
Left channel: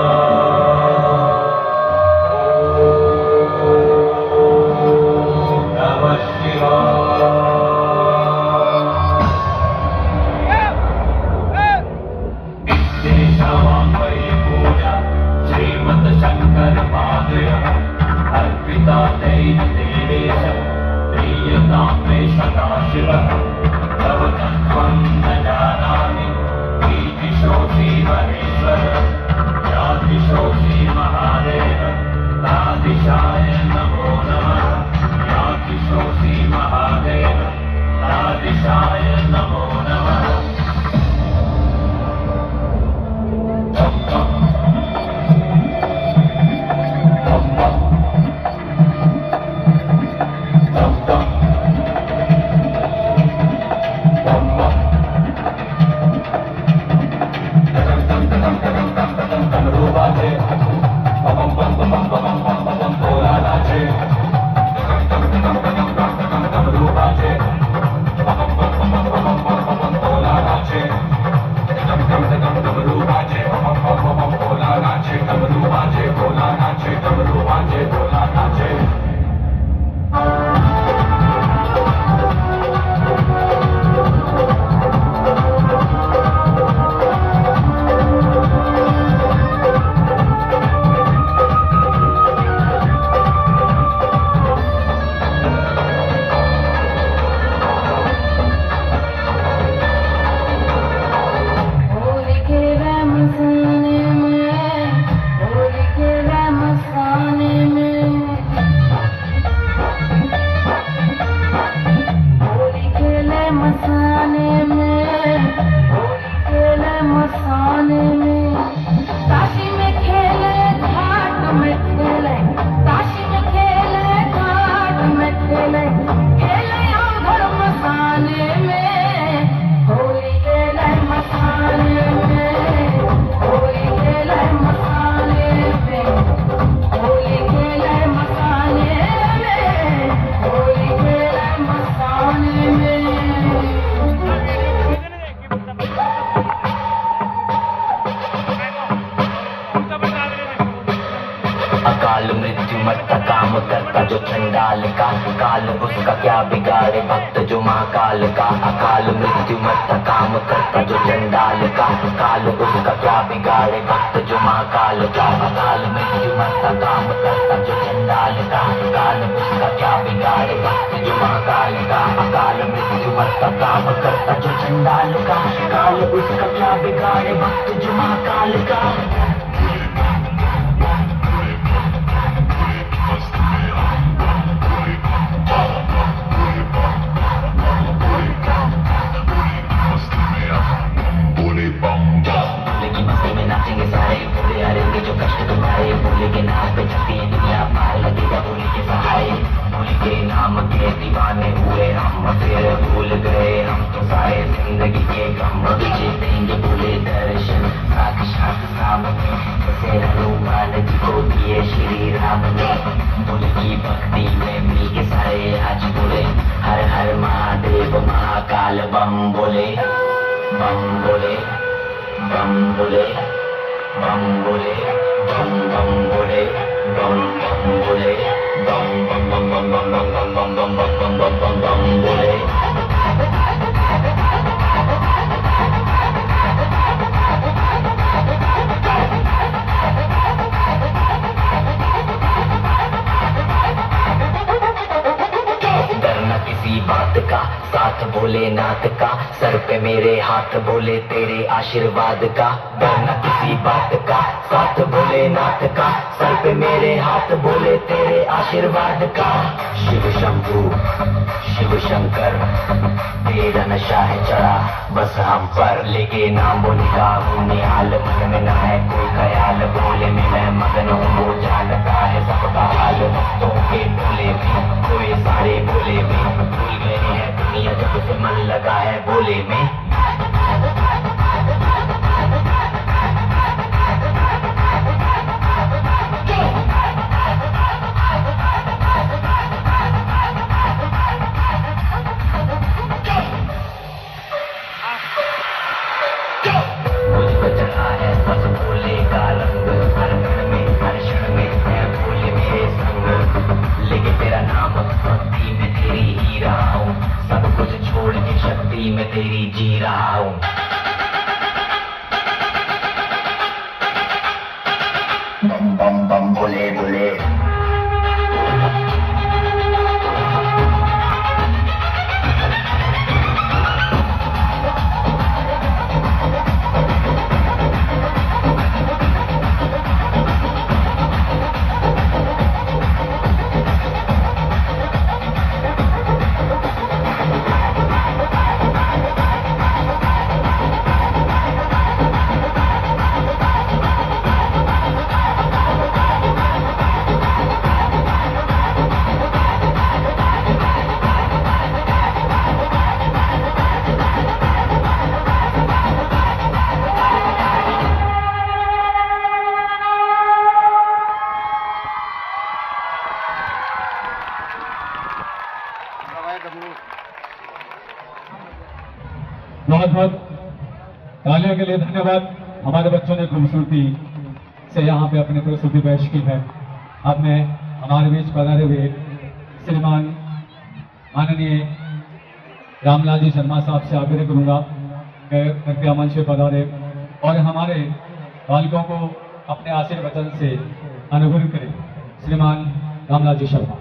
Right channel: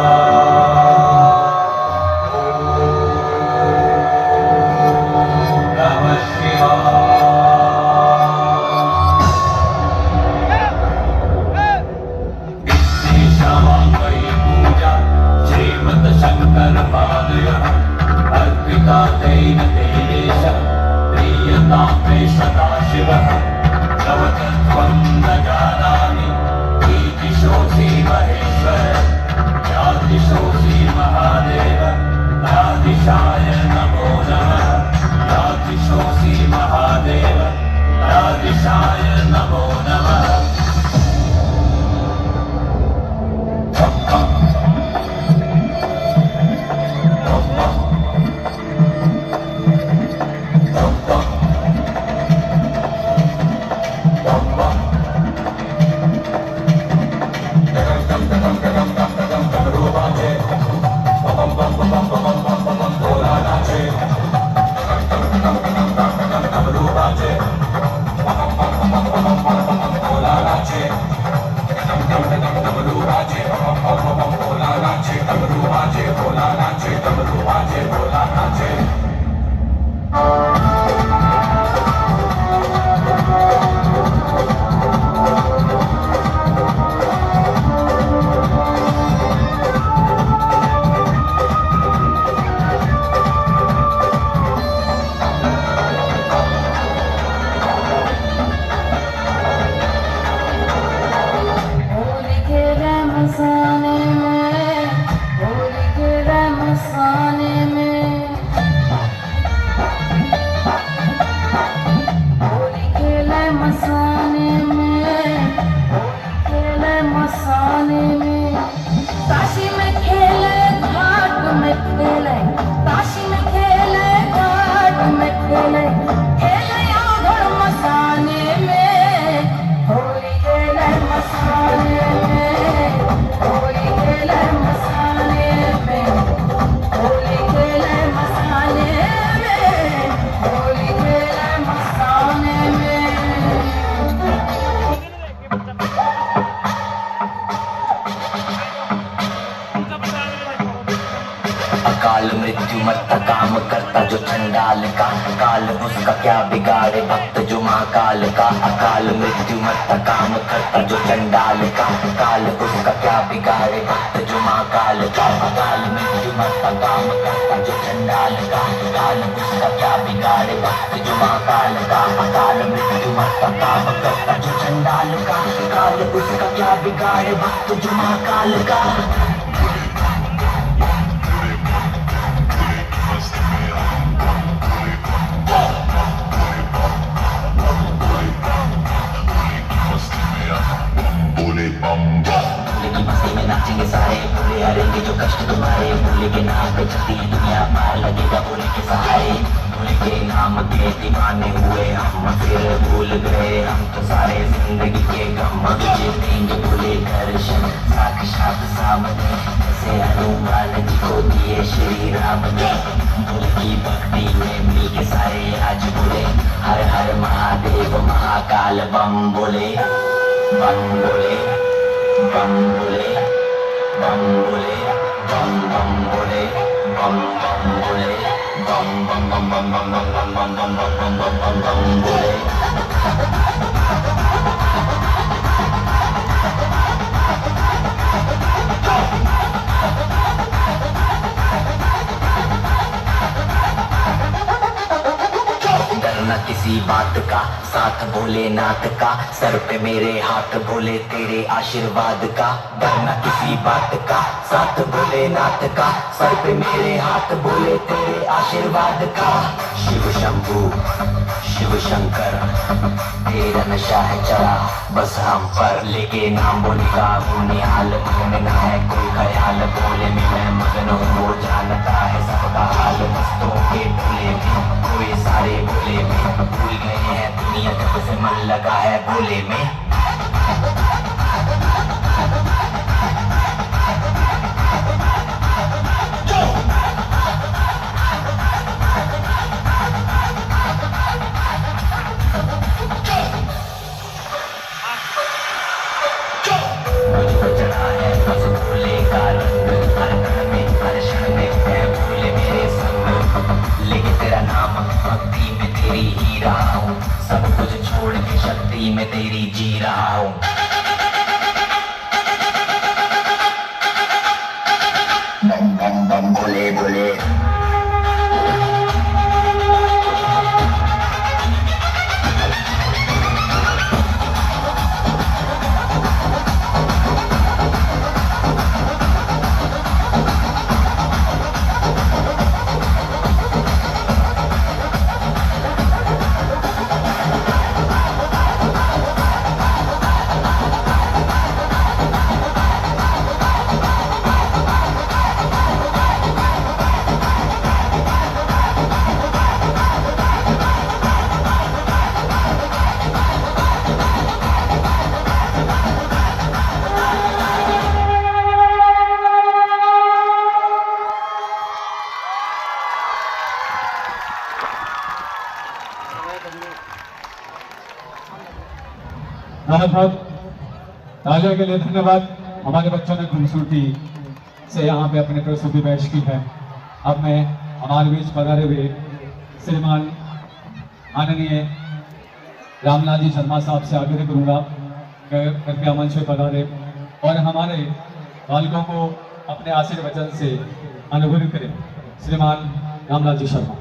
अकाल मृत्यु मस्तका काम करता जो चंडाल का, काल उसका क्या बिगाड़े भक्त जो महाकाल का। अकाल मृत्यु मरता काम करता जो चंडाल का, काल उसका क्या बिगाड़े भक्त जो महाकाल का। अकाल मृत्यु मरता काम करता जो चंडाल का, काल उसका क्या बिगाड़े भक्त जो महाकाल का। अकाल मृत्यु मरता काम करता जो चंडाल का, काल उसका क्या बिगाड़े भक्त जो महाकाल का। मस्ती में नाचेंगे सारे, भूले हारेंगे जो कष्ट तुम्हारे। भूले के नाम पे चलती दुनिया, पार लगेगा भूले के सहारे। भूले के नाम के दीवाने हुए हम, फिर भूल गए हम तो सारे जिंदगी के गम। तुझे देंगे भूले दर्शन साक्षात सामने, जैसे हनुमान जी को दिए श्री राम ने। भूल की भक्ति में मिल के सारे आज बोले, हर हर महादेव महाकाल बम बोले, बम बोले, बम बोले, बम बोले, बम बम बोले, बम बम बोले, बम बम बम बम बम बम बम बम बम बम बम बम बोले। किसी बात का साथ भोलेनाथ का, सर पे मेरे हाथ भोले तेरे आशीर्वाद का। डरना किसी बात का साथ भोलेनाथ का, सर पे मेरे हाथ भोले तेरे आशीर्वाद का। शिव शंभू शिव शंकर तेरा नशा है चढ़ा बस हम पर, लेके नाम बोले का हूँ निहाल। मन में न है कोई ख्याल, बोले में मैं मगन हूँ, वो जानता है सबका हाल। मस्तों के टोले में कोई सारे भोले में, भूल गए हैं दुनिया जब से मन लगा है भोले में। मैं तेरी जी रहा हूँ। बम बम बम बोले बोले, बहुत बहुत तालियों के लिए धन्यवाद। हमारे बच्चों ने खूबसूरती से यहाँ पे अपनी प्रस्तुति पेश की है। अब मैं हमारे बीच पधारे हुए श्रीमान माननीय रामलाल जी शर्मा साहब से आग्रह करूँगा कृपया मंच पे पधारे और हमारे बालकों को अपने आशीर्वचन से अनुभूत करें। श्रीमान रामलाल जी शर्मा,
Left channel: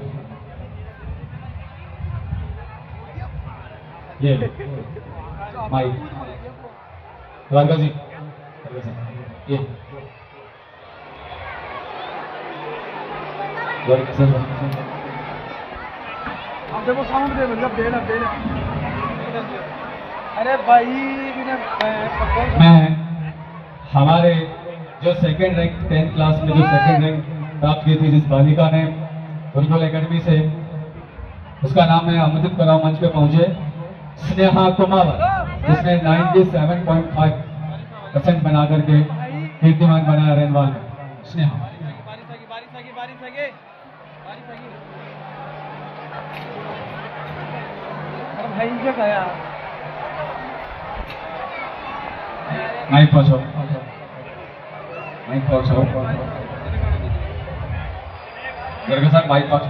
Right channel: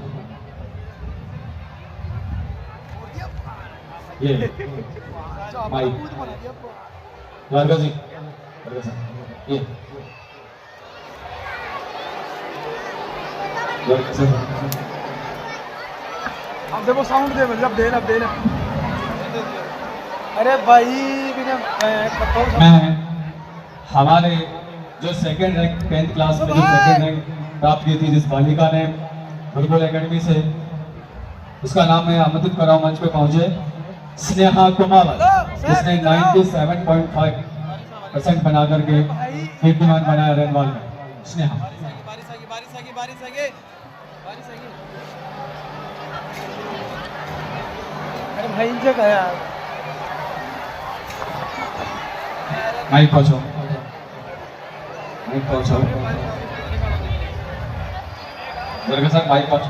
ये माइक द्वारका जी, ये द्वारका सर, देखो साउंड दे, मतलब देना। अरे भाई मैं हमारे जो सेकंड रैंक 10th क्लास में जो सेकंड रैंक प्राप्त की थी जिस बालिका ने गुरुकुल एकेडमी से, उसका नाम मैं आमंत्रित कर रहा हूँ मंच पे पहुंचे। स्नेहा कुमार, जिसने 97.5% बना करके कीर्तिमान बनाया रेनवाल में। स्नेहा माइक पहुंचाओ, माइक पहुंचाओ। गर्ग सर माइक पास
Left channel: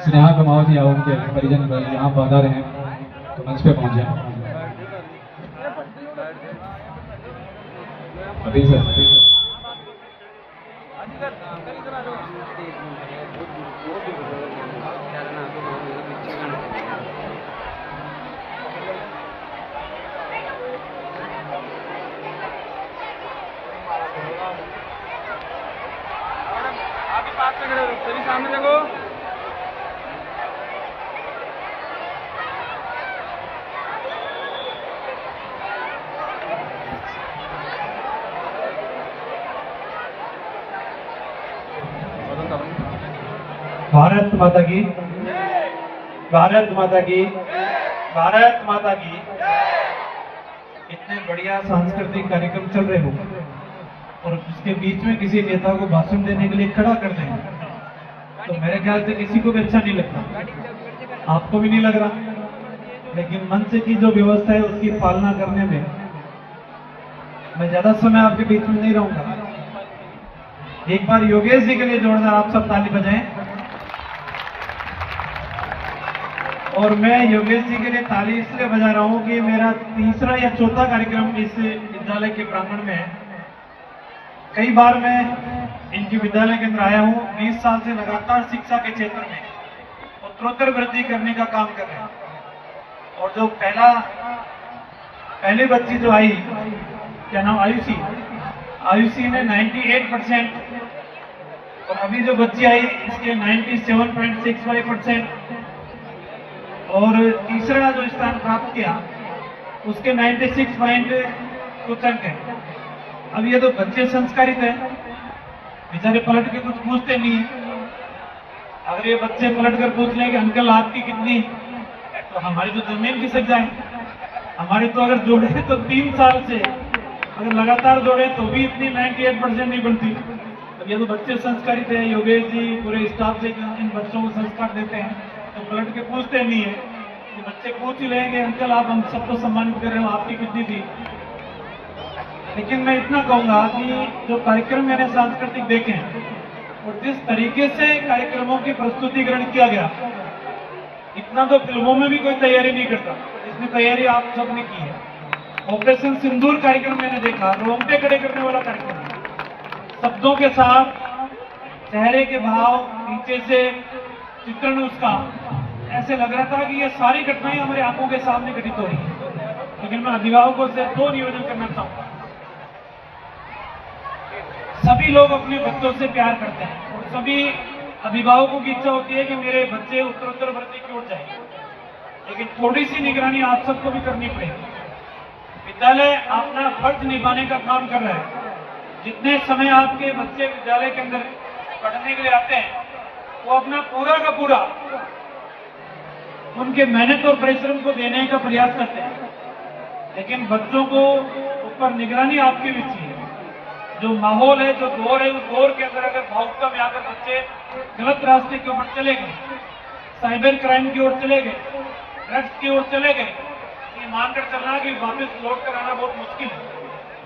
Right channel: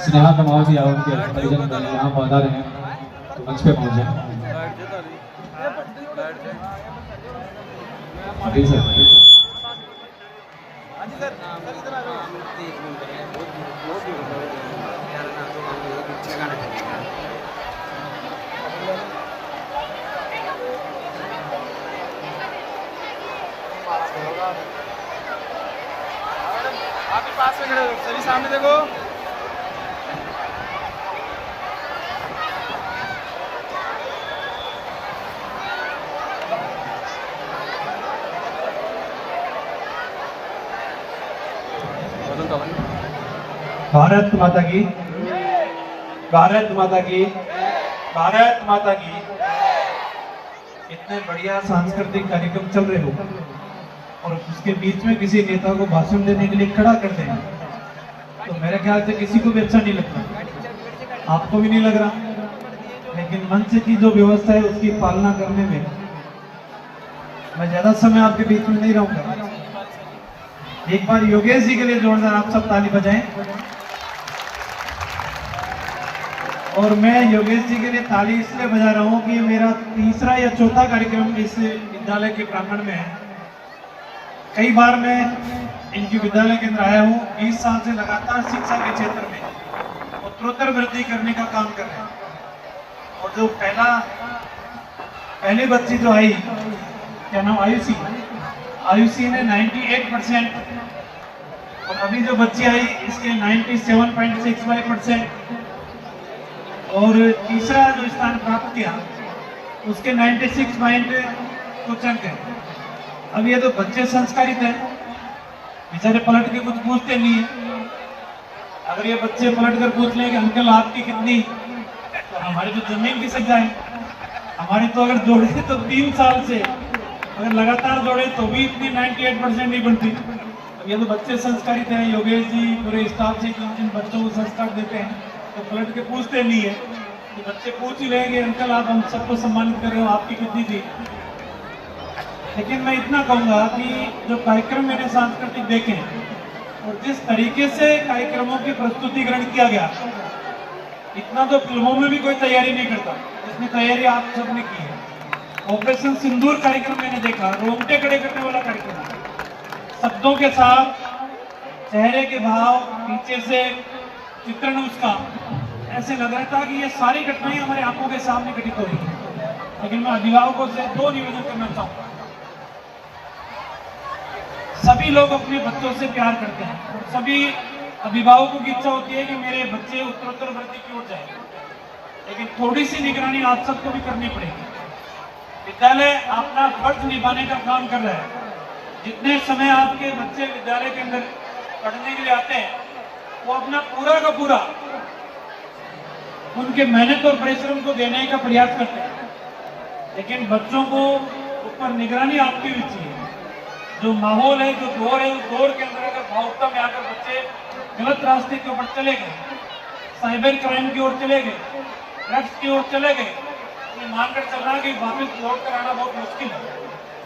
स्नेहा कुमावत या उनके परिजन यहाँ पधारे हैं तो मंच पे पहुंच जाए अभी सर। सभी सामने देखो। भारत माता की, भारत माता की, भारत माता की। इतने बढ़िया सांस्कृतिक कार्यक्रम चल रहे हो और उसके बीच में किसी नेता को भाषण देने के लिए खड़ा कर दें तो मेरे ख्याल से किसी को भी अच्छा नहीं लगता, आपको भी नहीं लग रहा। लेकिन मंच की जो व्यवस्था है उसकी पालना करने में मैं ज्यादा समय आपके बीच में नहीं रहूंगा। एक बार योगेश जी के लिए जोरदार आप सब ताली बजाएं। और मैं योगेश जी के लिए ताली इसलिए बजा रहा हूँ कि मेरा तीसरा या चौथा कार्यक्रम इस विद्यालय के प्रांगण में है। कई बार मैं इनके विद्यालय के अंदर आया हूँ। 20 साल से लगातार शिक्षा के क्षेत्र में उत्तरोत्तर वृद्धि करने का काम कर रहे हैं। और जो पहली बच्ची जो आई, क्या नाम, आयुषी ने 98% और अभी जो बच्ची आई इसके 97.65% और तीसरा जो स्थान प्राप्त किया उसके 96 पॉइंट कुछ अंक है। अब ये तो बच्चे संस्कारित हैं, बेचारे पलट के कुछ पूछते नहीं है। अगर ये बच्चे पलट कर पूछ लें कि अंकल आपकी कितनी, तो हमारी तो जमीन खिसक जाए। हमारे तो अगर जोड़े तो 3 साल से अगर लगातार जोड़े तो भी इतनी 98% नहीं बनती। अब ये तो बच्चे संस्कारित हैं। योगेश जी पूरे स्टाफ से इन बच्चों को संस्कार देते हैं तो पलट के पूछते नहीं है। तो बच्चे पूछ ही रहेंगे अंकल आप हम सबको सम्मानित कर रहे हो, आपकी कितनी थी। लेकिन मैं इतना कहूंगा कि जो कार्यक्रम मैंने सांस्कृतिक देखे और जिस तरीके से कार्यक्रमों की प्रस्तुतिकरण किया गया, इतना तो फिल्मों में भी कोई तैयारी नहीं करता जितनी तैयारी आप सबने की है। ऑपरेशन सिंदूर कार्यक्रम मैंने देखा, रोंगटे खड़े करने वाला कार्यक्रम, शब्दों के साथ चेहरे के भाव, पीछे से चित्रण उसका, ऐसे लग रहा था कि ये सारी घटनाएं हमारे आंखों के सामने घटित हो रही है। लेकिन मैं अभिभावकों से 2 निवेदन करना चाहूंगा। सभी लोग अपने बच्चों से प्यार करते हैं और सभी अभिभावकों की इच्छा होती है कि मेरे बच्चे उत्तरोत्तर वृद्धि की ओर जाए। लेकिन थोड़ी सी निगरानी आप सबको भी करनी पड़ेगी। विद्यालय अपना फर्ज निभाने का काम कर रहा है। जितने समय आपके बच्चे विद्यालय के अंदर पढ़ने के लिए आते हैं वो अपना पूरा का पूरा उनके मेहनत और परिश्रम को देने का प्रयास करते हैं। लेकिन बच्चों को ऊपर निगरानी आपकी भी चाहिए। जो माहौल है, जो दौर है, उस दौर के अंदर अगर भावुकता में आकर बच्चे गलत रास्ते के ऊपर चले गए, साइबर क्राइम की ओर चले गए, ड्रग्स की ओर चले गए, ये मानकर चलना कि वापस लौट कर आना बहुत मुश्किल है।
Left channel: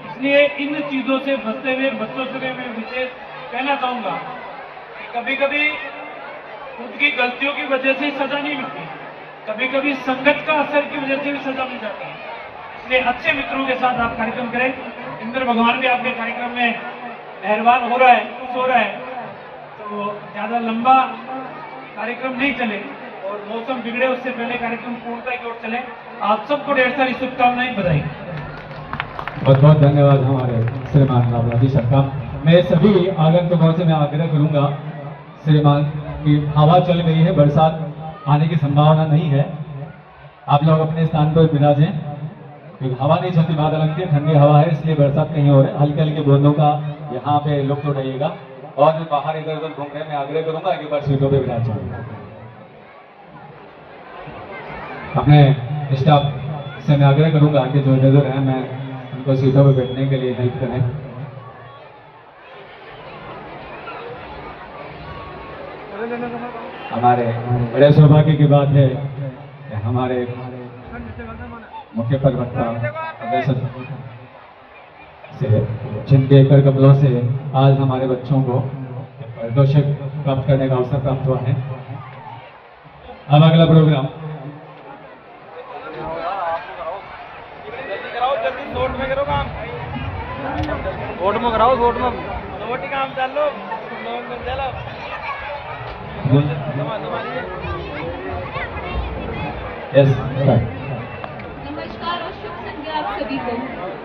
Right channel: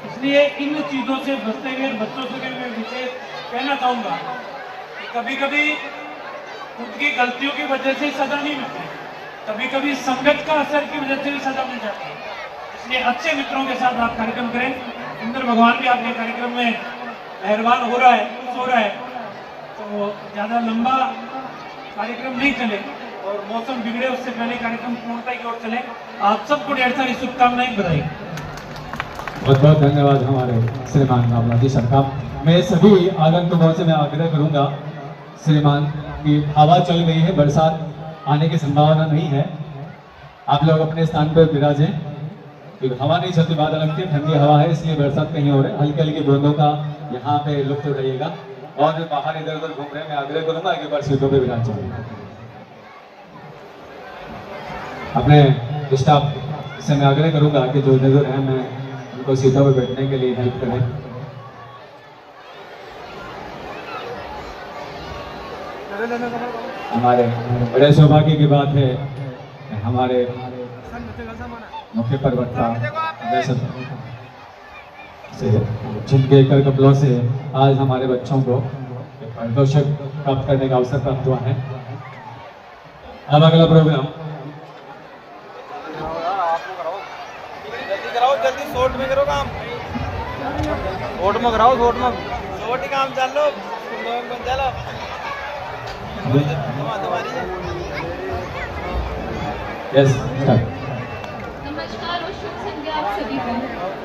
इसलिए इन चीजों से बचते हुए बच्चों से भी मैं विशेष कहना चाहूंगा कि कभी कभी उनकी गलतियों की वजह से सजा नहीं मिलती, कभी कभी संगत का असर की वजह से भी सजा मिल जाती है। इसलिए अच्छे मित्रों के साथ आप कार्यक्रम करें। इंद्र भगवान भी आपके कार्यक्रम में मेहरबान हो रहा है, खुश हो रहा है, तो ज्यादा लंबा कार्यक्रम नहीं चले और मौसम बिगड़े उससे पहले कार्यक्रम पूर्णता की ओर चले। आप सबको ढेर सारी शुभकामनाएं, बधाई। बहुत बहुत धन्यवाद हमारे श्रीमान रामलाल साहब का। मैं सभी आगंतुकों से मैं आग्रह करूंगा श्रीमान की हवा चल गई है, बरसात आने की संभावना नहीं है। आप लोग अपने स्थान पर विराजें क्योंकि हवा नहीं चलती, बादल लगती है, ठंडी हवा है, इसलिए बरसात कहीं हो रहा है। हल्की हल्की बूंदों का यहाँ पे लुत्फ उठाइएगा और जो बाहर इधर उधर घूम रहे हैं मैं आग्रह करूंगा एक बार सीटों पे विराज जाए। अपने स्टाफ से मैं आग्रह करूंगा कि जो इधर है मैं उनको सीटों पे बैठने के लिए हेल्प करें। हमारे बड़े सौभाग्य की बात है कि हमारे मुख्य प्रवक्ता से जिनके कर कमलों से आज हमारे बच्चों को पारितोषिक प्राप्त करने का अवसर प्राप्त हुआ है। अब अगला प्रोग्राम वोट में कराओ, वोट में वोट ही काम चल लो। यस नमस्कार और शुभ संध्या आप सभी को।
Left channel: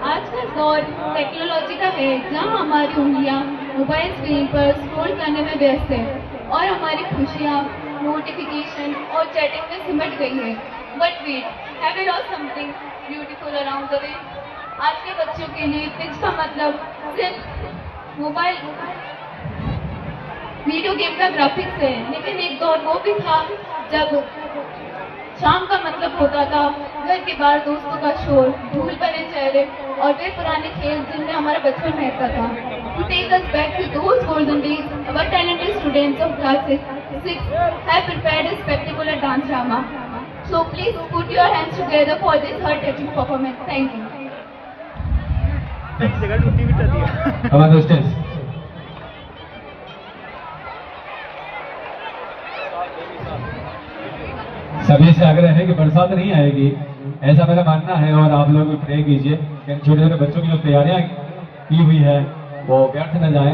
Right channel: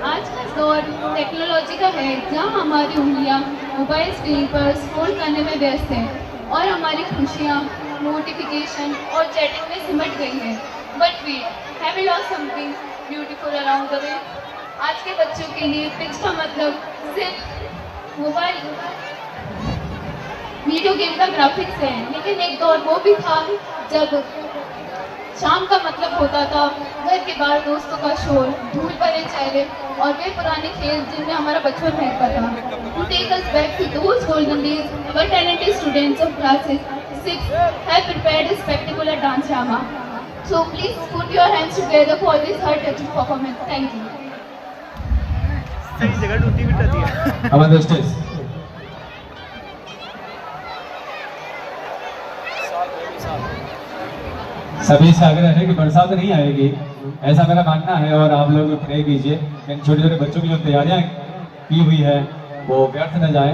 आज का दौर टेक्नोलॉजी का है, जहां हमारी उंगलियां मोबाइल स्क्रीन पर स्क्रॉल करने में व्यस्त है और हमारी खुशियां नोटिफिकेशन और चैटिंग में सिमट गई है। But we have we lost something beautiful around the way. आज के बच्चों के लिए पिच का मतलब सिर्फ मोबाइल वीडियो गेम का ग्राफिक्स है, लेकिन एक दौर वो भी था जब शाम का मतलब होता था घर के बाहर दोस्तों का शोर, धूल भरे चेहरे और वे पुराने खेल जिनमें हमारा बचपन महकता था। To take us back to those golden days, our talented students of classes 6 have prepared a spectacular dance drama. So please put your hands together for this heart-touching performance. Thank you. सही जगह टूटी बिठा दिया। हमारे स्टेज सभी से आग्रह है कि बरसात नहीं आएगी, ऐसा मेरा मानना है। और आप लोग प्रे कीजिए कि इन छोटे छोटे बच्चों की जो तैयारियां की हुई है वो व्यर्थ न जाए।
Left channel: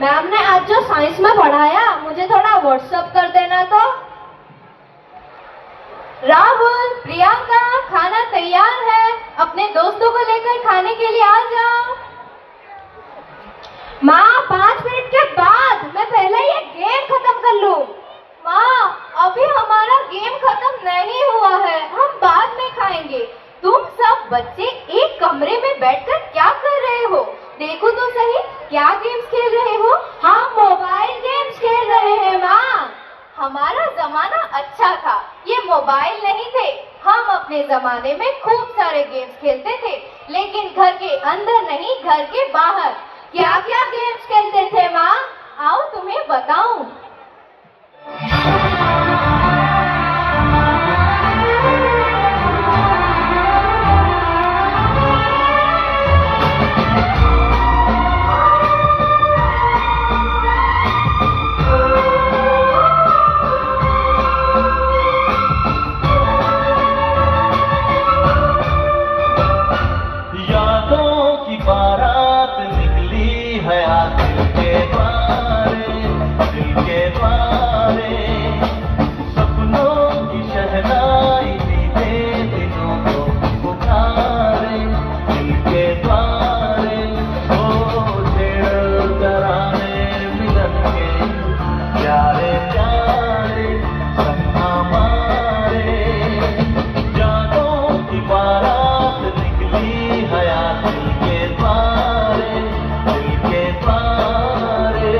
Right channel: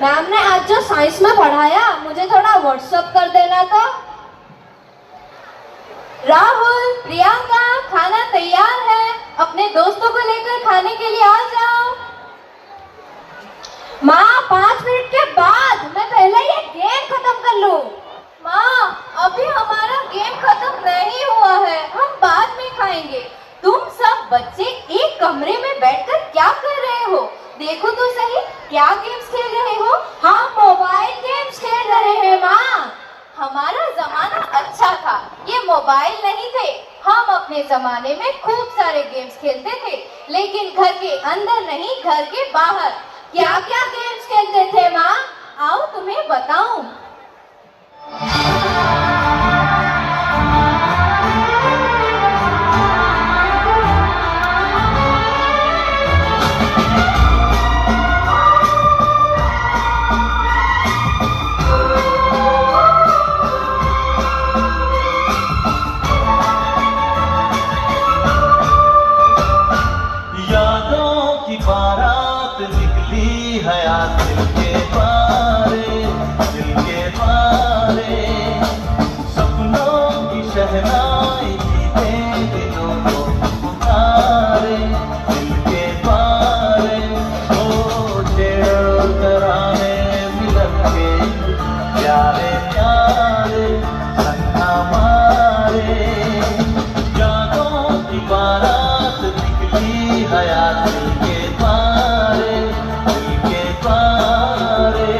मैम ने आज जो साइंस में पढ़ाया मुझे थोड़ा व्हाट्सएप कर देना तो। राहुल, प्रियंका, खाना तैयार है, अपने दोस्तों को लेकर खाने के लिए आ जाओ। माँ 5 मिनट के बाद, मैं पहले ये गेम खत्म कर लूं। माँ अभी हमारा गेम खत्म नहीं हुआ है, हम बाद में खाएंगे। तुम सब बच्चे एक कमरे में बैठकर क्या कर रहे हो? देखो तो सही, क्या गेम्स खेल रहे हो? हम मोबाइल गेम्स खेल रहे हैं माँ। हमारा जमाना अच्छा था, ये मोबाइल नहीं थे। हम अपने जमाने में खूब सारे गेम्स खेलते थे, लेकिन घर के अंदर नहीं, घर के बाहर। क्या क्या गेम्स खेलते थे माँ? आओ तुम्हें बताऊं। यादों की बारात निकली है आज दिल के बारे, दिल के बारे। सपनों की शहनाई बीते दिनों को पुकारे, दिल के बारे। ओ छेड़ कराने मिलन के प्यारे प्यारे संग हमारे। यादों की बारात निकली हयात दिल के पारे, दिल के पारे।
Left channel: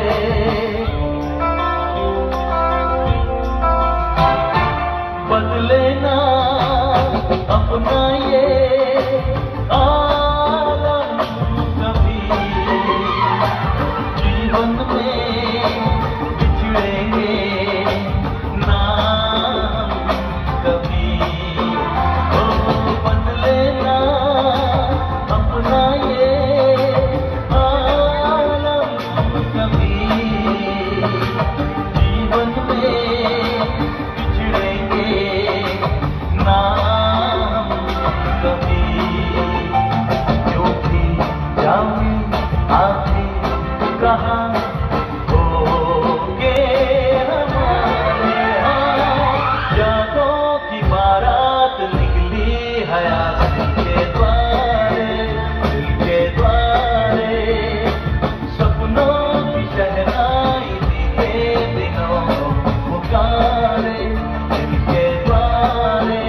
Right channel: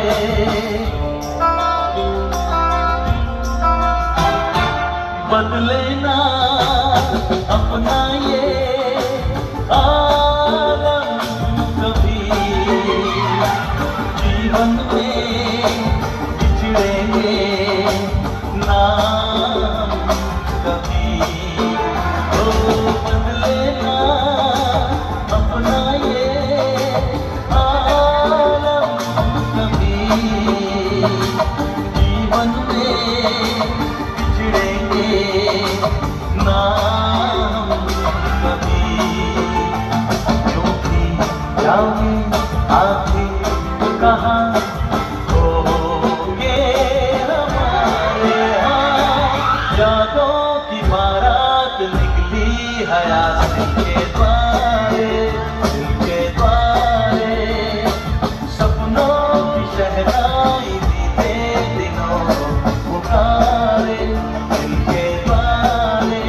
बदले ना अपना ये आलम कभी, जीवन में बिछड़ेंगे ना हम कभी। ओ बदले ना अपना ये आलम कभी, जीवन में बिछड़ेंगे ना हम कभी। जो भी जाऊं आखिर कहाँ होगे हमारे। हाँ यादों की बारात निकली हयात दिल के द्वारे, दिल के द्वारे। सपनों की शहनाई बीते दिनों को पुकारे, दिल के द्वारे।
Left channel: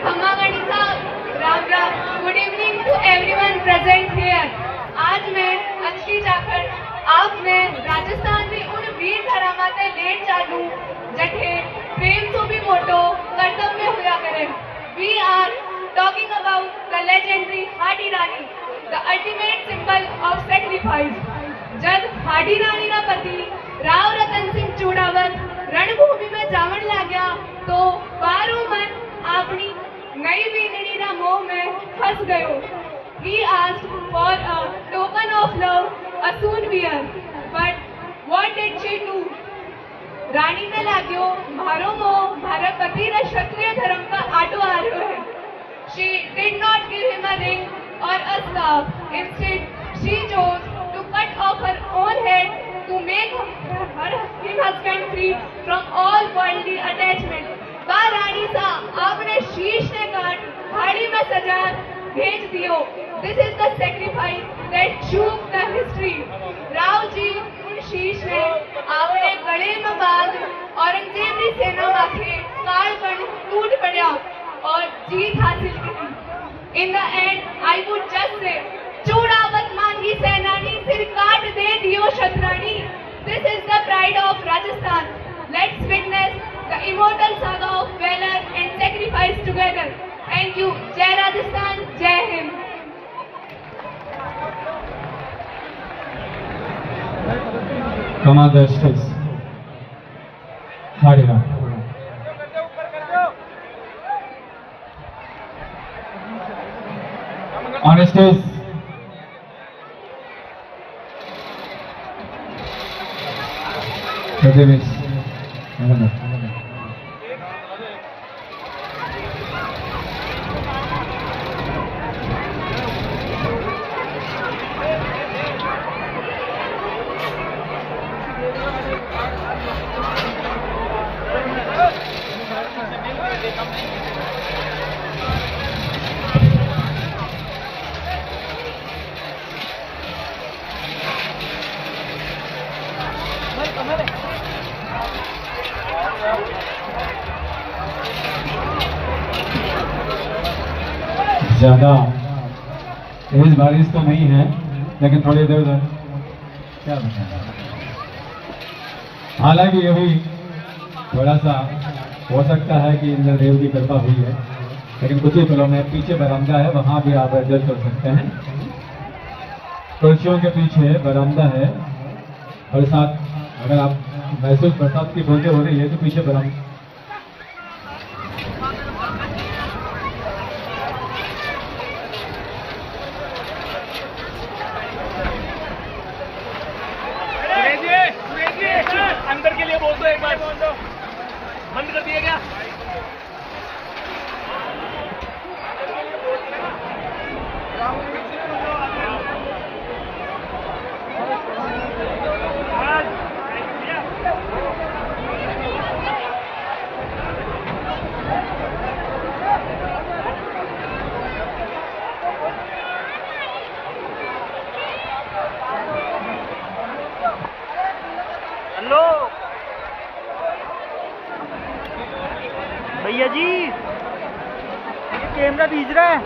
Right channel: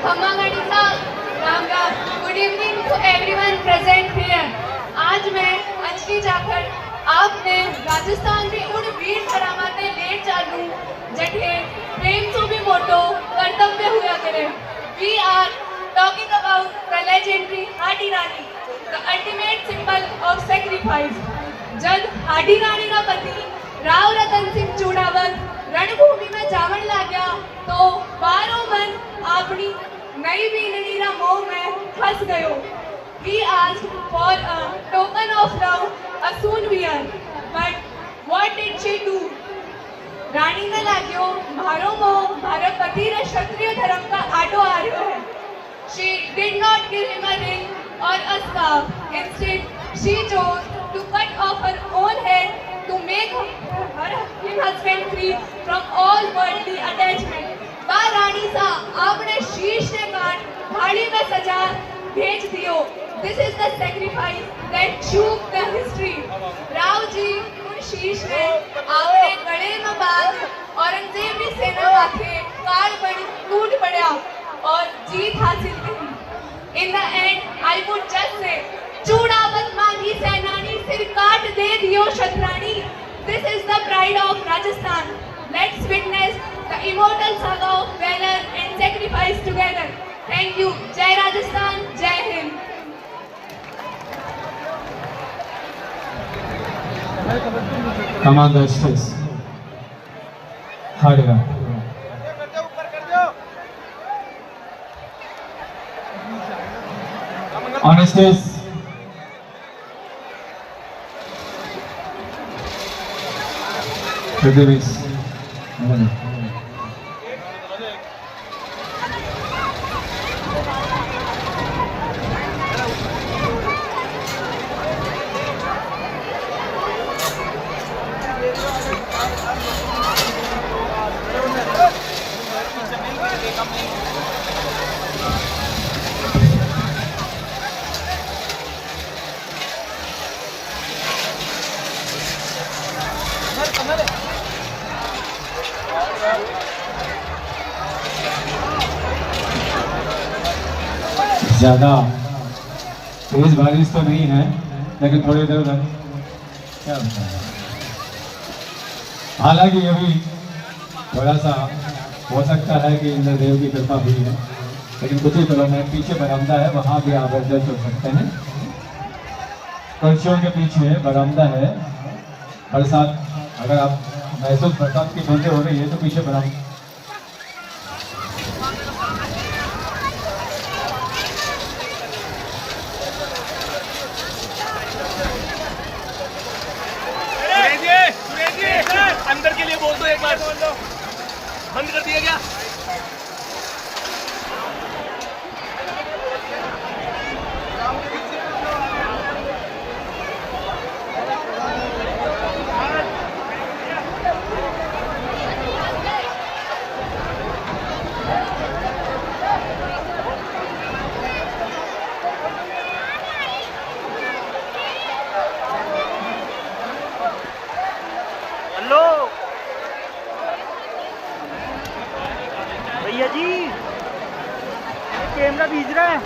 खम्मा गणी साहब, राम राम। Good evening to everyone present here. आज मैं अंजलि जाखड़ आपने राजस्थान में उन वीर धरामाते लेट चालू जठे प्रेम तो भी मोटो कर्तव्य हुआ करे। We are talking about the legendary Hadi Rani, the ultimate symbol of sacrifice. जब हाडी रानी का पति राव रतन सिंह चूड़ावत रणभूमि में जावन लाग्या तो बारो मन अपनी नई बीननी ना मोह में फंस गयो। He asked for a token of love, a soon wear. But what did she do? रानी ने लाग्यो मारो मोह मारा पति रे क्षत्रिय धर्म का आटो आ रह्यो है। She did not give him a ring or a scarf. Instead, she chose to cut off her own head to make her husband free from all worldly attachment. वाह रानी सा, आपने शीश ने काट भाड़ी में सजा भेज दियो। This is the sacrifice that shook the history. Rao ji उन शीश ने आपने गले में बांध औरंगजेब की सेना माथे काल पर टूट पड़ा और जीत हासिल की। In the end, I would just say, Chudawat मांगी सेनानी सिर काट दे दियो शतरानी। This is the pride of Rajasthan. Let's witness the immortal saga of valor and sacrifice together. Thank you. Jai Rajasthan, Jai Hind. Come on the stage. Harira. On stage. Pradesh. ज्यादा तेज बारिश तो नहीं है, लेकिन थोड़ी देर उधर क्या बताएं। हालांकि अभी थोड़ा सा हो सकता है कि इंद्रदेव की कृपा हुई है, लेकिन कुछ ही कलों में पीछे बरामदा है, वहां भी आप एडजस्ट कर सकते हैं। कुर्सियों के पीछे बरामदा है। बरसात अगर आप महसूस बरसात की बूंदें हो रही है तो पीछे बरामदा। अंदर के लिए बोल दो एक बार, बंद कर दिया गया। हेलो भैया जी, कैमरा भेज रहा है,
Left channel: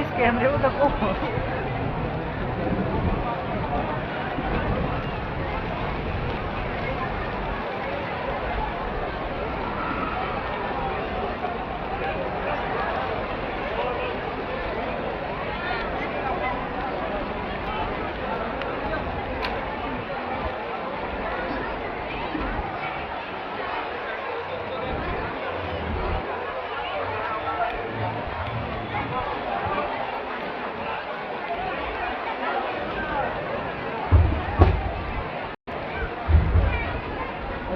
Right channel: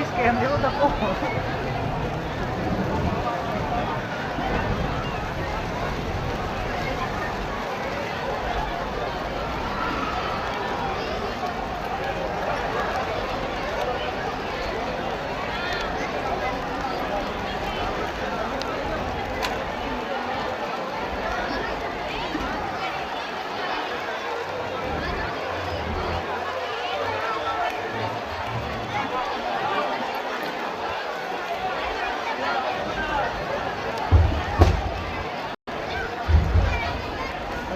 इस कैमरे को देखो।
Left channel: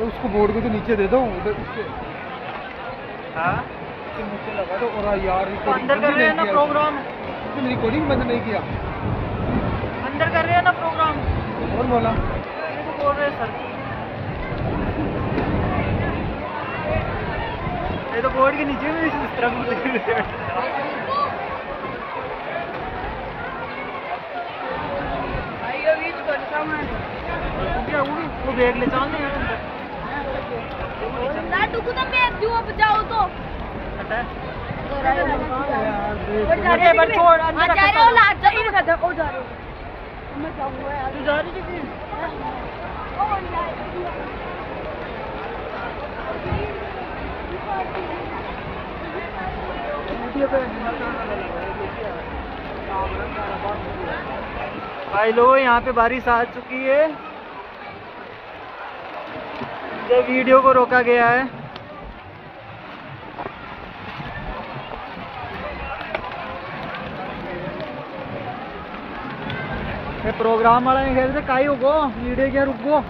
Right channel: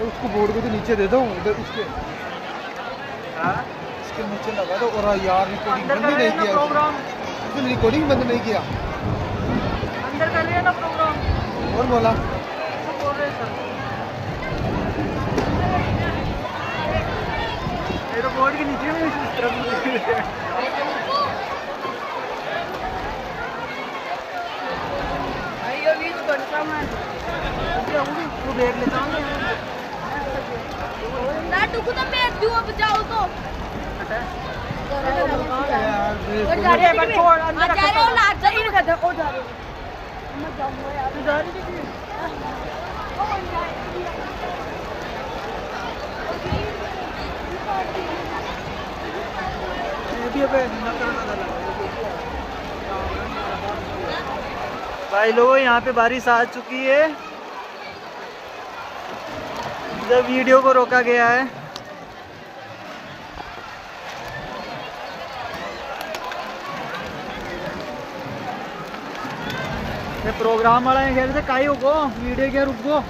उसको बोर्ड को तो नीचे दे दो, उधर इसके नीचे लगा दो। और यार रिकॉर्डिंग बंद नहीं किया, रिकॉर्डिंग बंद नहीं किया, अंदर कर रहे हैं ना प्रोग्राम। कौन बोला? ये तो बोर्ड के नीचे में इस तरफ भाई लोगों, यहाँ पे बारिश आ चुकी है। इधर वीडियो को रोका गया है। ये प्रोग्राम वाला है खेल से काई होगो वीडियो क्या रुको।